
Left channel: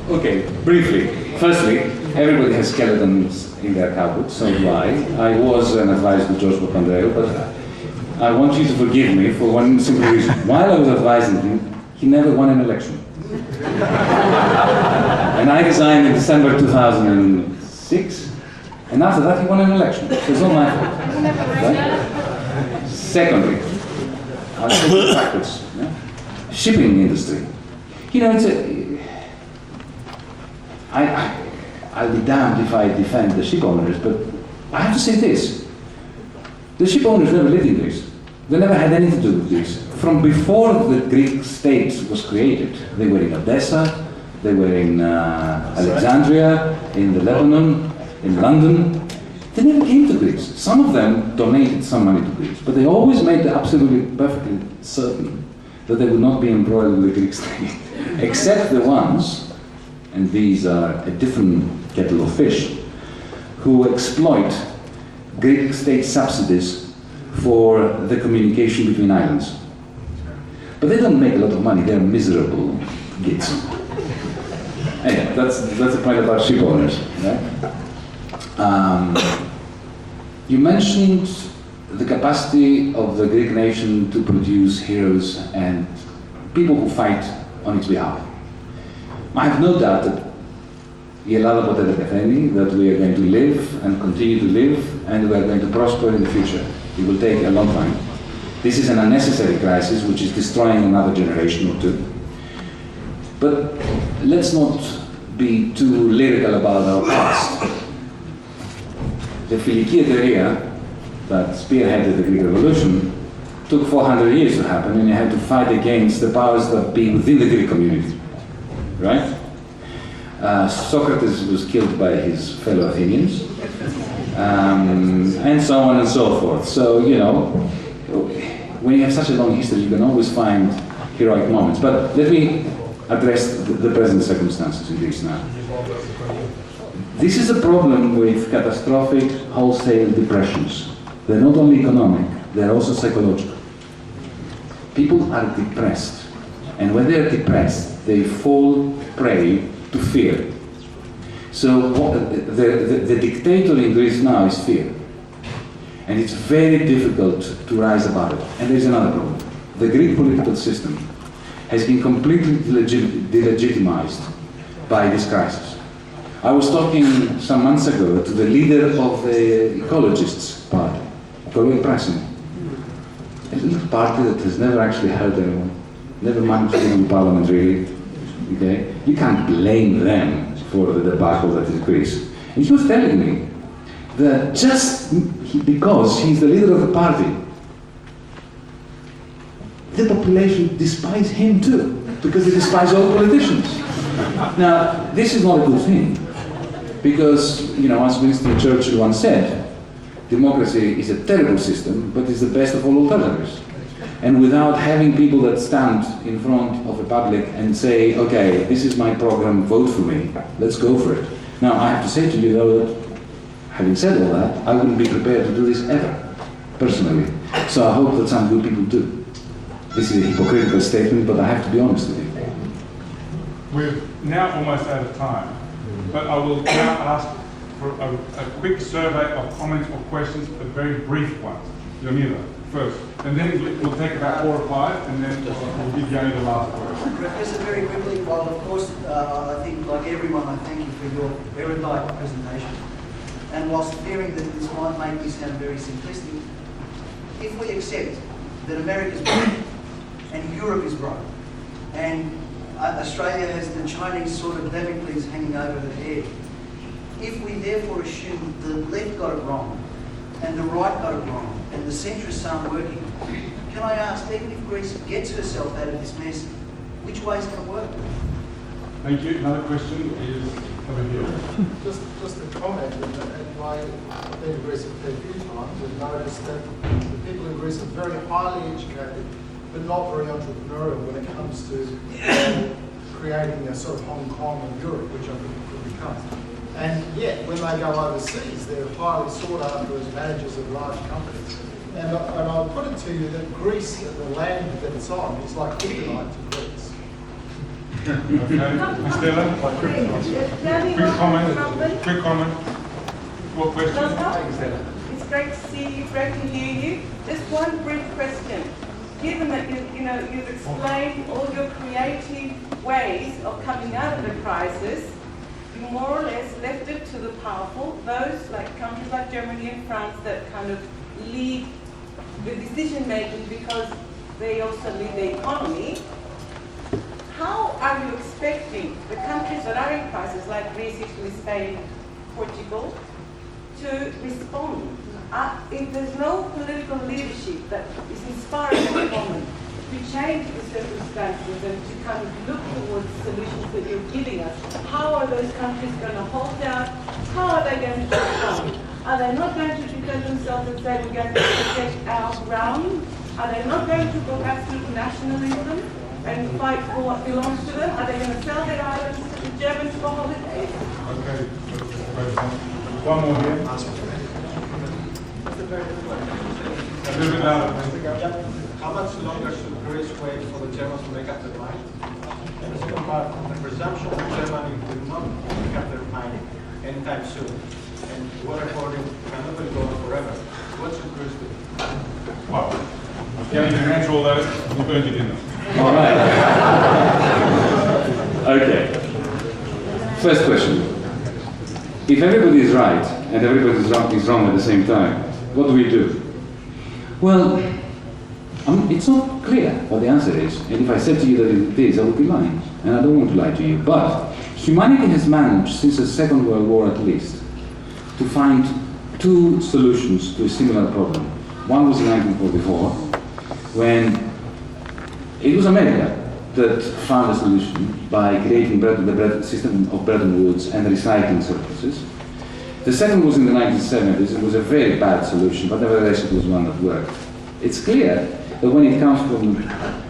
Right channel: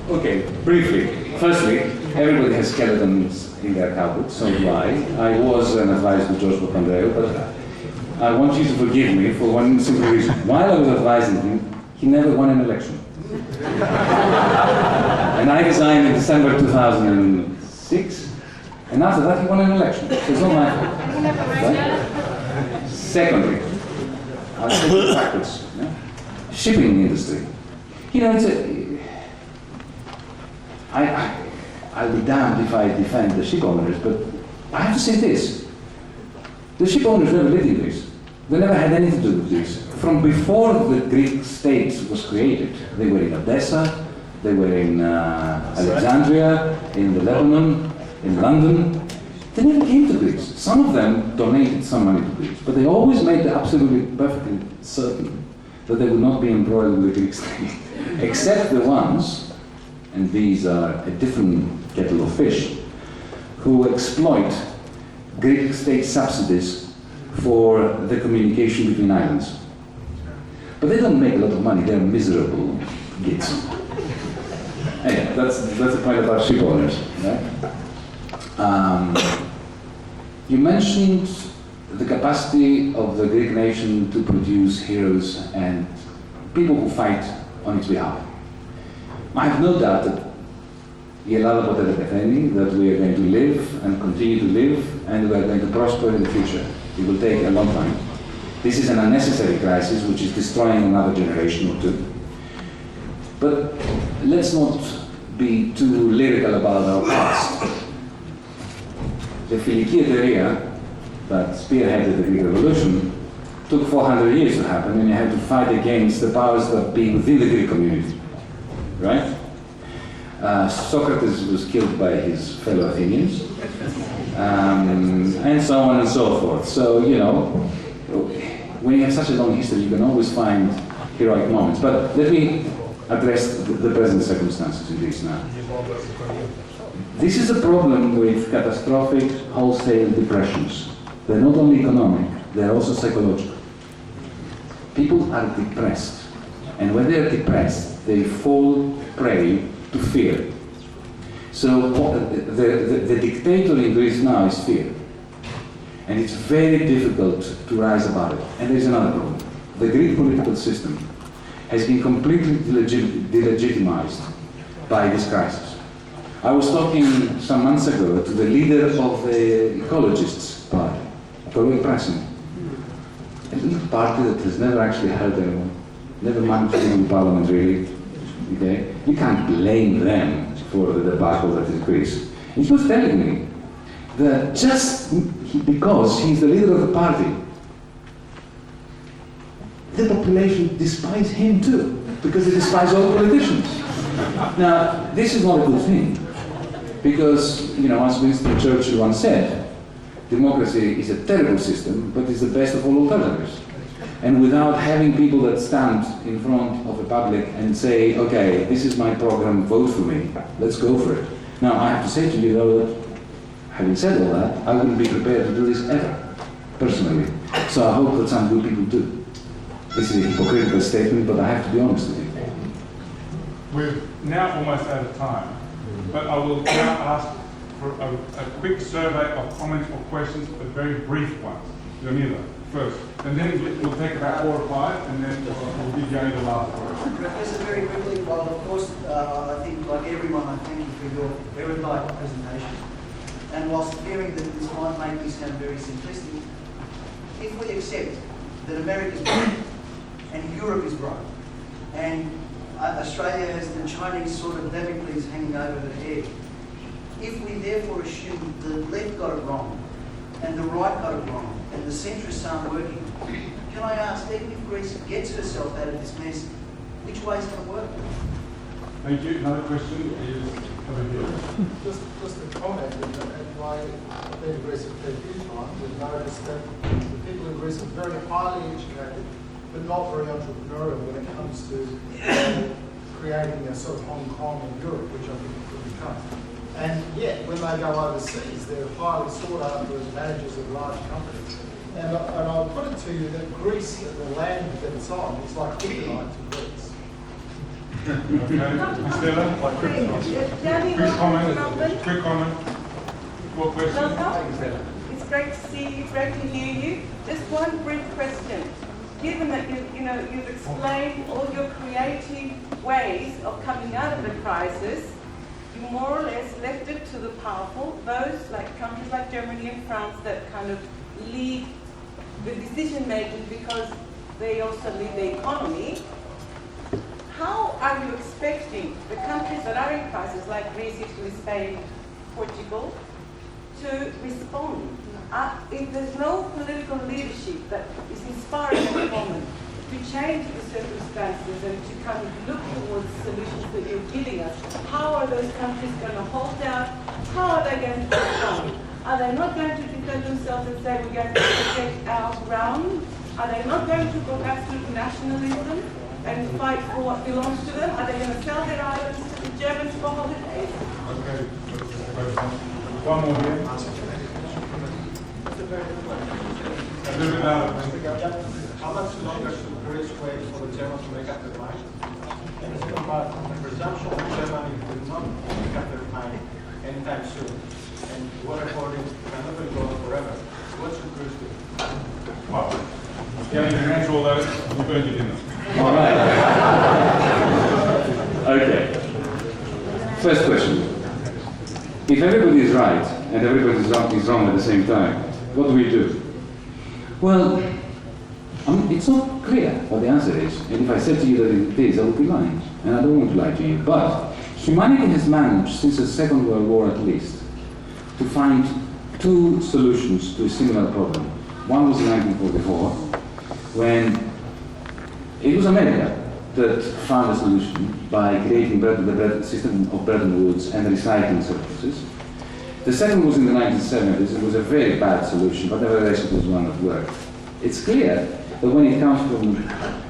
Okay, briefly. Firstly, everybody has skeletons in their cupboard, so do I. I was an advisor to George Papandreou, but I want you to forgive me for one simple reason. While I was advising him, he never won an election. And I resigned in December 2006, and after that he won an election. So it's not my fault. Right? Secondly, I'll take it backwards. Yeah? Shipping industry. You know, I'll be damned if I defend the ship owners, but I have to say this. The ship owners never lived in Greece. They never had anything to do with Greece. From before the Greek state was created, they were in Odessa, they were in Alexandria, in the Lebanon, in London. They never came to Greece. Some of them donated some money to Greece, but they always made absolutely perfectly certain that they would not be embroiled with the Greek state, except the ones, and these are a different kettle of fish, who exploit Greek state subsidies for the communication between islands. But they don't make a lot of money, they're miserable gits. Anyway, that's the point about ship owners. Right? You mentioned the capacity of the Greek nation to produce heroes and people who fight on its behalf. I have no doubt that η Ελλάδα ποτέ δεν πεθαίνει, that we are going to live and continue to live, and we are going to prosper in the future. It will take a long time. This is an unnecessary crisis which is destroying another generation or two. But let's not be too lyrical about our past. The Philiki Eteria that spearheaded the Greek Revolution took 400 years to happen, and you had to fight against the powers that be within the Greek community. Right? Socrates was killed by his fellow Athenians, and so on and so forth. So, you know, when you have such a long history, you can always find heroic moments. But let me address the present circumstances in Greece now. This is a problem with catastrophic wholesale depressions. They're not only economic, they're also psychological. People are depressed, and when they're depressed, they fall prey to fear. So the dictator in Greece now is fear. And it's very difficult to rise above it. And there's another problem. The Greek political system has been completely delegitimized by this crisis. I was talking some months ago to the leader of the Ecologists Party, Ecologic Pressing, a little party that has never actually hurt anyone, never managed to be in parliament really. Okay? You can't blame them for the debacle that is Greece. And he was telling me that just because he's the leader of the party, the population despises him too, because they despise all politicians. Now, this is not a good thing, because, you know, as Winston Churchill once said, democracy is a terrible system, but it's the best of all alternatives. And without having people that stand in front of the public and say, okay, this is my program, vote for me, let's go for it. Now, I have to say to you, though, that having said all that, I wouldn't be prepared to do this ever, personally. So I hope that some good people do. This is a hypocritical statement, but I have to be honest with you. We're now almost out of time. But I will now ask for a quick survey of comments or questions, but very brief ones. Jamila, first. And then we'll take about 4 or 5, and then we'll give Yanni the last word. Professor, very quickly, well, of course, I think, like everyone, I thank you for your erudite presentation. And whilst fearing that this might make me sound very simplistic, if we accept that America's broke and Europe is broke, and Australia has the Chinese sort of Damocles hanging over the head, if we therefore assume the left got it wrong, and the right got it wrong, and the centrists aren't working, can I ask, even if Greece gets herself out of this mess, which way is going to work? Thank you. Another question is over here. Just a comment, and I've been to Greece a fair few times, we've noticed that the people in Greece are very highly educated, but not very entrepreneurial when it comes to creating a sort of Hong Kong of Europe, which I think it could become. And yet, when they go overseas, they're highly sought after as managers of large companies. And I'll put it to you that Greece, the land that it's on, is like kryptonite to Greece. Okay. Stella? Quick comment. Quick comment. What question? It's great to see you, great to hear you. Just one brief question. Given that you've explained all your creative ways of coming out of the crisis, you more or less left it to the powerful, those like countries like Germany and France that kind of lead the decision making because they also lead the economy. How are you expecting the countries that are in crisis, like Greece, Italy, Spain, Portugal, to respond? If there's no political leadership that is inspiring at the moment to change the circumstances and to kind of look towards solutions that you're giving us, how are those countries going to hold out? How are they going to respond? Are they not going to defend themselves and say we're going to protect our ground? Are they not going to go back to nationalism and fight for what belongs to them? Are they going to sell their islands to the Germans for holidays? Okay. One more here. A little bit louder. How much longer should Greece wait for the Germans to make up their mind? And the second part, the presumption that Germany will not make up their mind anytime soon. And water hoarding cannot go on forever. What should Greece do? Well, yeah, you can answer all that. We'll burn your dinner. All right. Okay. First question. If everybody is right and everybody is wrong at the same time, what do we do? Well, it's not clear what the answer is. And if I said to you that it is, I would be lying. And I don't want to lie to you. But humanity has managed, since the Second World War at least, to find 2 solutions to a similar problem. One was in 1944, when it was America that found a solution by creating the system of Bretton Woods and recycling surpluses. The second was in the 1970s. It was a very bad solution, but nevertheless it was one that worked. It's clear that when it comes from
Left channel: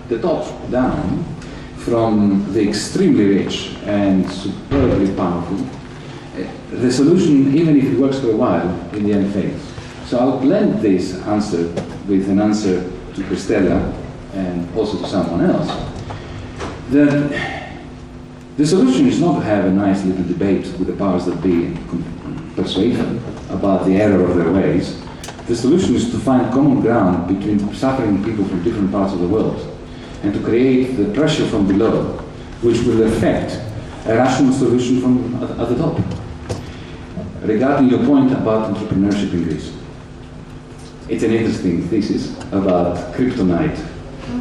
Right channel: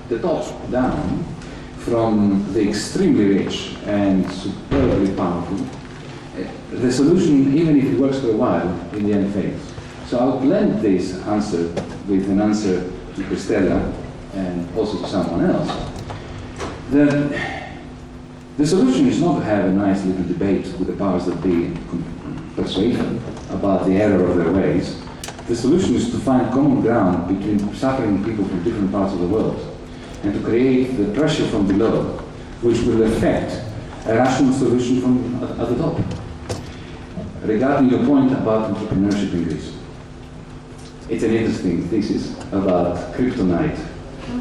the top down, from the extremely rich and superbly powerful, the solution, even if it works for a while, in the end fails. So I'll blend this answer with an answer to Christella and also to someone else. The solution is not to have a nice little debate with the powers that be and persuade them about the error of their ways. The solution is to find common ground between suffering people from different parts of the world and to create the pressure from below, which will affect a rational solution from at the top. Regarding your point about entrepreneurship in Greece, it's an interesting thesis about kryptonite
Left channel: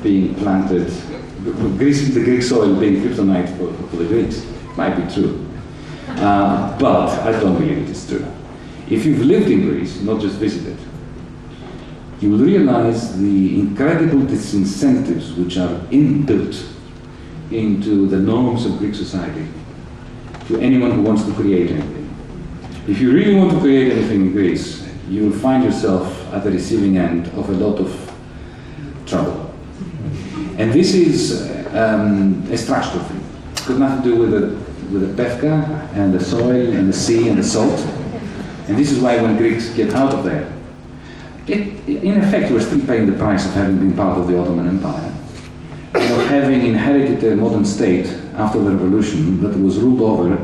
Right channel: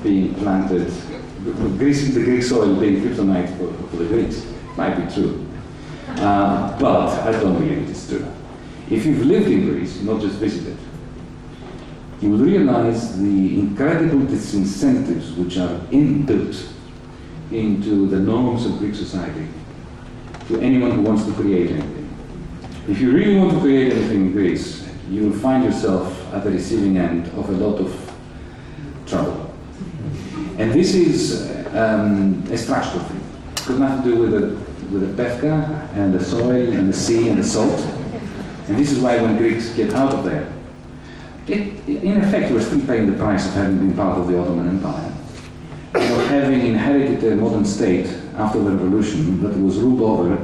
being planted, the Greek soil being kryptonite for the Greeks. Might be true, but I don't believe it is true. If you've lived in Greece, not just visited, you will realize the incredible disincentives which are inbuilt into the norms of Greek society to anyone who wants to create anything. If you really want to create anything in Greece, you will find yourself at the receiving end of a lot of trouble. And this is a structural thing. It's got nothing to do with the pefka and the soil and the sea and the salt. And this is why when Greeks get out of there, in effect, we're still paying the price of having been part of the Ottoman Empire, and of having inherited a modern state after the revolution that was ruled over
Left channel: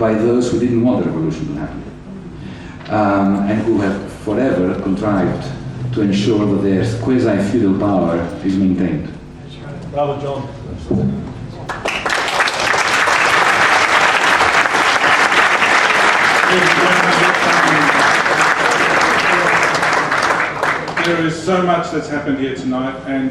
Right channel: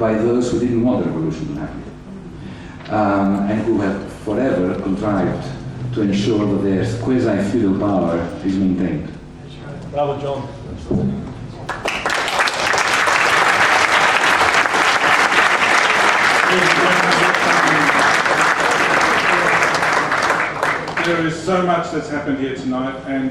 by those who didn't want the revolution to happen, and who have forever contrived to ensure that their quasi-feudal power is maintained. Brother John. There is so much that's happened here tonight, and